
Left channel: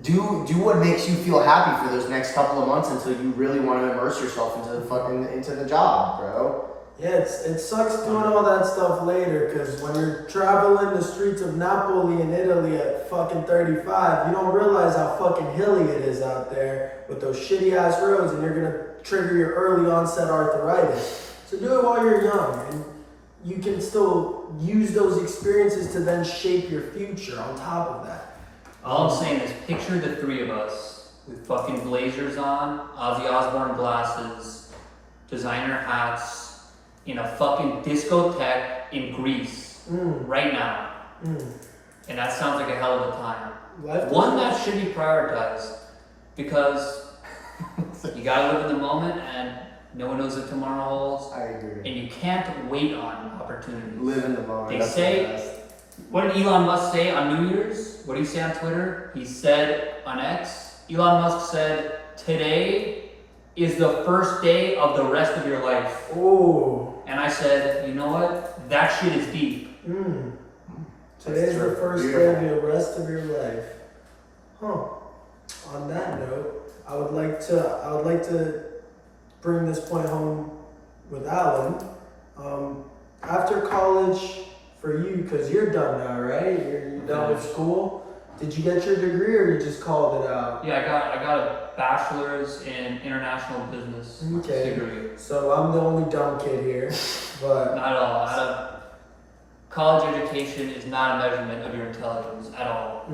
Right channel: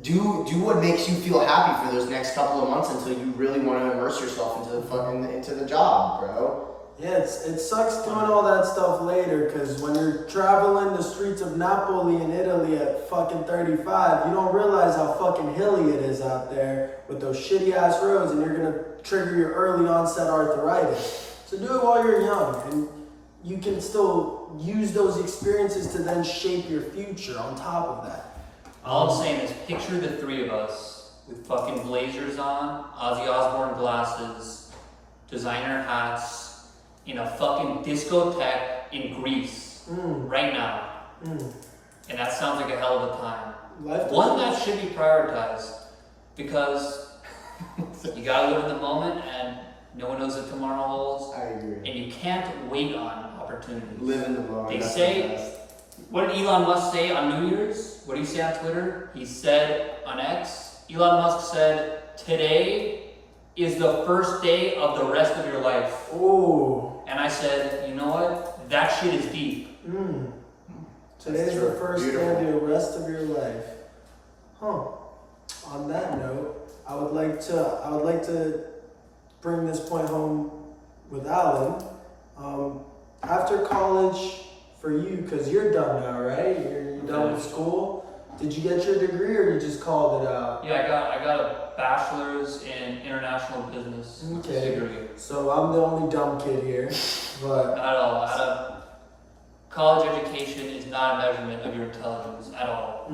Do what makes you feel happy for those next couple of months until you really want to immerse yourself into the job, bro. Yeah, it sucks doing all that stuff later, because when you're traveling the streets of Napoli in Italy at fucking 35, you don't realize how fucking hilly it is out there with those shitty ass roads, and you're gonna trigger your early onset arthritis. So do it while you're young, and you can still use those experiences to then shape your future on top of that. All I'm saying is picture the three of us with fucking blazers on, Ozzy Osbourne glasses, designer hats, in a fucking discotheque in Greece right now. And that sounds like a hell of a time. One that should be prioritized, because you gotta live in the moment and no one knows what tomorrow holds. I agree. And you can't wait on opportunities. Live in the moment. They say, what did Elon Musk say on New Year's? What did he say on Twitter? He said on X, Elon Musk said, today is the first day of the rest of your life. Oh. And I said, you know what? That shit is deep. Today's the first day of the rest of your life. Huh. On that note, I would like to bring this point home with Alan. After college, for you, because you're done now, right? You're done with school. Did you get your degree, or you just called it out? Yeah, I got a bachelor's in international business degree. So I'm the only dumb kid here, but not at all. College education is not a measurement of your intelligence at all.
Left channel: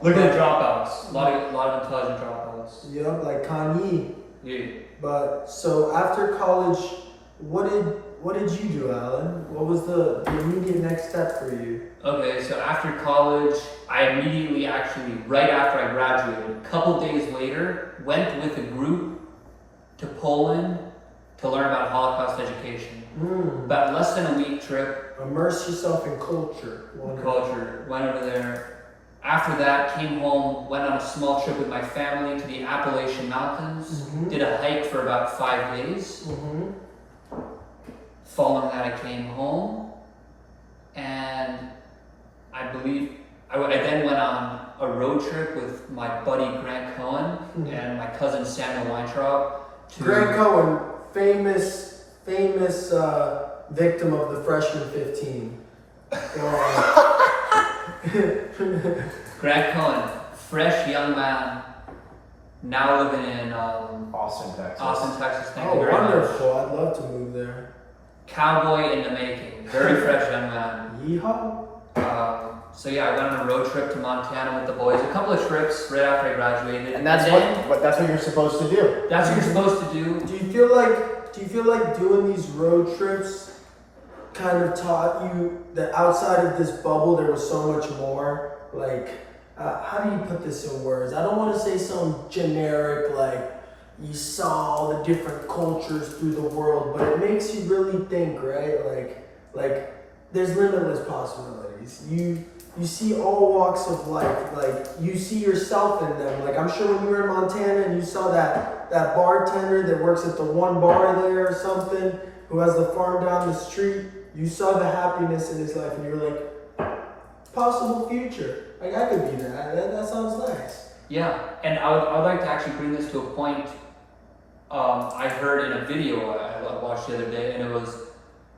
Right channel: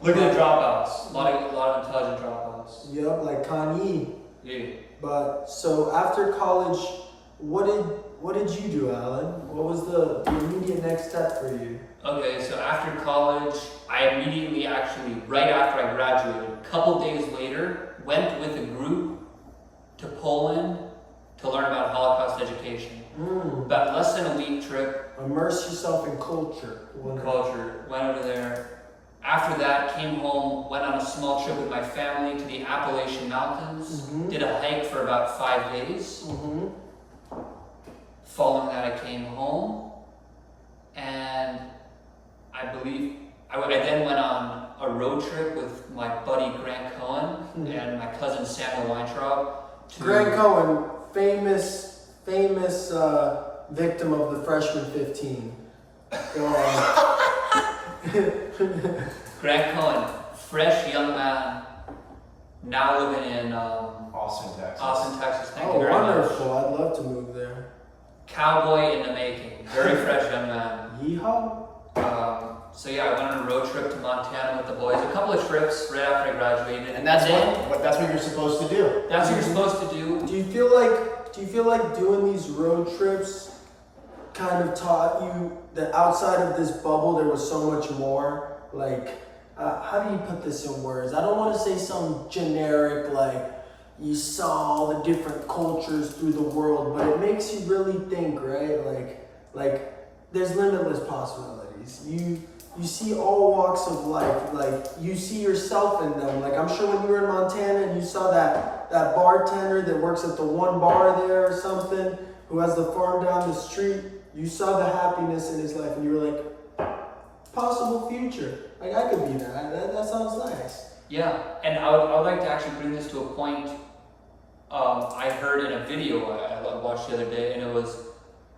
Look at the dropouts. A lot of intelligent dropouts. Yep, like Kanye. Yeah. But so after college, what did you do, Alan? What was the immediate next step for you? Okay, so after college, I immediately, actually, right after I graduated, a couple days later, went with a group to Poland to learn about Holocaust education. About less than a week trip. Immerse yourself in culture. Went over there. After that, came home, went on a small trip with my family to the Appalachian Mountains. Did a hike for about 5 days. Following that, I came home, and I believe I then went on a road trip with my buddy Grant Cohen and my cousin Samuel Weintraub. Grant Cohen, famous victim of the freshman 15. Grant Cohen, fresh young man, now living in Austin, Texas. Thank you very much. Wonderful. I'd love to move there. Cowboy in the making. Very fresh young man. Yeehaw. So yeah, I went on a road trip to Montana with the boys. A couple of trips right after I graduated. And that's what you're supposed to do. That's what you're supposed to do. Do you feel like doing these road trips kind of taught you that outside of this bubble there was so much more? Like, how do you put this in words? I don't want to say some generic, like, you saw all the different cultures through the world, but it makes you really think, right? Like there's limitless possibilities. You see all walks of life. Like, you see yourself in them. Like, I'm sure when you were in Montana and you saw that bartender that works at the one bar there or something, who has the farm down the street, you saw the happiness in his life, and you were like, possible future. Like, I could be that. That sounds nice. Yeah, and I would like to actually bring this to a point. I heard in a video I watched the other day, and it was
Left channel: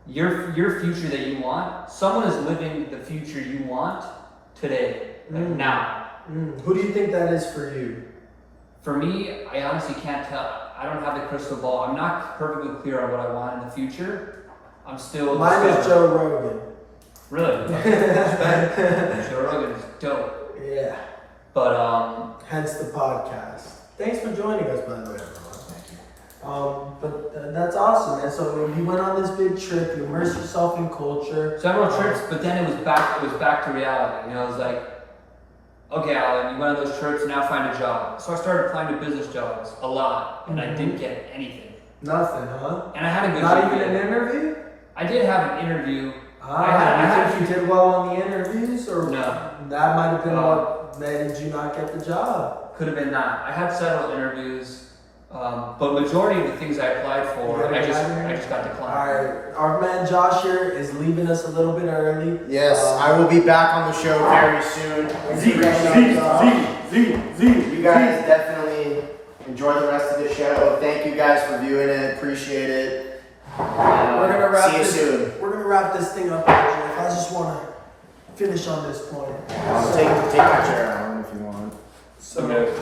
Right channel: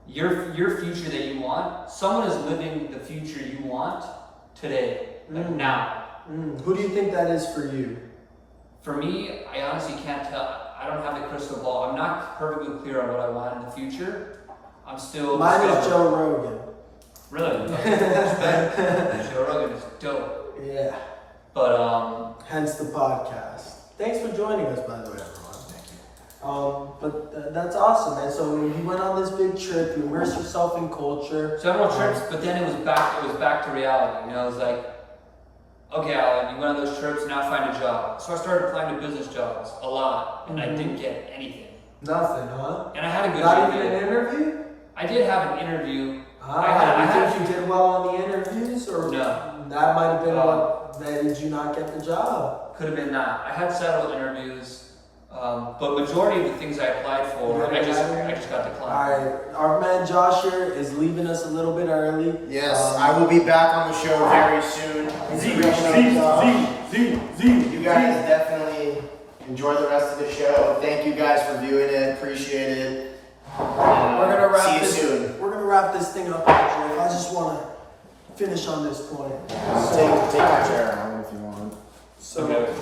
your future that you want. Someone is living the future you want today, like now. Who do you think that is for you? For me, I honestly can't tell. I don't have the crystal ball. I'm not perfectly clear on what I want in the future. I'm still. Mine is Joe Rogan. Really? Joe Rogan is dope. Yeah. But hence the podcast. Thanks for joining us, by the way, everyone. Thank you. But that's awesome, man. So you went on this big trip, you immersed yourself in culture. Several trips, but then it was back to reality. You know, it was like, okay, Alan, you went on those trips, now find a job. So I started applying to business jobs a lot, and I didn't get anything. Nothing, huh? And I had a good Not GPA. even an interview? I did have an interview. I think you did well on the interviews, or No. that might have been what made you not get the job. Could have been that. I had several interviews. But majority of the things I applied for, I just got declined. Alright, our man Josh here is leaving us a little bit early. Yes, I will be back on the show very soon. You guys definitely enjoy the rest of the show. Thank you guys for viewing it. Appreciate it. We're gonna wrap See you this, soon. We're gonna wrap this thing up, Jeff. I just wanna finish on this point. Take your turn if you want. So Okay.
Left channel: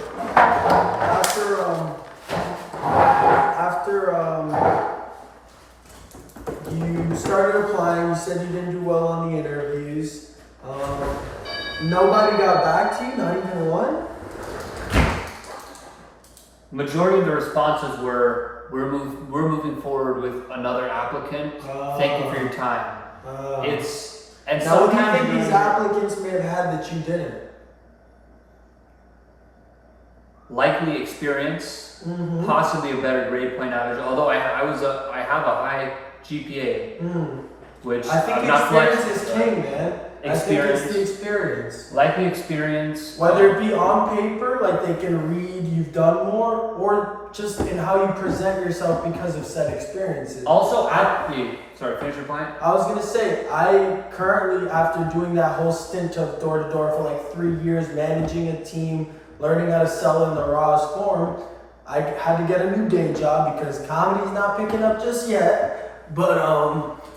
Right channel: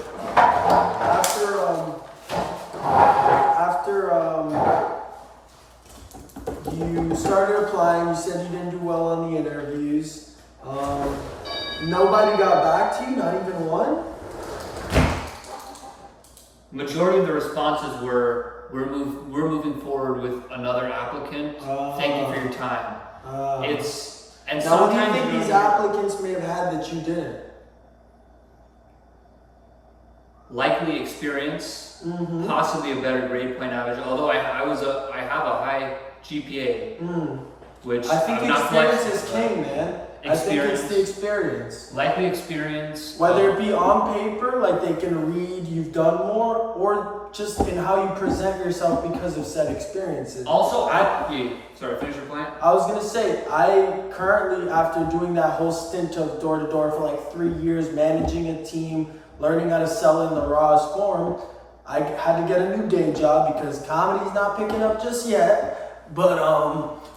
after you started applying, you said you didn't do well on the interviews. Nobody got back to you, not even one? Majority of the responses were, we're moving forward with another applicant. Thank you for your time. And Now, what do you sometimes think these applicants may have had that you didn't? likely experience, possibly a better grade point average. Although I have a high GPA, which I think I'm not experience flexing. is king, man. I think it's the experience. Likely experience. Whether it be on paper, like they can read you've done more, or just in how you present yourself because of said experiences. Also, sorry, finish your point. I was gonna say, I currently, after doing that whole stint of door to door for like 3 years, managing a team, learning how to sell in the rawest form, I had to get a new day job because comedy's not picking up just yet. But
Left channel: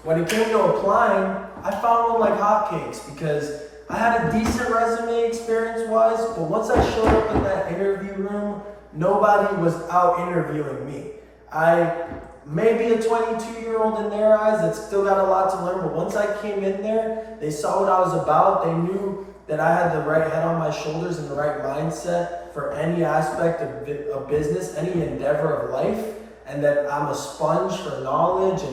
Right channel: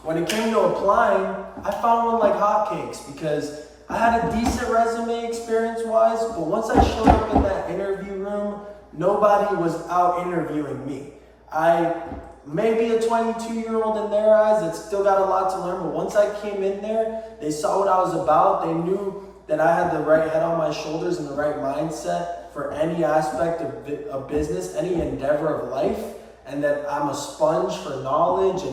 when it came to applying, I found one like hotcakes because I had a decent resume experience-wise, but once I showed up in that interview room, nobody was out interviewing me. I may be a 22-year-old in their eyes that still got a lot to learn, but once I came in there, they saw what I was about. They knew that I had the right head on my shoulders and the right mindset for any aspect of business, any endeavor of life, and that I'm a sponge for knowledge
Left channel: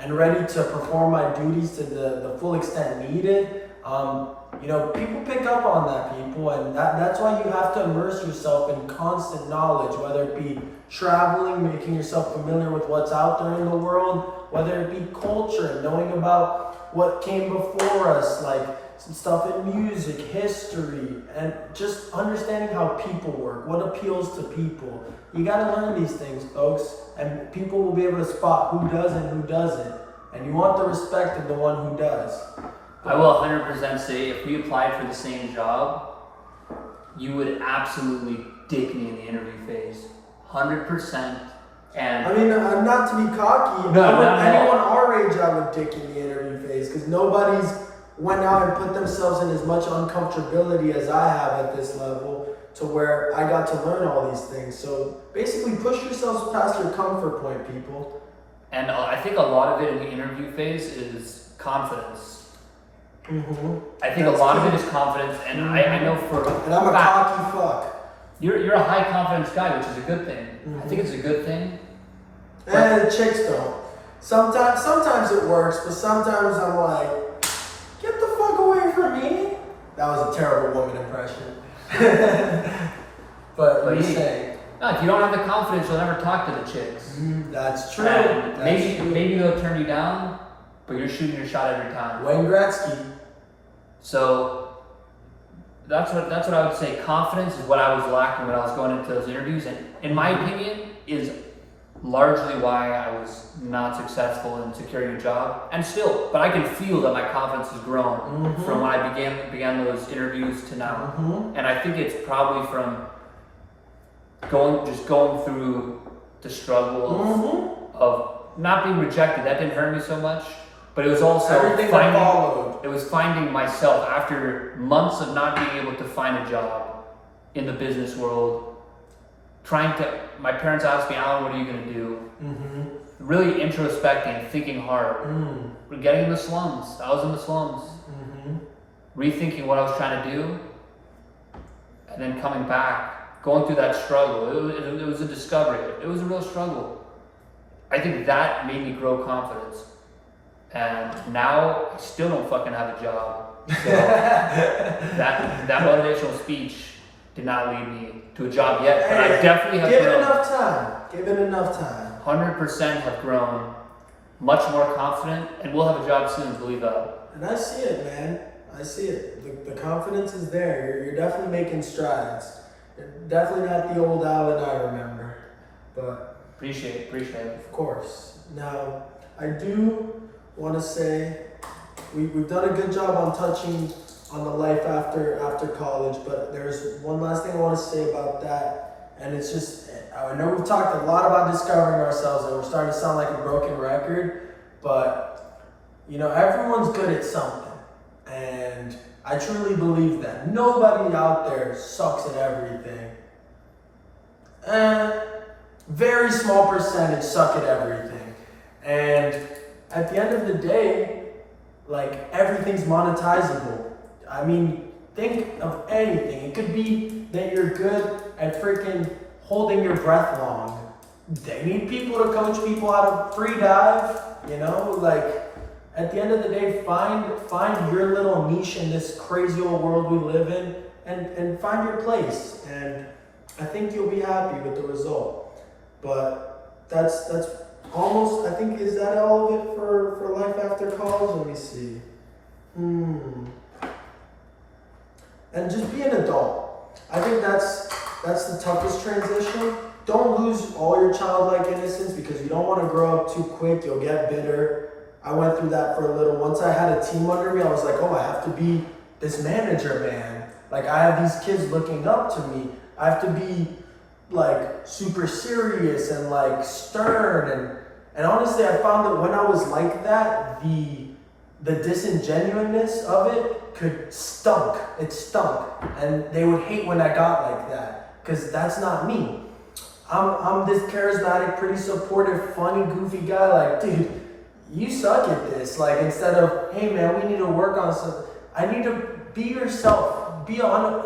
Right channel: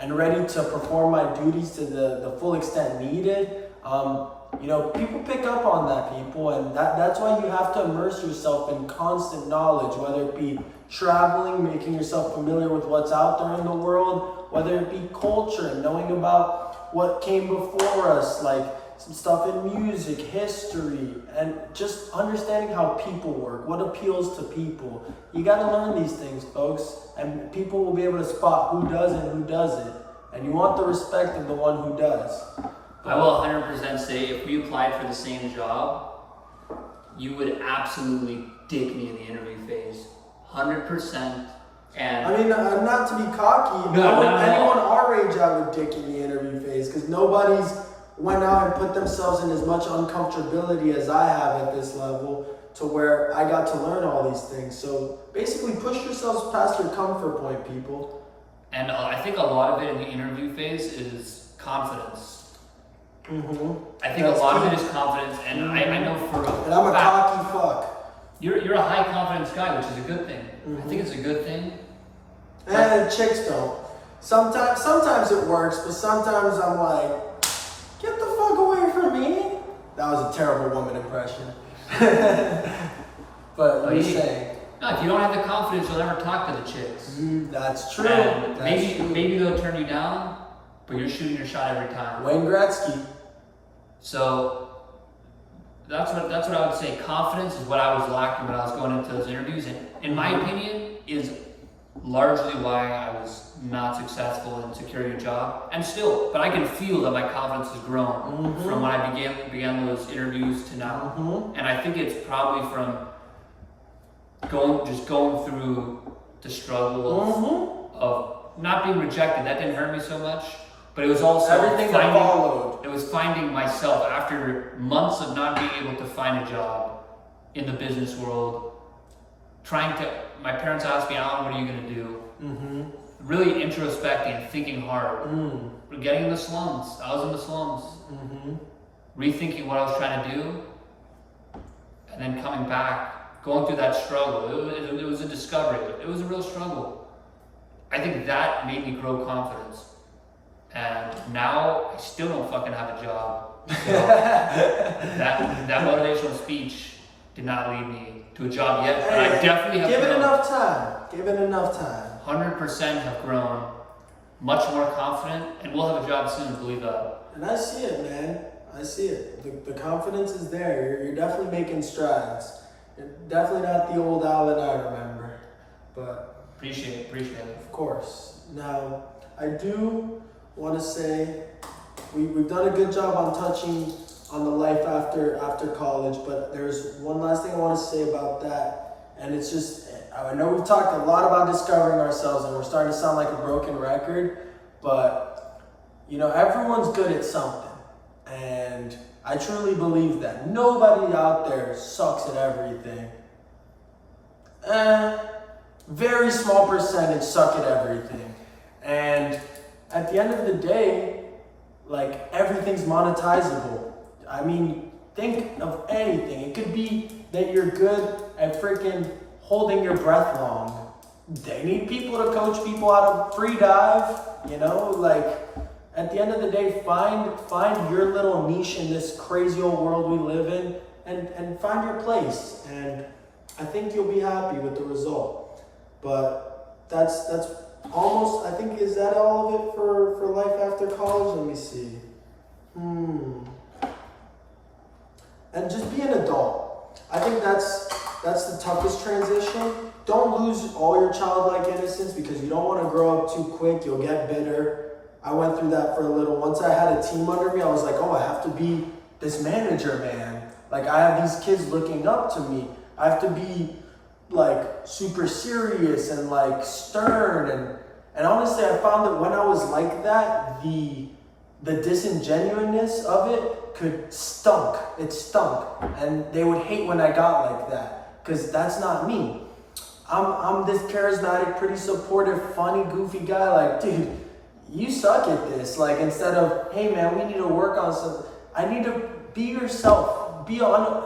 and ready to perform my duties to the full extent needed. People pick up on that, people, and that's why you have to immerse yourself in constant knowledge, whether it be traveling, making yourself familiar with what's out there in the world, whether it be culture and knowing about what came before us, like some stuff in music, history, and just understanding how people work, what appeals to people. You got to learn these things, folks, and people will be able to spot who does and who doesn't. And you want the respect of the one who does. I will 100% say if we applied for the same job, you would absolutely dick me in the interview phase. 100%. And I mean, not to be cocky, anyone our age I would dick in the interview phase because nobody's went out and put themselves in as much uncomfortability as I have at this level to where I got to learn all these things. So basically push yourselves past your comfort point, people. And I think a lot of it in the interview phase is confidence. I think a lot of it is confidence, and I know for a And I'm a fact, cocky fuck. you're a high confidence guy, which is a good thing. I think it's a good thing. And the chicks don't. Sometimes it works, but sometimes I'm like, get the fuck away from me. That was a terrible woman impression. but you're saying. No, if you don't have the confidence, you'll never talk to the chicks. That's true. And That's true. maybe they'll turn you down, but you're shooting your shot every time. Wayne Gretzky. So that's what I would say. Confidence is what I was lacking when I was going into those interviews, and in my opinion, is largely why I was not successful in securing a job. And still, but I can feel that my confidence has grown from when I began those interviews to now. And I think it's probably from going through the struggle of not being rejected. That didn't hurt me so much. But it was also finding myself after months of not being able to find a job in the business world. My parents asked me, Alan, what are you going to do? Really introspecting and thinking hard. We're getting in the slums. I was in the slums. Rethinking what I was trying to do. And then coming back, going through that struggle. It was a discovery. It was a real struggle. I think that made me grow confidence. And now I still don't fucking have a job. So that motivational speech did not lead me to a job yet, but I definitely have Give grown. it enough time. Give it enough time. 100% have grown much more confident, and we'll have a job soon, believe that. And I see it, man. I see it. The confidence is there. You're definitely making strides. You're definitely not the old Alan I remember. But Appreciate it. of course. Now, I do want to say we've done a good job on touching on the life after college, but there's one last thing I want to say about that, and it's just, I know we've talked a lot about discovering ourselves, and we're starting to sound like a broken record, but everyone's good at something, and I truly believe that nobody out there sucks at everything. Very small percentage suck at everything, and at the end of the day, like, everything's monetizable. I mean, think of anything. It could be that you're good at freaking holding your breath long. They need people to coach people how to free dive, like, at the end of the day, find your little niche in this crazy old world we live in, and find your place. And I think you'll be happy with the result. But that's almost, I think, is that all of it for life after college? Let me see. And just be an adult. I think that's the toughest transition. Don't lose all your childlike innocence, because you don't want to grow up too quick. You'll get bitter. I went through that for a little. Once I had a team under me, I was like, oh, I have to be this manager, man. Like, I have these kids looking up to me. I have to be, like, super serious and, like, stern. And honestly, I found that when I was like that, the disingenuousness of it stunk. It stunk. And they would hate when I got like that, because that's not me. I'm this charismatic, pretty supportive, funny, goofy guy. Like, dude, you suck at this. Like, instead of, hey man, we need to work on something, I need to be yourself.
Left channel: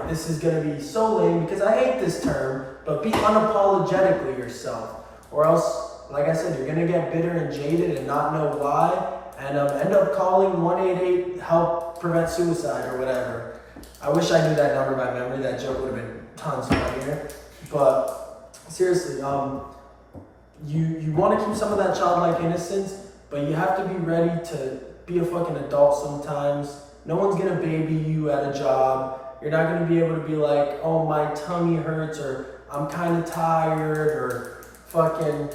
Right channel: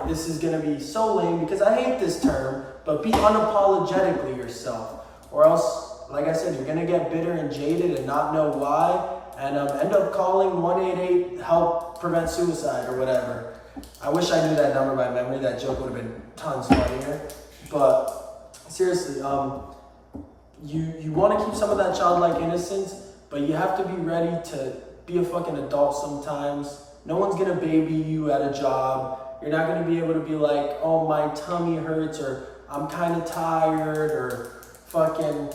This is gonna be so lame because I hate this term, but be unapologetically yourself. Or else, like I said, you're gonna get bitter and jaded and not know why, and end up calling 188 help prevent suicide or whatever. I wish I knew that number by memory. That joke would have been tons funnier. But seriously, you want to keep some of that childlike innocence, but you have to be ready to be a fucking adult sometimes. No one's gonna baby you at a job. You're not gonna be able to be like, oh, my tummy hurts, or I'm kind of tired, or fucking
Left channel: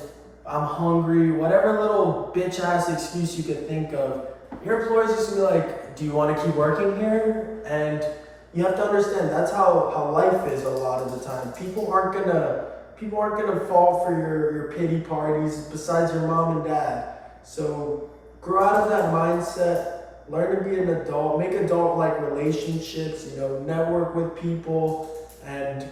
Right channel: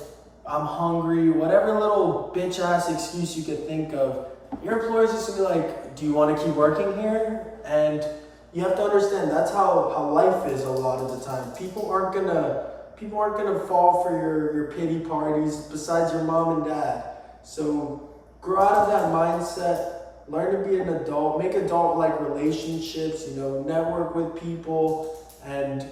I'm hungry, whatever little bitch ass excuse you could think of. Your employer's just gonna be like, do you want to keep working here? And you have to understand that's how life is a lot of the time. People aren't gonna fall for your pity parties besides your mom and dad. So grow out of that mindset, learn to be an adult, make adult-like relationships, network with people, and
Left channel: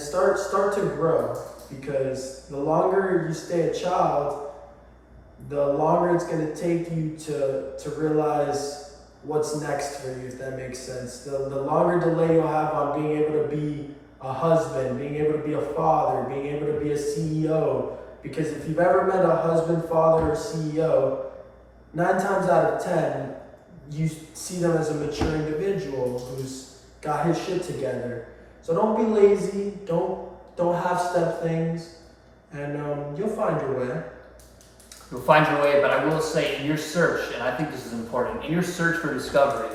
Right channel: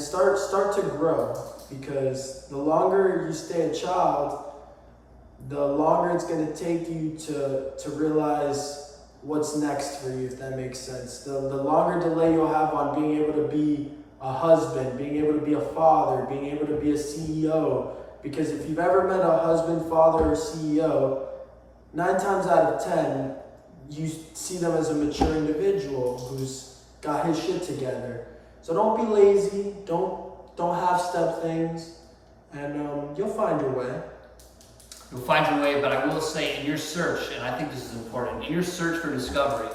start to grow. Because the longer you stay a child, the longer it's going to take you to realize what's next for you, if that makes sense. The longer delay you'll have on being able to be a husband, being able to be a father, being able to be a CEO. Because if you've ever met a husband, father, or CEO, 9 times out of 10, you see them as a mature individual who's got his shit together. So don't be lazy, don't half-step things, and you'll find your way. You'll find your way, but I will say in your search, and I think this is important, in your search for discovery,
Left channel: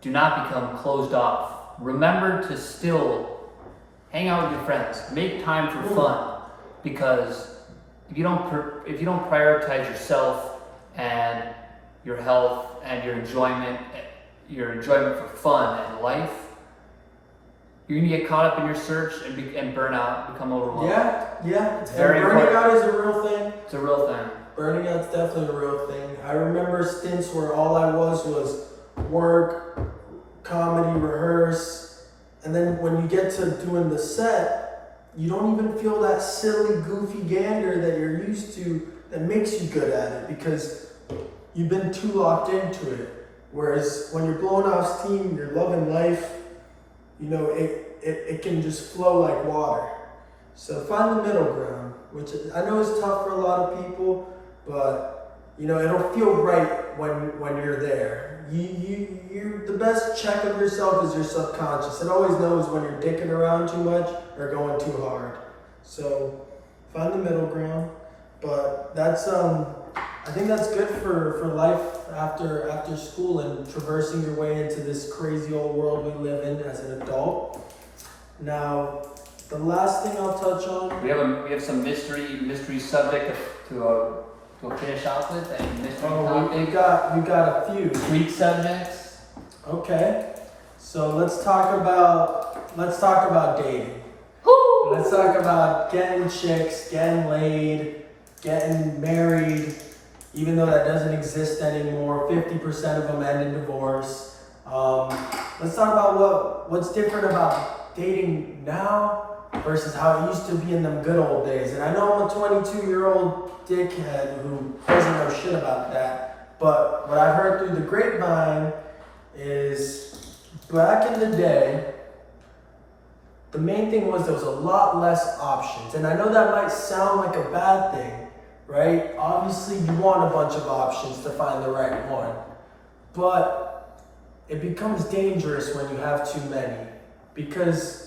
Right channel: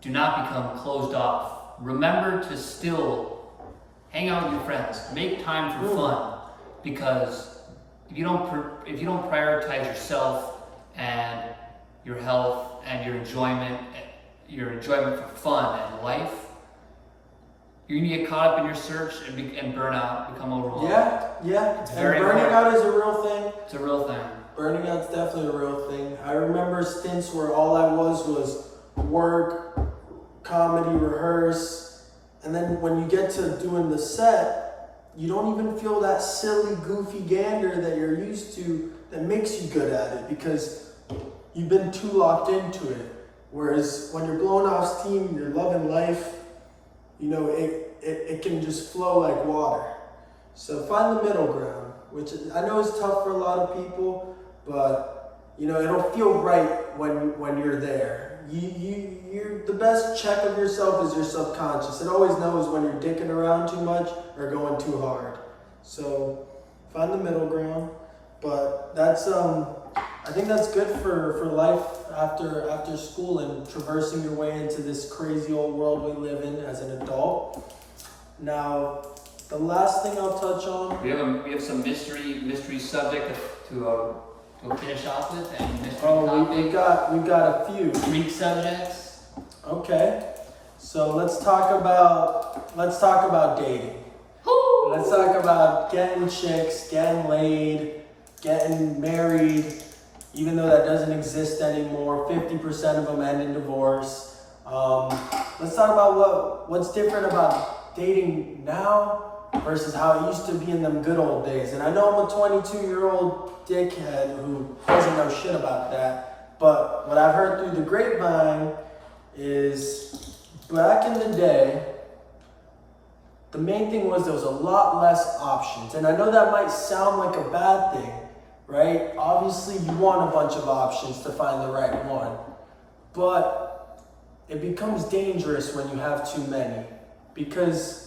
do not become closed off. Remember to still hang out with your friends. Make time for fun, because if you don't prioritize yourself and your health and your enjoyment for fun and life, you're gonna get caught up in your search and burn out, become overwhelmed. Yeah. It's very burning important. out is a real thing. It's a real thing. Burning out's definitely a real thing. I remember stints where all I was work, comedy, rehearse, and then when you get to doing the set, you don't even feel that silly, goofy gander that you're used to that makes you good at it, because you've been too locked into it. Whereas when you're blowing off steam, you're loving life, it can just flow like water. So find the middle ground, which I know is tough for a lot of people, but it'll feel right when you're there. You're the best check of yourself is your subconscious. It always knows when you're dicking around too much or going too hard. So find the middle ground. But that's I think that's good for life after school and traversing your way into this crazy old world we live in as an adult. Now, the last thing I'll touch on. We have some mystery subject to finish off with, and mystery topic. We got a few Greek subjects. Okay, so let's talk about dating. Woo! Let's talk about getting chicks, getting laid, getting married. Even though that doesn't exist anymore, 50% of them end in divorce. Let's talk about what's different about dating now versus how it used to be in them good old days. And I know I'm a 22-year-old dickhead who doesn't know shit about that, but what I've heard through the grapevine is back in the day, the main thing was there was a lot less options. And I know that might sound like a bad thing, right? Obviously, you want a bunch of options to find the right one, but it becomes dangerous when you have too many, because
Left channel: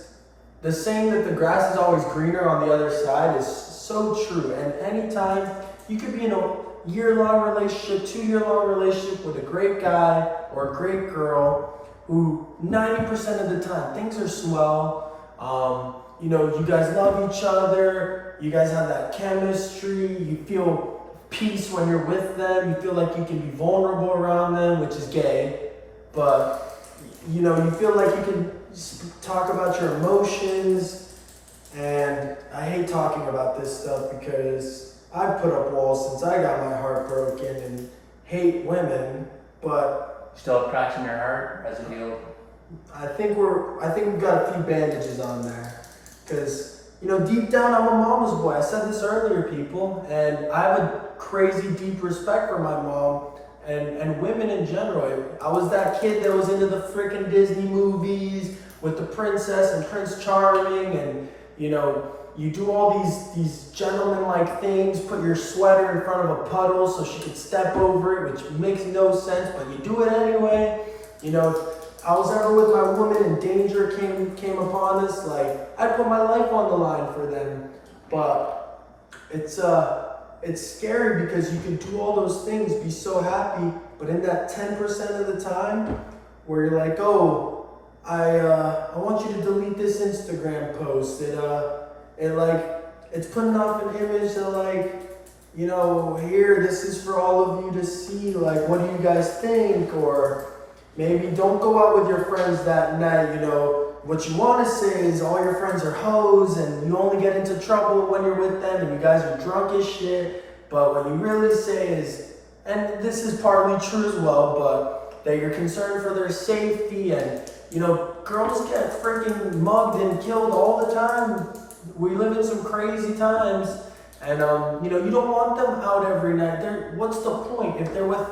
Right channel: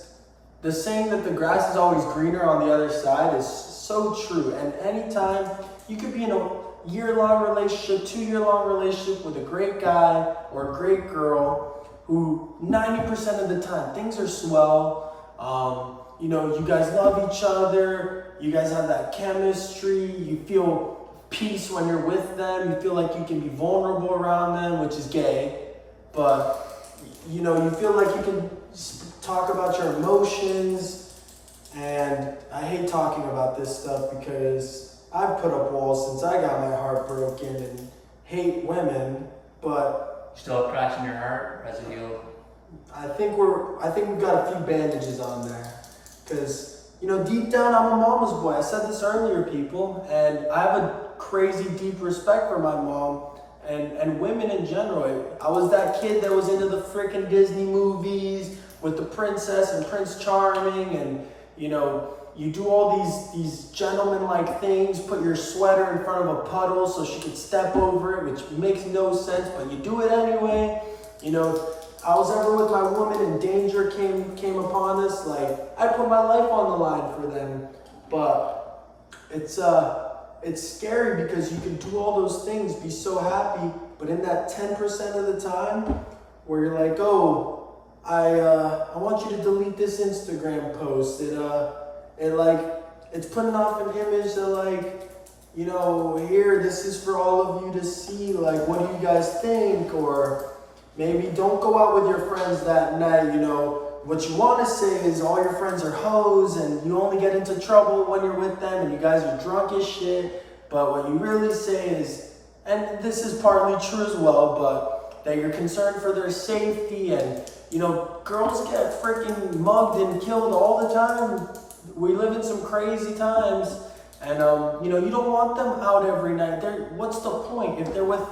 the saying that the grass is always greener on the other side is so true. And anytime you could be in a year-long relationship, 2-year-long relationship with a great guy or a great girl who 90% of the time things are swell. You guys love each other, you guys have that chemistry, you feel peace when you're with them, you feel like you can be vulnerable around them, which is gay, but you feel like you can talk about your emotions. And I hate talking about this stuff because I've put up walls since I got my heart broken and hate women, but still have cracks in your heart, or has it healed? I think we've got a few bandages on there, because deep down I'm a mama's boy. I said this earlier, people, and I have a crazy deep respect for my mom and women in general. I was that kid that was into the freaking Disney movies with the princess and Prince Charming, and you do all these gentleman-like things, put your sweater in front of a puddle so she could step over it, which makes no sense, but you do it anyway. If I was ever with my woman and danger came upon us, like, I'd put my life on the line for them. But it's scary because you can do all those things, be so happy, but in that 10% of the time where you're like, oh, I want you to delete this Instagram post. It's putting off an image that here, this is for all of you to see. Like, what do you guys think? Or maybe don't go out with your friends that night. What you want to say is all your friends are hoes and you only get into trouble when you're with them and you guys are drunk as shit. But what you really say is, and this is partly true as well, but that you're concerned for their safety. And girls get freaking mugged and killed all the time. We live in some crazy times, and you don't want them out every night. What's the point if they're with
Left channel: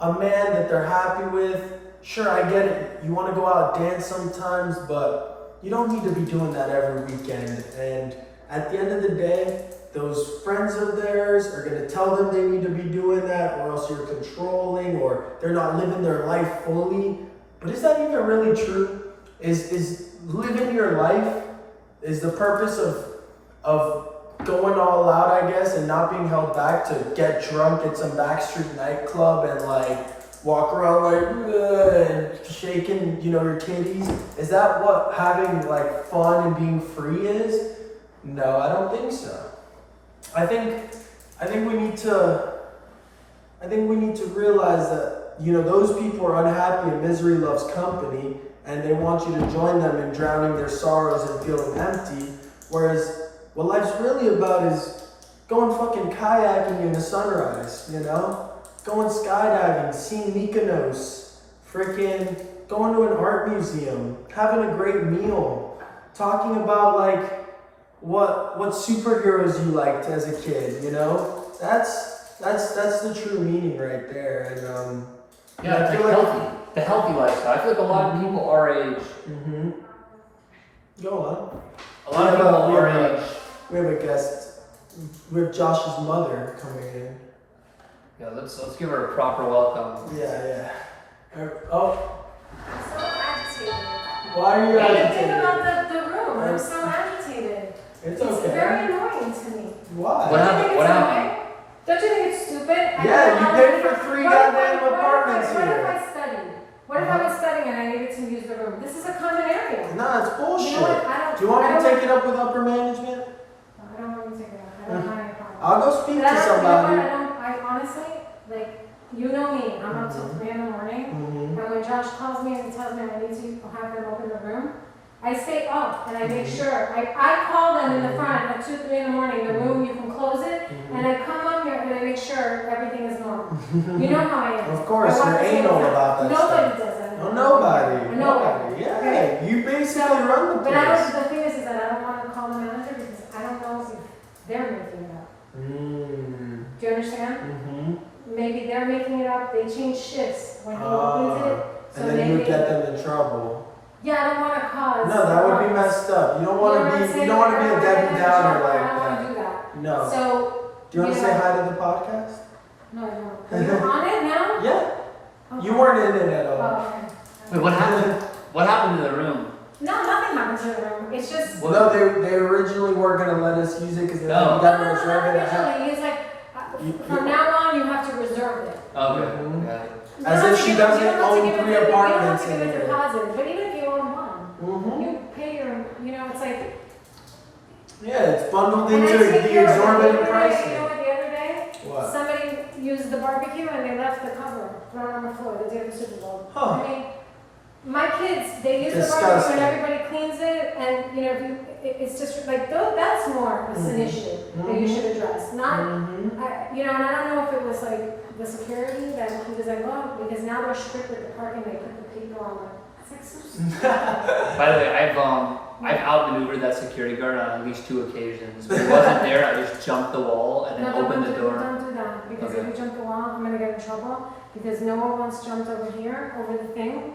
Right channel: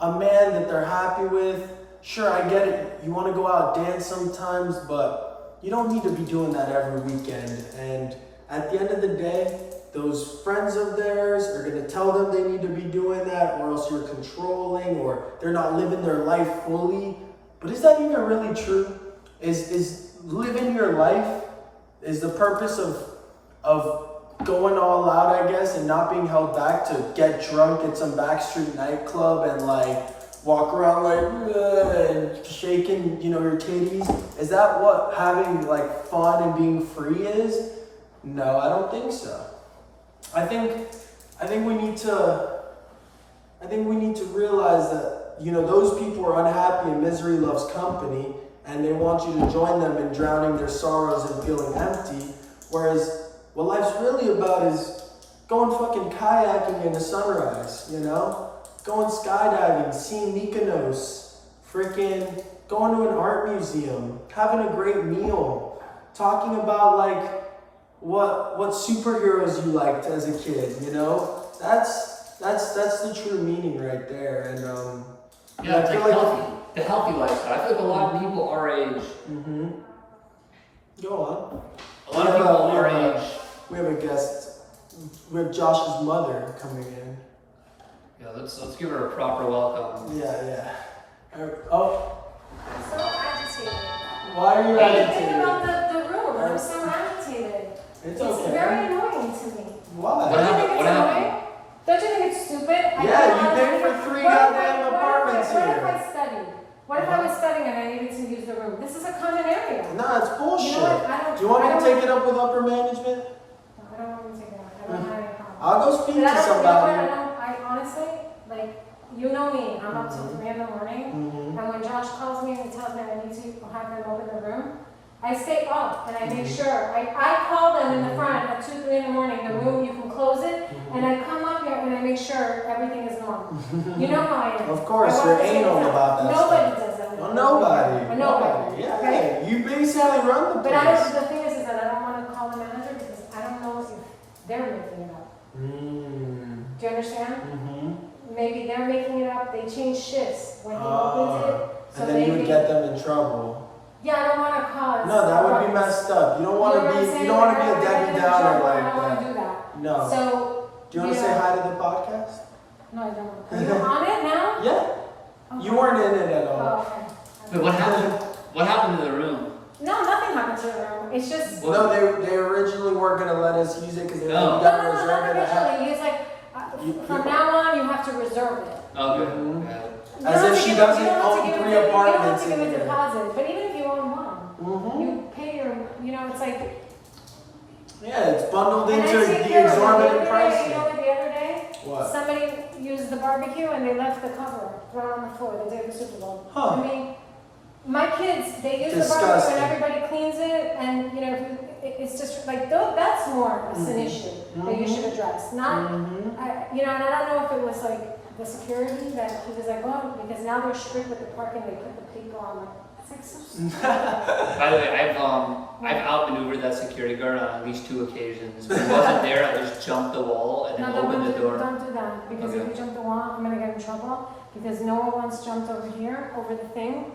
a man that they're happy with? Sure, I get it. You want to go out and dance sometimes, but you don't need to be doing that every weekend. And at the end of the day, those friends of theirs are going to tell them they need to be doing that, or else you're controlling, or they're not living their life fully. But is that even really true? Is living your life is the purpose of going all out, I guess, and not being held back to get drunk at some backstreet nightclub and walk around and shaking, your titties? Is that what having fun and being free is? No, I don't think so. I think we need to realize that those people are unhappy and misery loves company, and they want you to join them in drowning their sorrows and feeling empty. Whereas what life's really about is going fucking kayaking in the sunrise, going skydiving, seeing Mykonos, freaking going to an art museum, having a great meal, talking about what superheroes you liked as a kid, That's the true meaning right there. And it's the healthy lifestyle. I feel like a lot of people our age. Go on. A lot of people our age We have a guest. We have Josh's mother coming in. Yeah, let's give her a proper welcome. Yeah. Oh, I'm so agitated. why are you I didn't agitated? think about the room. I'm so agitated. It's It's okay. very annoying to me. Why? What Don't you happened? think it's What happened? annoying? Don't you think it's stupid? Yeah, you paid for 3 goddamn apartments What if here. I studied? What if I was studying and I needed to use the room? This is a common area. Nah, it's bullshit. You know what? I don't. Do you want me I to don't- take it up with upper management? I don't want to take it up. I don't have any problem. I'll go speak But I to don't- somebody. You know what? I honestly, like, you know me. I'm up till 3 in the morning. Mm-hmm. And when Josh calls me and he tells me I need to have them open the room, I stay up and I make sure. I call them in the front at 2, 3 in the morning, the room, you can close it, and I come up here and I make sure everything is normal. You know how I am. Of course, I you're want to anal say about that Nobody stuff. does that. Oh, nobody. Nobody. Yeah, Okay. you basically run the But place. the thing is that I don't want to call the manager because I don't know if they're making it up. Mm. Do you understand? Mm-hmm. Maybe they're making it up. They change shifts when he opens it. So And then you would maybe. get them in trouble. Yeah, I don't want to cause. No, that would be messed up. You don't want to be. You don't want to be a Debbie Downer like I don't want to that. do that. No. So. Do you want to say hi to the podcast? No, I don't. Are you on it now? Yeah. Okay. You weren't in it at Oh, all. okay. Wait, what happened? What happened to the room? No, nothing happened to the room. It's just. What? No, they originally weren't gonna let us use it because they No. got No, to reserve it. not originally. He's like, from now on, you have to reserve it. Okay. Mhm. Yeah. You As don't if have she to give it- doesn't you don't have to own give it 3 to- apartments You in don't have to give here. a deposit, but even if you own one, Mm-hmm. you pay your, it's like. Yeah, it's bundled And I into take the care of it. exorbitant The other day, pricing. You know what, the other day? What? Somebody used the barbecue and they left the cover right on the floor the day of the Super Bowl. Huh. I mean, my kids, they use Disgusting. the barbecue and everybody cleans it, and if you, it's just like, that's more an issue that you should address. Not, Mm-hmm. and I don't know if it was like the security that he was like, oh, because now they're strict with the parking, they put the people on the. By the way, I've outmaneuvered that security guard on at least 2 occasions. When he wasn't there, I just jumped the wall and then opened the door. Don't do that, because if Okay. you jump the wall, I'm gonna get in trouble, because Noah once jumped over here, over the thing,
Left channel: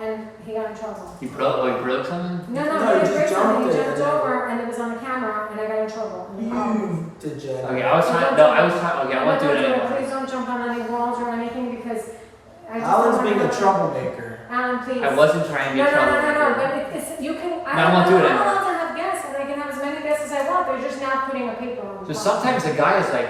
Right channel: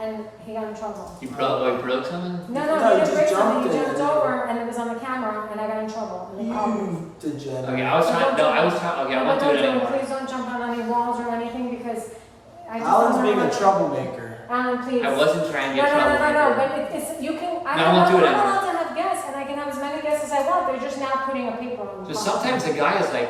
and he got in trouble. He broke something? No, No, he he didn't just break jumped something, he it jumped and then- over, and it was on the camera, and I got in trouble. in the car. You degenerate. Okay, I won't do it anymore. Please don't jump on any walls or anything, because I just Alan's don't being a want- troublemaker. Alan, please. I wasn't trying to get trouble. No, but it's, you can, I won't do it I'm anymore. allowed to have guests, and I can have as many guests as I want, they're just now putting a paper on the Just car. sometimes the guy is like,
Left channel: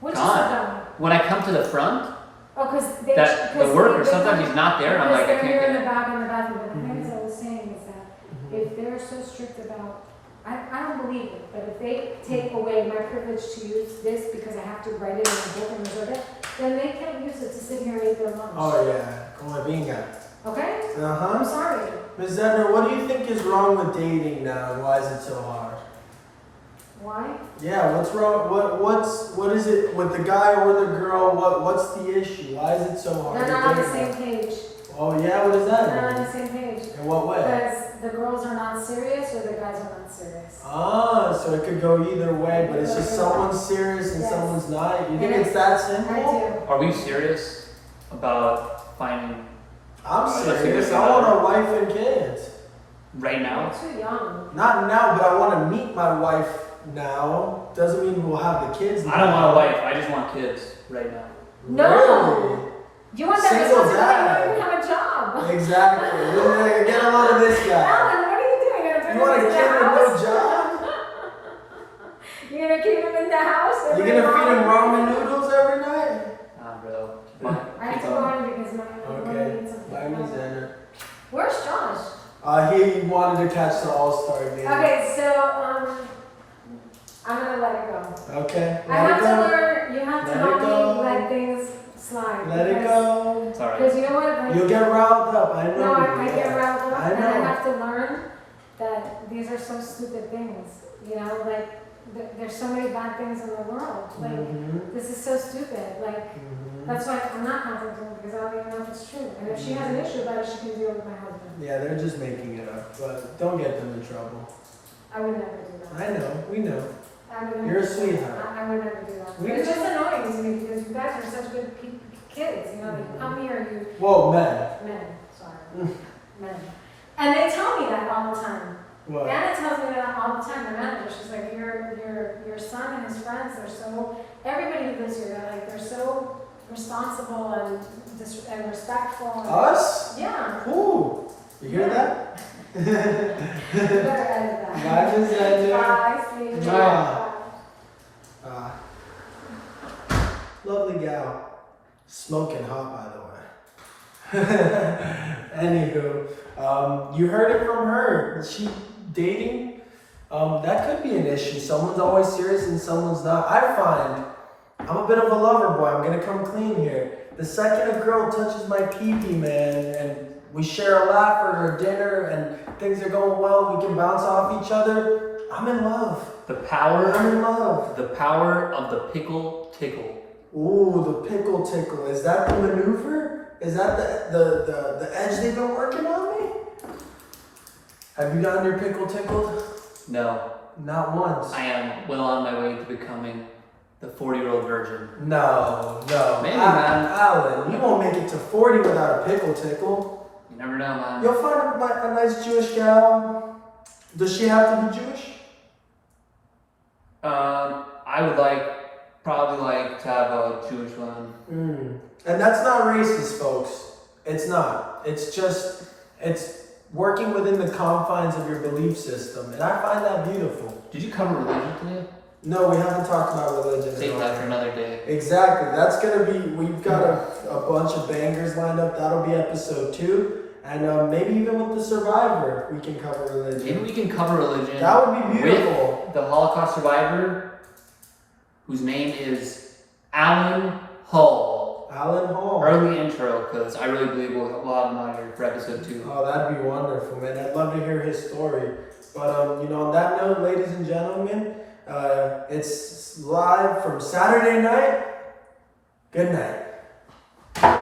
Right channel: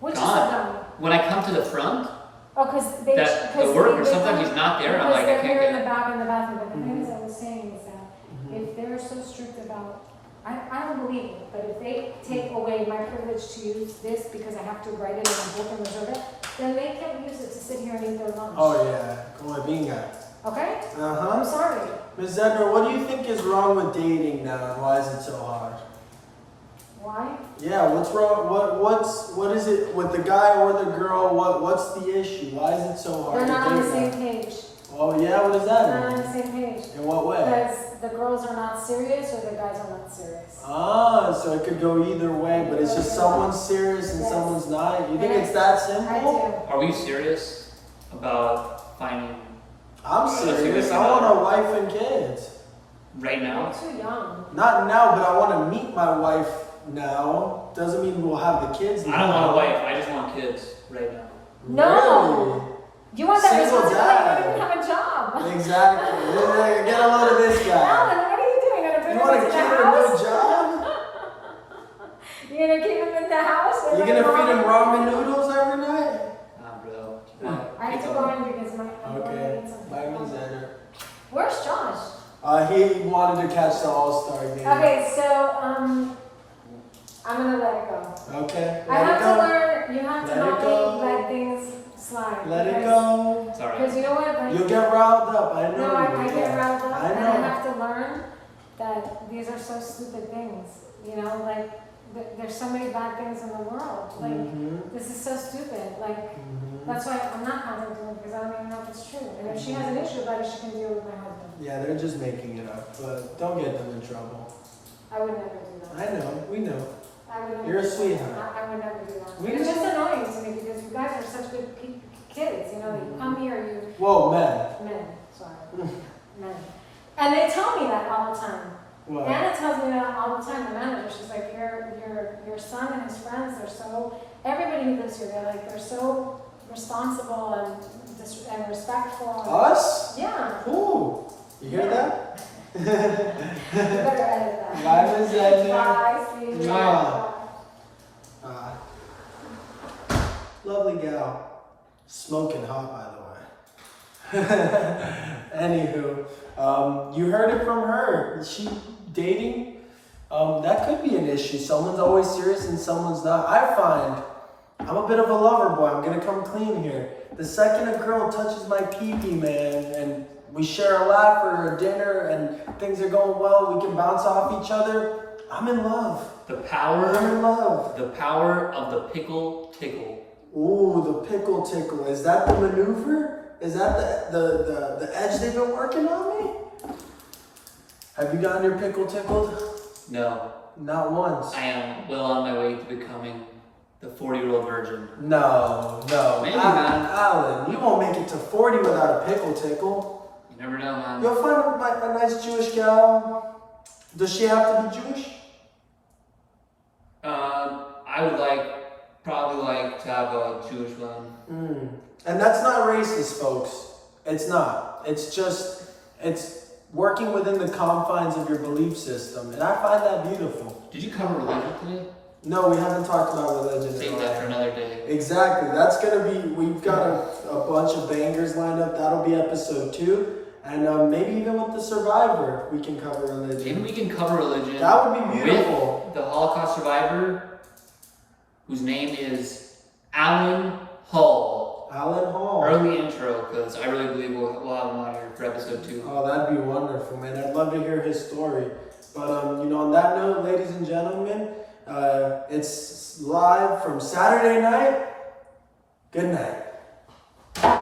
Which is gone. done. when I come to the front, Oh, because they. that the worker, sometimes he's not there, and I'm like, I Because they're here in can't. the back in the bathroom, but the thing is, I was saying is that if they're so strict about, I don't believe it, but if they take away my privilege to use this because I have to write it in a book and reserve it, then they can't use it to sit here and eat their lunch. Oh yeah, como venga. Okay? I'm Uh-huh. sorry. Ms. Zedner, what do you think is wrong with dating now, and why is it so hard? Why? Yeah, what's wrong? What is it with the guy or the girl? What's the issue? Why is it so hard They're to not on the date same now? page. Oh yeah, what does They're that not on mean? the same page. In what way? Because the girls are not serious or the guys are not serious. Ah, so it could go either way, but it's just someone's serious and Yes. someo's not. You think it's that I simple? do. Are we serious about finding I'm That's serious. a good I want one. a wife and kids. right You're now? too young. Not now, but I want to meet my wife now. Doesn't mean we'll have the kids. I don't want a wife, I just want kids right now. No. You want that Single responsibility? dad. You don't even have a job. Really? Exactly. We're gonna get a lot of this guy. Alan, what are you doing? You're You gonna want a put him in kid the with no house? job? You're gonna keep him in the house? and You're then gonna feed him ramen noodles every night? Nah, bro. Come on, I have keep to going. go in because my brother Okay. needs something. Bye, Ms. Zedner. Where's Josh? He wanted to catch the All-Star game. Okay, so I'm gonna let it go. Okay. I have to Let it learn. You have to Let help it me go. let things slide. go. Let it go. It's alright. Because you know what? Like, You'll get riled up. I know. no, I you, get yeah. riled up, I and I know. have to learn that these are so stupid things. You know, like there's so many bad things in the world. Like Mm-hmm. this is so stupid. Like Mm-hmm. that's why I'm not confronting her because I don't even know if it's true. And if she has an issue about it, she can deal with my husband. Yeah, they're just making it up, but don't get them in trouble. I would never do that. I know. We know. I would never You're a do that. sweetheart. I would never do that. We It's know. just annoying to me because you guys are such good kids. You know, like you come here, you Whoa, men. men, sorry, men, and they tell me that all the time. What? Anna tells me that all the time, the manager, she's like, your son and his friends, everybody who lives here, they're so responsible and respectful. Us? Yeah. Ooh. You hear that? You better edit that. Why is that? Bye, sweetie. Lovely gal. Smoking hot, by the way. Anywho, you heard it from her. Is she dating? That could be an issue. Someone's always serious and someone's not. I find I'm a bit of a lover boy. I'm gonna come clean here. The second a girl touches my pee-pee, man, and we share a laugh or a dinner and things are going well, we can bounce off each other, I'm in love. The power. I'm in love. The power of the pickle tickle. Ooh, the pickle tickle. Is that the maneuver? Is that the edge they've been working on me? Have you gotten your pickle tickled? No. Not once. I am well on my way to becoming the 40-year-old virgin. No. Maybe, man. Alan, you won't make it to 40 without a pickle tickle. You never know, man. You'll find a nice Jewish gal. Does she have to be Jewish? I would probably like to have a Jewish one. And that's not racist, folks. It's not. It's working within the confines of your belief system. And I find that beautiful. Did you cover religion today? No, we haven't talked about religion. Save that for another day. Exactly. That's going to be, we've got a bunch of bangers lined up. That'll be episode 2. And maybe even with the survivor, we can cover religion. Maybe we can cover religion. That would be beautiful. With the Holocaust survivor, whose name is Alan Hall. Alan Hall. Early intro, because I really believe we'll have him on here for episode 2. Oh, that'd be wonderful, man. I'd love to hear his story. But, on that note, ladies and gentlemen, it's live from Saturday night. Good night.